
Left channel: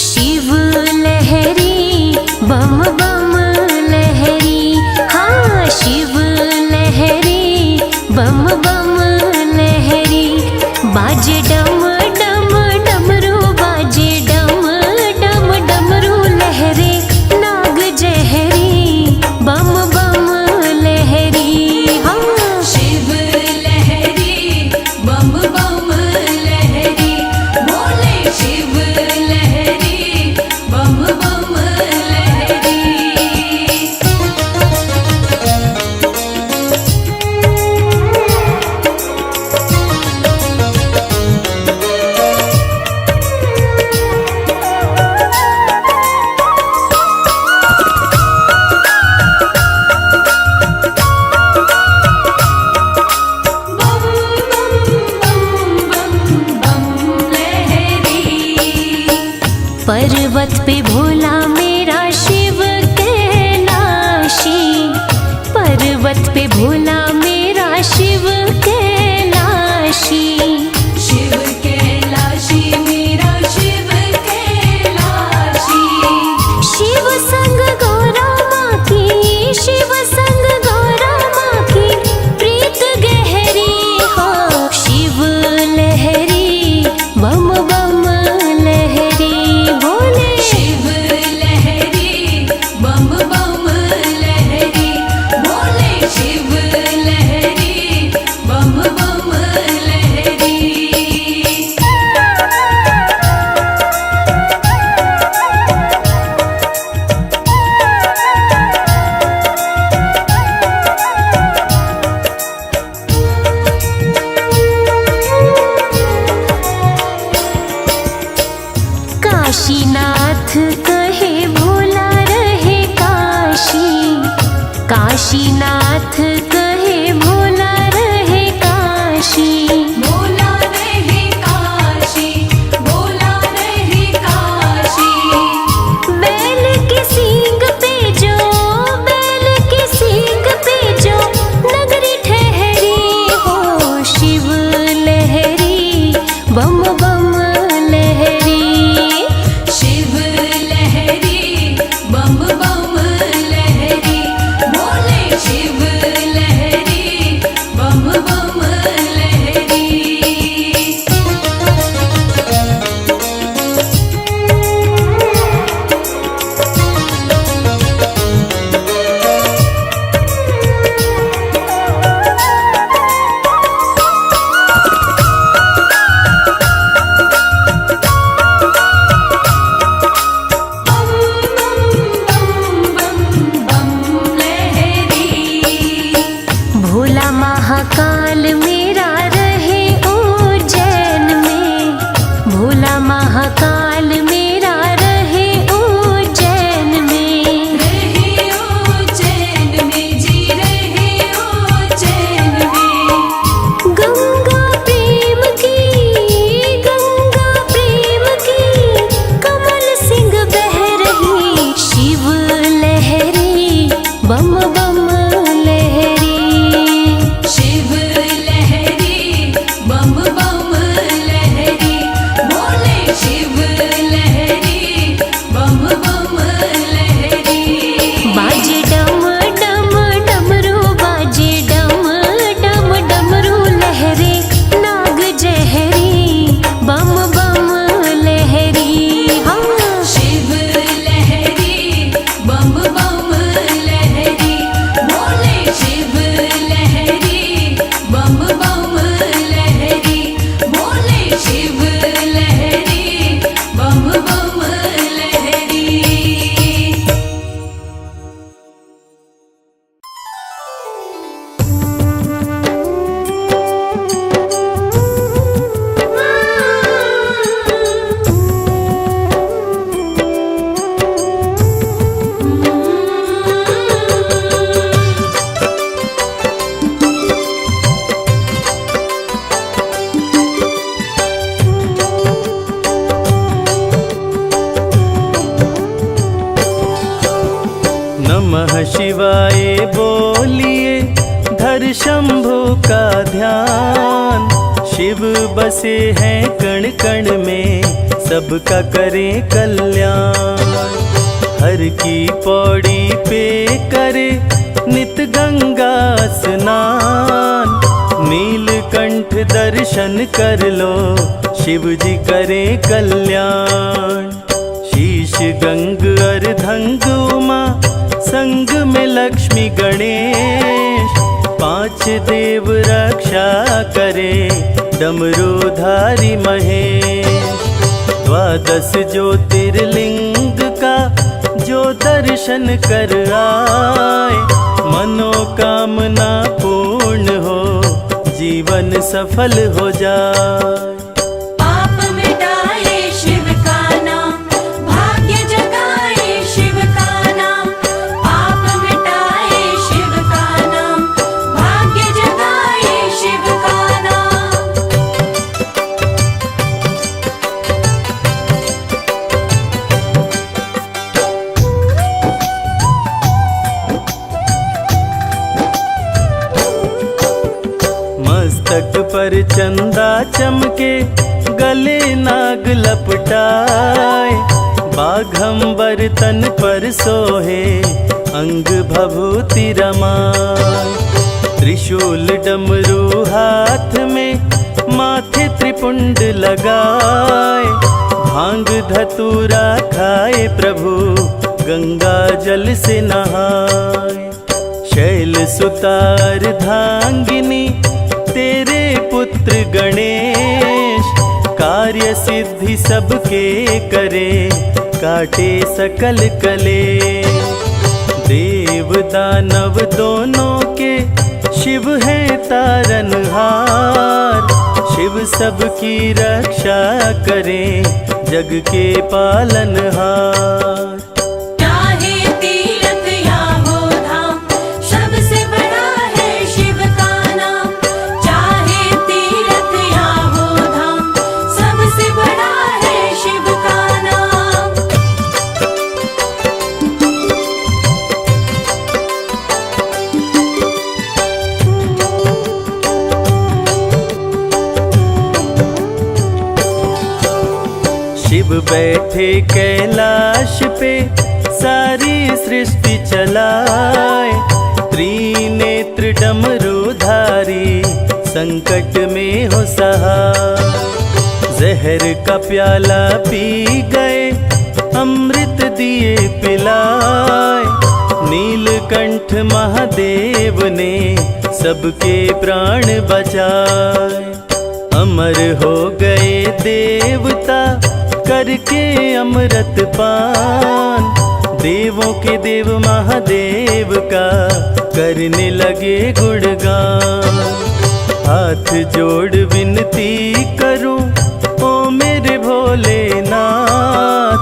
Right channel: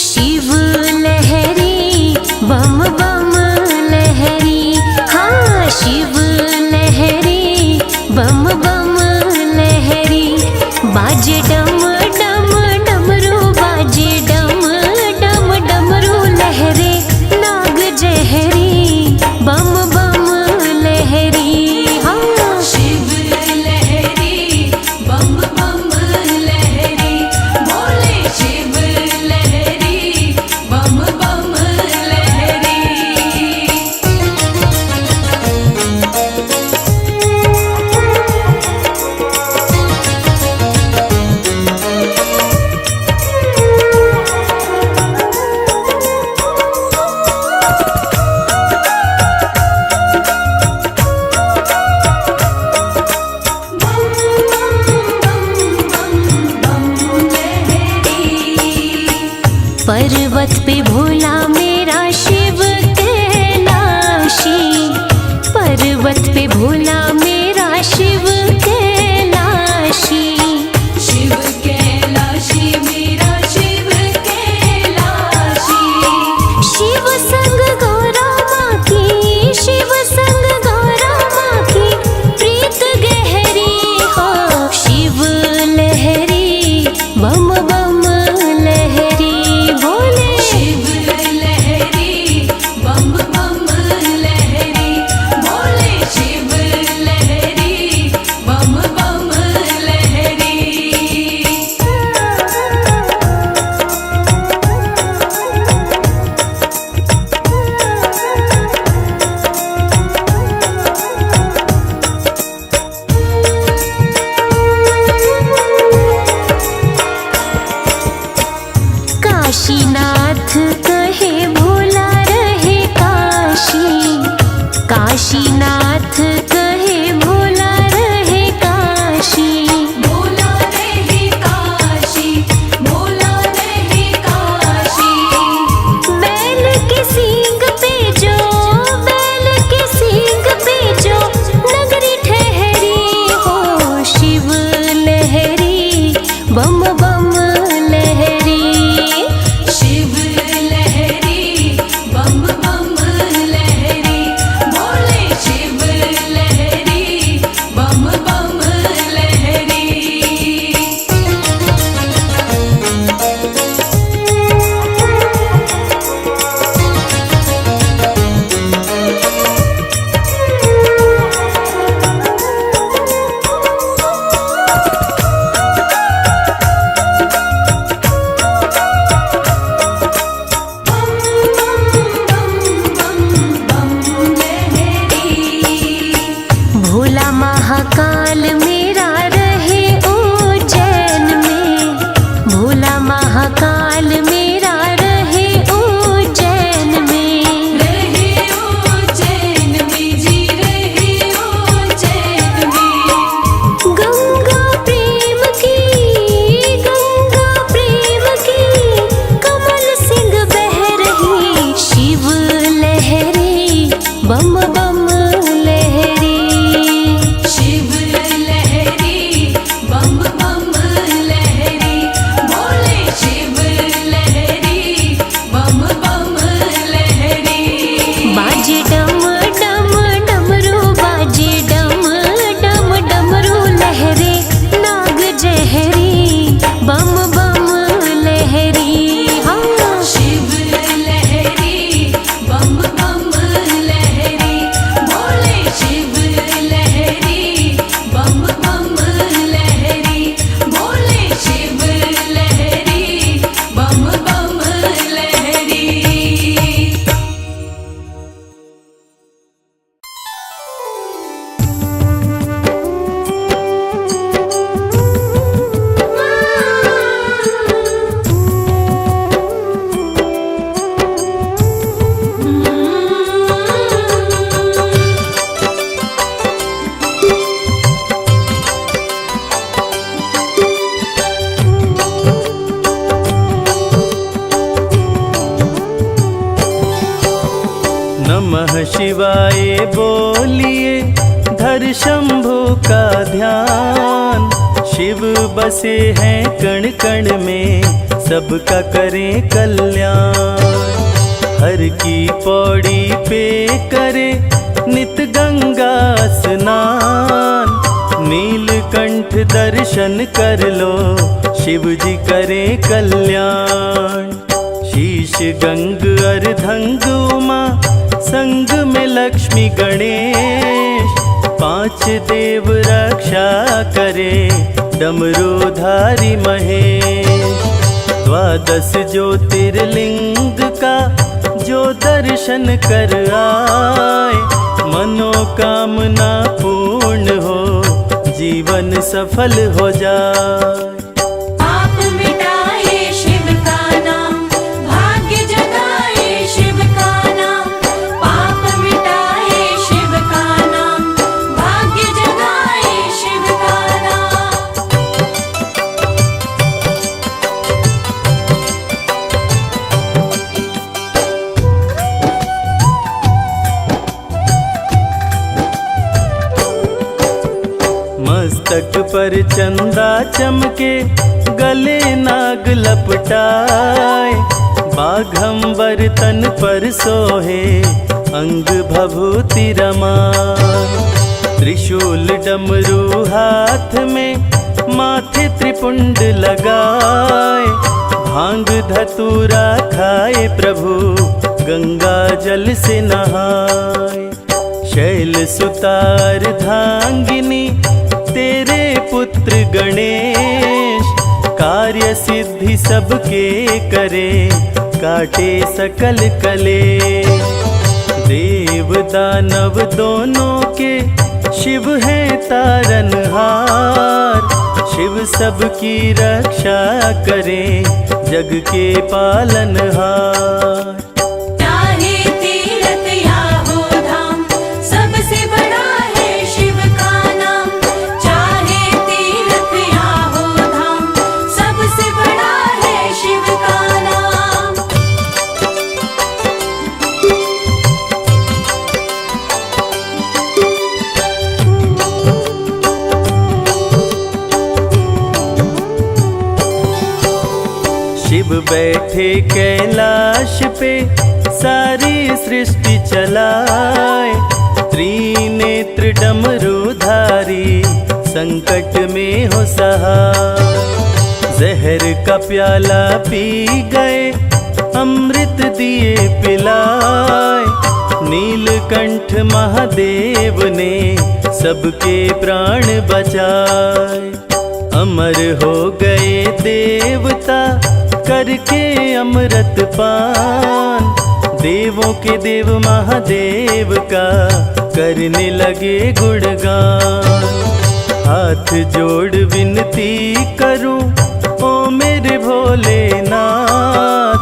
शिव लहरी बम बम लहरी, हाँ शिव लहरी बम बम लहरी। बाजे डम डम डमरू, बाजे डम डम डमरू लहरे। नाग जहरी बम बम लहरी, हाँ शिव लहरी बम बम लहरी, बोले शिव लहरी बम बम लहरी। पर्वत पे भोला मेरा शिव कैलाशी, पर्वत पे भोला मेरा शिव कैलाशी। शिव कैलाशी मेरा शिव कैलाशी। शिव संग गौरा माँ की, शिव संग गौरा माँ की प्रीत गहरी हो। शिव लहरी बम बम लहरी, भोले शिव लहरी बम बम लहरी, बोले शिव लहरी बम बम लहरी। काशीनाथ कहे भोला रहे काशी, काशीनाथ कहे भोला रहे काशी। बोला रहे काशी, बोला रहे काशी। बैल के सींग पे जो, बैल के सींग पे जो नगरी ठहरी हो। शिव लहरी बम बम लहरी, शिव लहरी बम बम लहरी, बोले शिव लहरी बड़ा महाकाल मेरा रहे उज्जैन में। रहे उज्जैन में जी, रहे उज्जैन में। गंगा प्रेम की कमल सिंह बह रही, शिव लहरी बम बम लहरी। शिव लहरी बम बम लहरी, बोले शिव लहरी बम बम लहरी। बाजे डम डम डमरू, बाजे डम डम डमरू लहरे, नाग जहरी बम बम लहरी। हाँ शिव लहरी बम बम लहरी, बोले शिव लहरी बम बम लहरी, बोले शिव लहरी बम बम लहरी। नमः शिवाय बोलिए, धर शंभु का ध्यान। शिव बसे हैं कण कण में, सबका करें कल्याण। हर की पौड़ी पे करे नित गंगा स्नान। नीलकंठ दर्शन कर लो, शिव जी करें कल्याण। शीश गंग अर्धंग उमा, संग में लक्ष्मी गणेश। 5 देव रक्षा करे, डमरूधारी महेश। 12 ज्योतिर्लिंग का जो दर्शन कर आए, मनोकामना पूर्ण हो, जीवन सफल हो जाए। पाप मिटाए शिव का नाम, भाग्य जगाए शिव का नाम। पाप मिटाए शिव का नाम, भाग्य जगाए शिव का नाम। मस्तक पर चंदा चमके, गले नाग लपटाए। बाघंबर तन पर सोहे, अंग भभूति रमाए। त्रिशूल डमरू हाथ में, माथे त्रिपुंड लगाए। भांग धतूरा खाए प्रभु, गंगा जल से नहाए। शैल सुतार धांगिनी, तेरे पुत्र गणेश। कार्य सिद्धि सबके करे, काटे सकल कलेश। देव दानव दोनों के, शिव है तारनहार। शिव सबकी रक्षा करे, जग के पालनहार। चाहे तीरथ या हो धाम, सबसे बड़ा है शिव का नाम। चाहे तीरथ या हो धाम, सबसे बड़ा है शिव का नाम। शिव बैठे कैलाश पे, सारी सृष्टि चलाए। त्रिनेत्र डमरूधारी, संकट में हो सहाय। जहर का प्याला पी गए, अमृत दिए पिलाए। नीलकंठ महादेव ने, सबके प्राण बचाए। अमर हो गए देवता, करके अमृत पान। देवों के देव महादेव का, करने लगे गुणगान। हाथ जोड़ विनती करूं, ओ मेरे भोलेनाथ,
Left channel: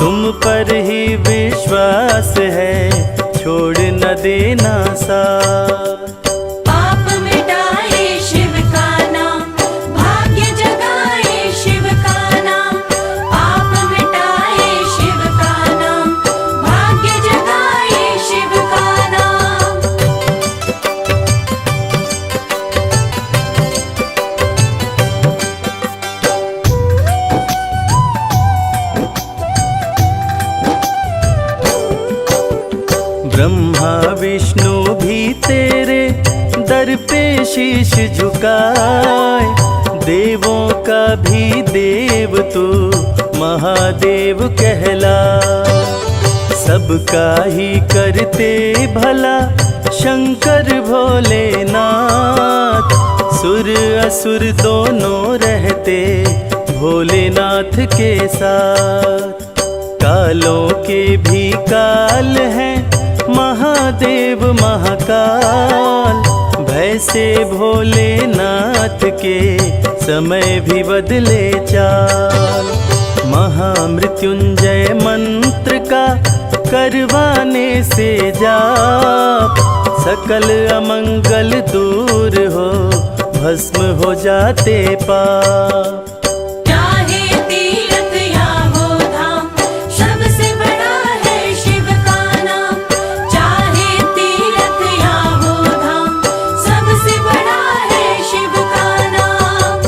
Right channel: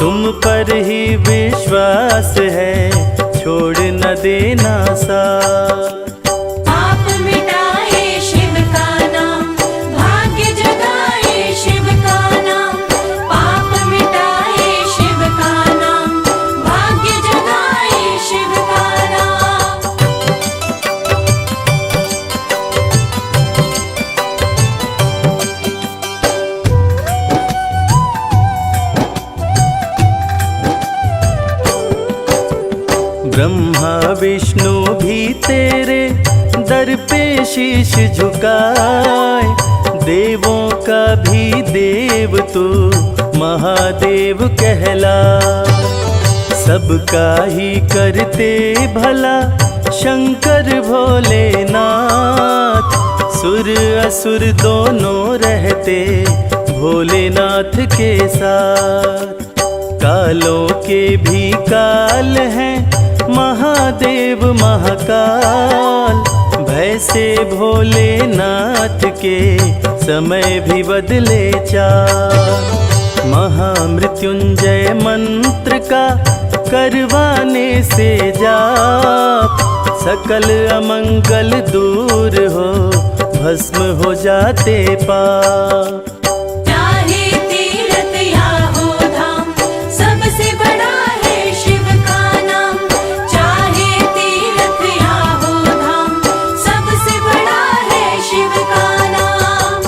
तुम पर ही विश्वास है, छोड़ न देना साथ। पाप मिटाए शिव का नाम, भाग्य जगाए शिव का नाम। पाप मिटाए शिव का नाम, भाग्य जगाए शिव का नाम। ब्रह्मा विष्णु भी तेरे दर पे शीश झुकाए, देवों का भी देव तू महादेव कहलाए। सबका ही करते भला शंकर भोलेनाथ, सुर असुर दोनों रहते भोलेनाथ के साथ। कालों के भी काल हैं महादेव महाकाल, भय से भोलेनाथ के समय भी बदले चाल। महामृत्युंजय मंत्र का करवाने से जाप, सकल अमंगल दूर हो, भस्म हो जाते पाप। चाहे तीर्थ या हो धाम, सबसे बड़ा है शिव का नाम। चाहे तीर्थ या हो धाम, सबसे बड़ा है शिव का नाम।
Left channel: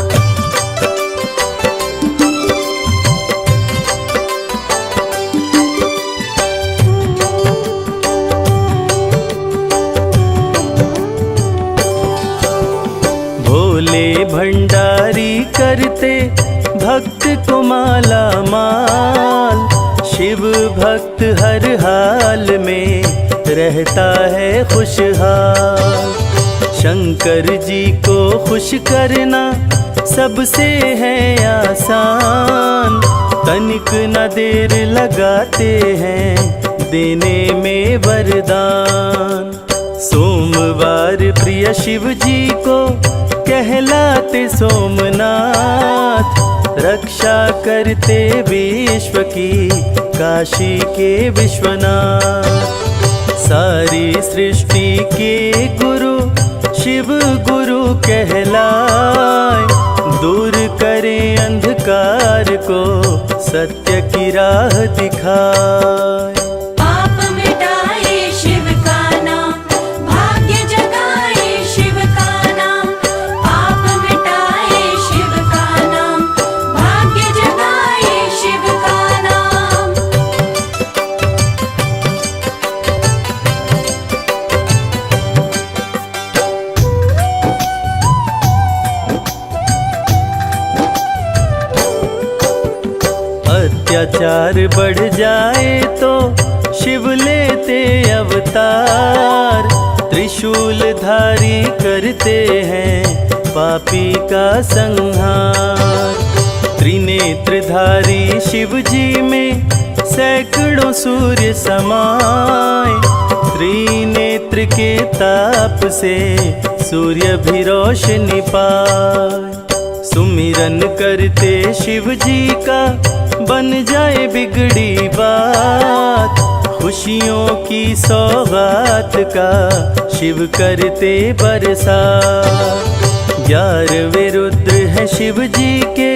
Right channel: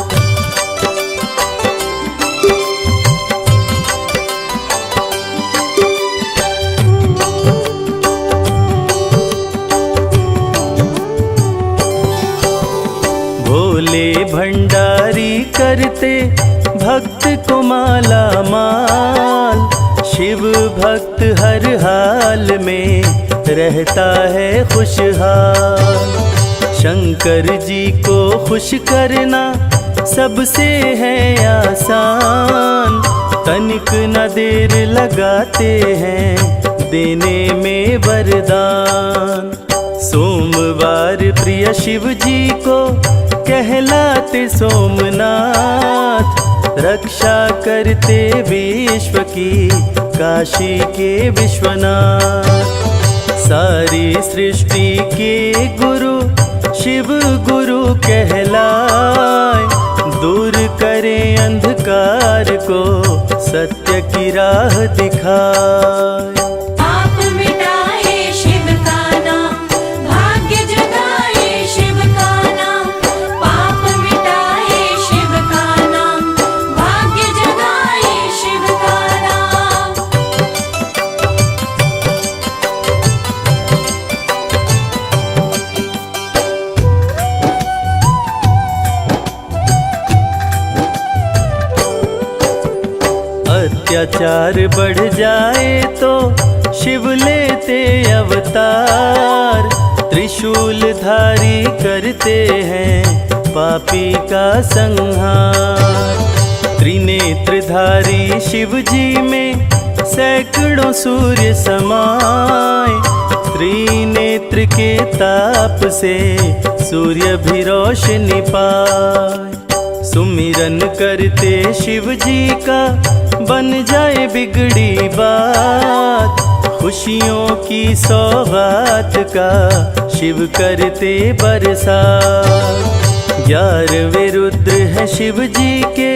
भोले भंडारी करते भक्त को माला माल, शिव भक्त हर हाल में रहता है खुशहाल। शंकर जी को खुश करना सबसे है आसान, तनिक न देर लगाते हैं देने में वरदान। सोमवार प्रिय शिव जी को कहलाते सोमनाथ, रक्षा करते विश्व की काशी के विश्वनाथ। सारी सृष्टि के गुरु शिव गुरु कहलाए, दूर करें अंधकार को सत्य की राह दिखाए। पाप मिटाए शिव का नाम, भाग्य जगाए शिव का नाम। पाप मिटाए शिव का नाम, भाग्य जगाए शिव का नाम। अत्याचार बढ़ जाए तो शिव लेते अवतार, त्रिशूल धारी करते हैं पापी का संहार। त्रिनेत्रधारी शिव जी में सैकड़ों सूर्य समाए, त्रिनेत्र के ताप से सूर्य भी रोशनी पाए। सुमिरन करते शिव जी का बन जाए बिगड़ी बात, खुशियों की सौगात का शिव करते बरसात। 11वें रुद्र है शिव जी के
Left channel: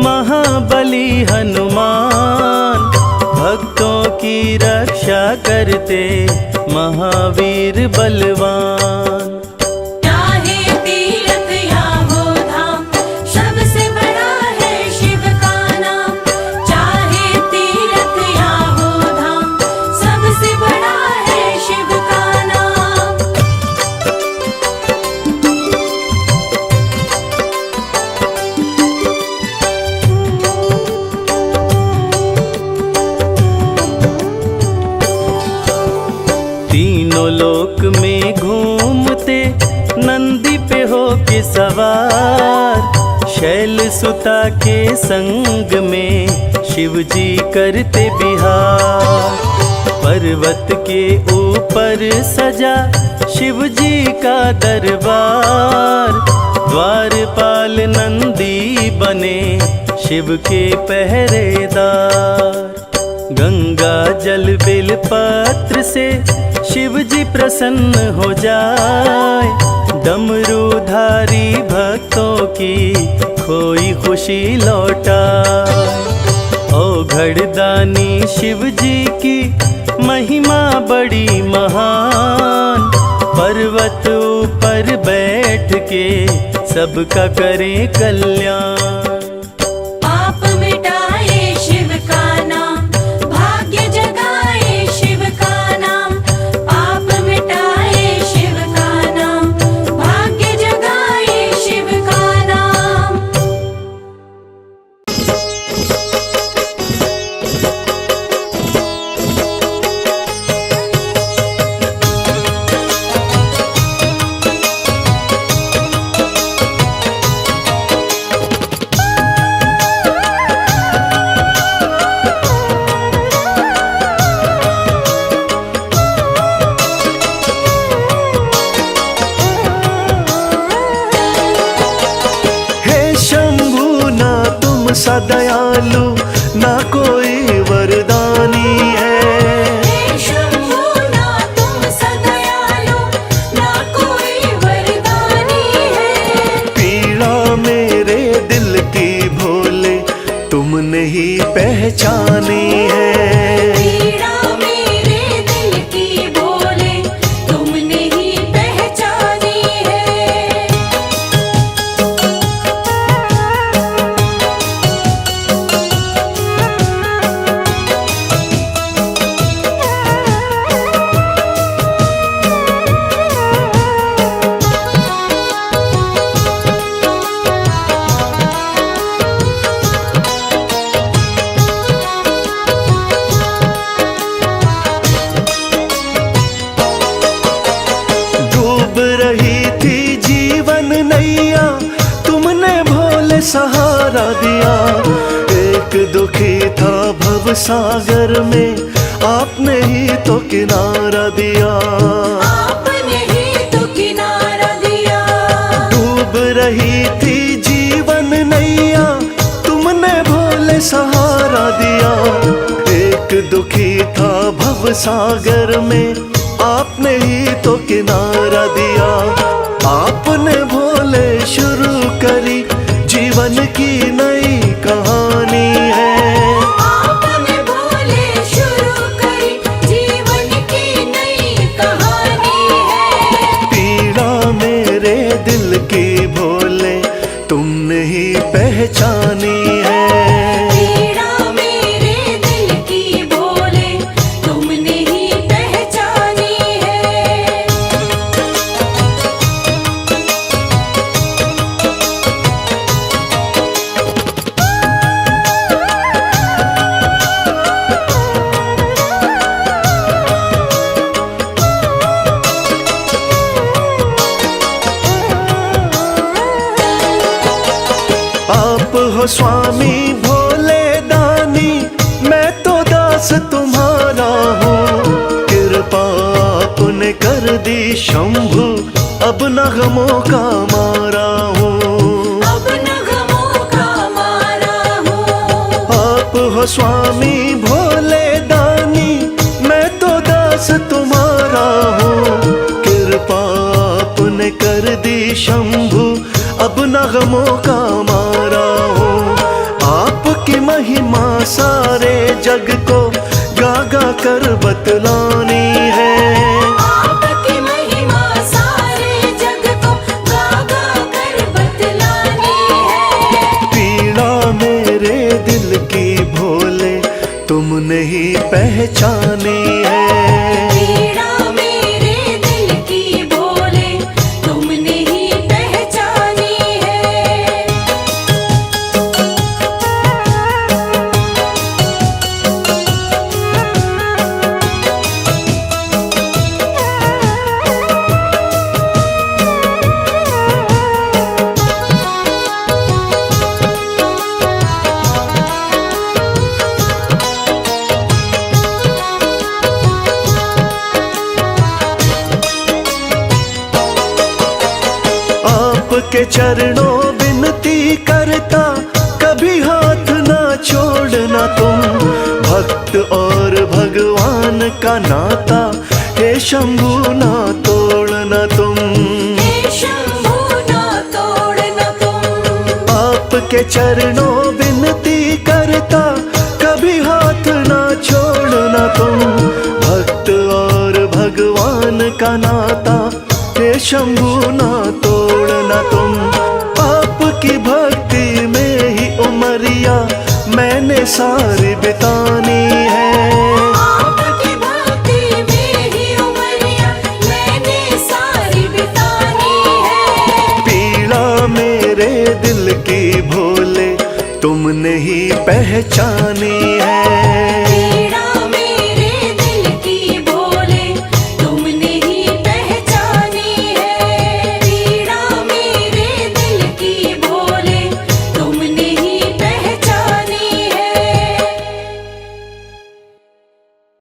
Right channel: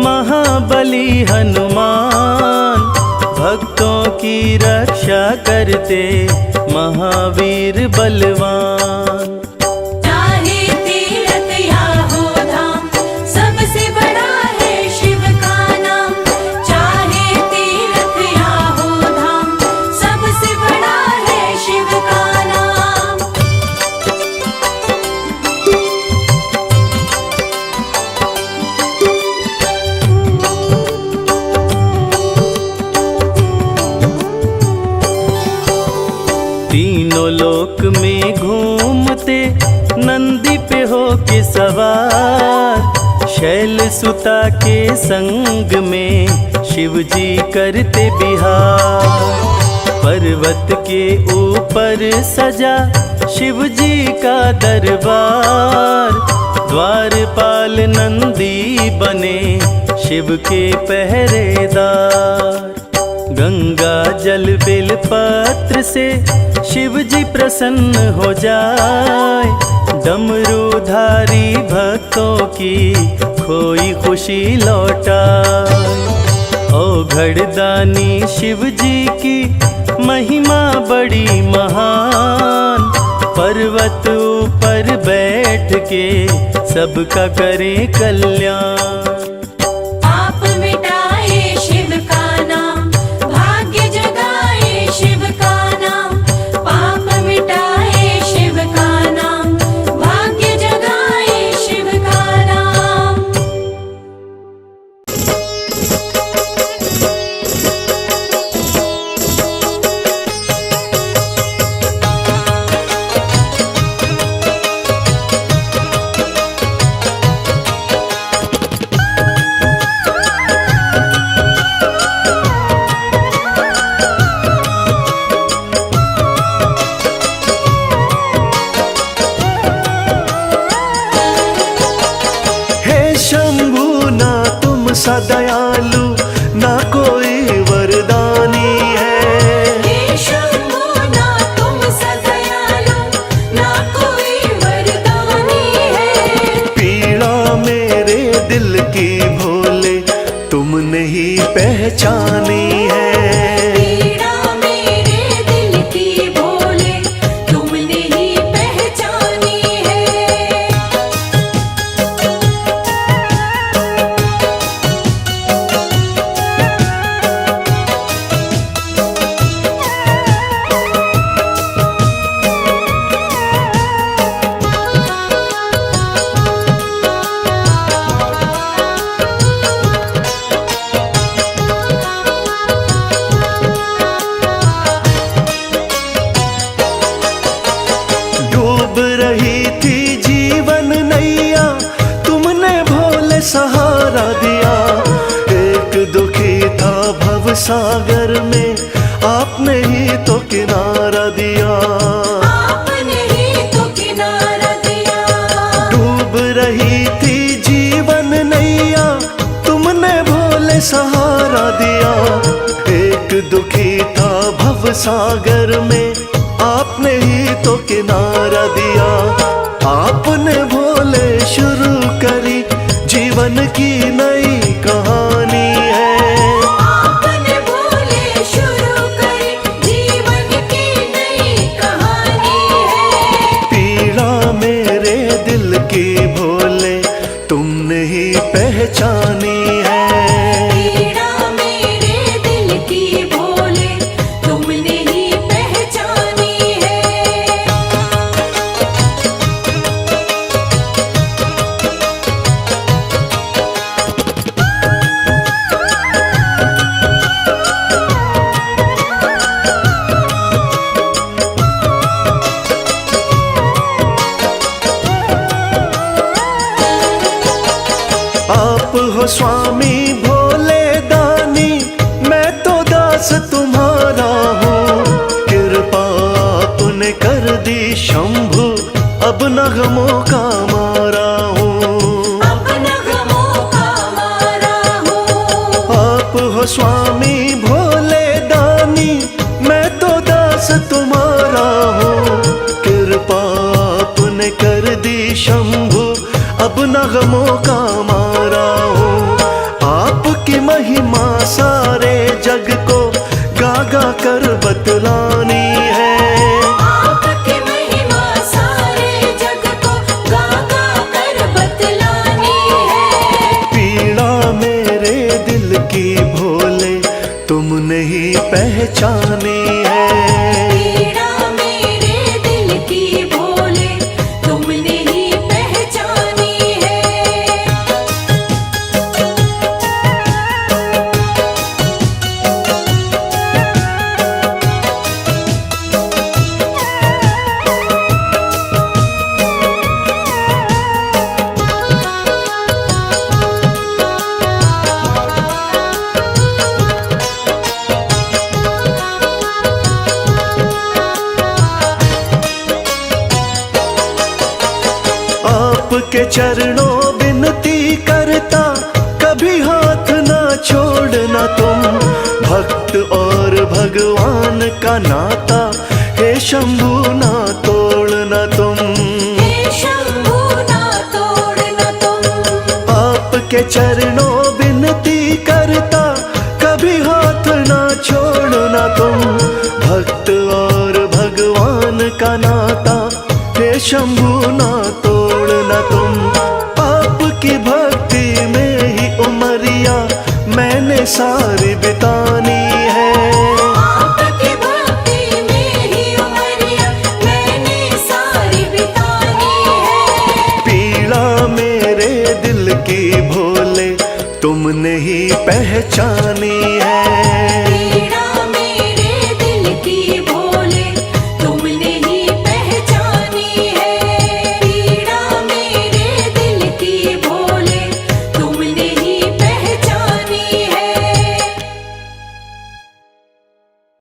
महाबली हनुमान, भक्तों की रक्षा करते महावीर बलवान। चाहे तीर्थ या हो धाम, सबसे बड़ा है शिव का नाम। चाहे तीर्थ या हो धाम, सबसे बड़ा है शिव का नाम। तीनों लोक में घूमते नंदी पे हो के सवार, शैल सुता के संग में शिव जी करते बिहार। पर्वत के ऊपर सजा शिव जी का दरबार, द्वारपाल नंदी बने शिव के पहरेदार। गंगा जल बेल पत्र से शिव जी प्रसन्न हो जाए, डमरूधारी भक्तों की खोई खुशी लौटाए। ओ घड़दानी शिव जी की महिमा बड़ी महान, पर्वत ऊपर बैठ के सबका करें कल्याण। पाप मिटाए शिव का नाम, भाग्य जगाए शिव का नाम। पाप मिटाए शिव का नाम, भाग्य जगाए शिव का नाम। शंभु ना तुम सा दयालु ना कोई वरदानी है। हे शंभु ना तुम सा दयालु, ना कोई वरदानी है। पीड़ा मेरे दिल की भोले तुमने ही पहचानी है। पीड़ा मेरे दिल की भोले तुमने ही पहचानी है। डूब रही थी जीवन नैया तुमने भोले सहारा दिया। एक दुखी था भव सागर में आपने ही तो किनारा दिया। आपने ही तो किनारा दिया। डूब रही थी जीवन नैया तुमने भोले सहारा दिया। एक दुखी था भव सागर में आपने ही तो किनारा दिया। आपने भोले शुरू करी जीवन की नई कहानी है। आपने भोले शुरू करी जीवन की नई कहानी है। पीड़ा मेरे दिल की भोले तुमने ही पहचानी है। पीड़ा मेरे दिल की भोले तुमने ही पहचानी है। आप हो स्वामी भोले दानी, मैं तो दास तुम्हारा हूँ। कृपा आपने कर दी शंभु, अब नगमों का मारा हूँ। अब नगमों का मारा हूँ। आप हो स्वामी भोले दानी, मैं तो दास तुम्हारा हूँ। कृपा आपने कर दी शंभु, अब नगमों का मारा हूँ। आपकी महिमा सारे जग को गा गा कर बतलानी है। आपकी महिमा सारे जग को गा गा कर बतलानी है। पीड़ा मेरे दिल की भोले तुमने ही पहचानी है। पीड़ा मेरे दिल की भोले तुमने ही पहचानी है। आपके चरणों विनती करता, कभी हाथ छोड़ना तुम। भक्त और भगवान का नाता हे शंभू ना तोड़ना तुम। हे शंभू ना तोड़ना तुम। आपके चरणों विनती करता कभी हाथ ना छोड़ना तुम। भक्त और भगवान का नाता हे शंभू ना तोड़ना तुम। आपकी भक्ति में ही उमरिया मैंने सारी बितानी है। आपकी भक्ति में ही उमरिया मैंने सारी बितानी है। पीड़ा मेरे दिल की भोले तुमने ही पहचानी है।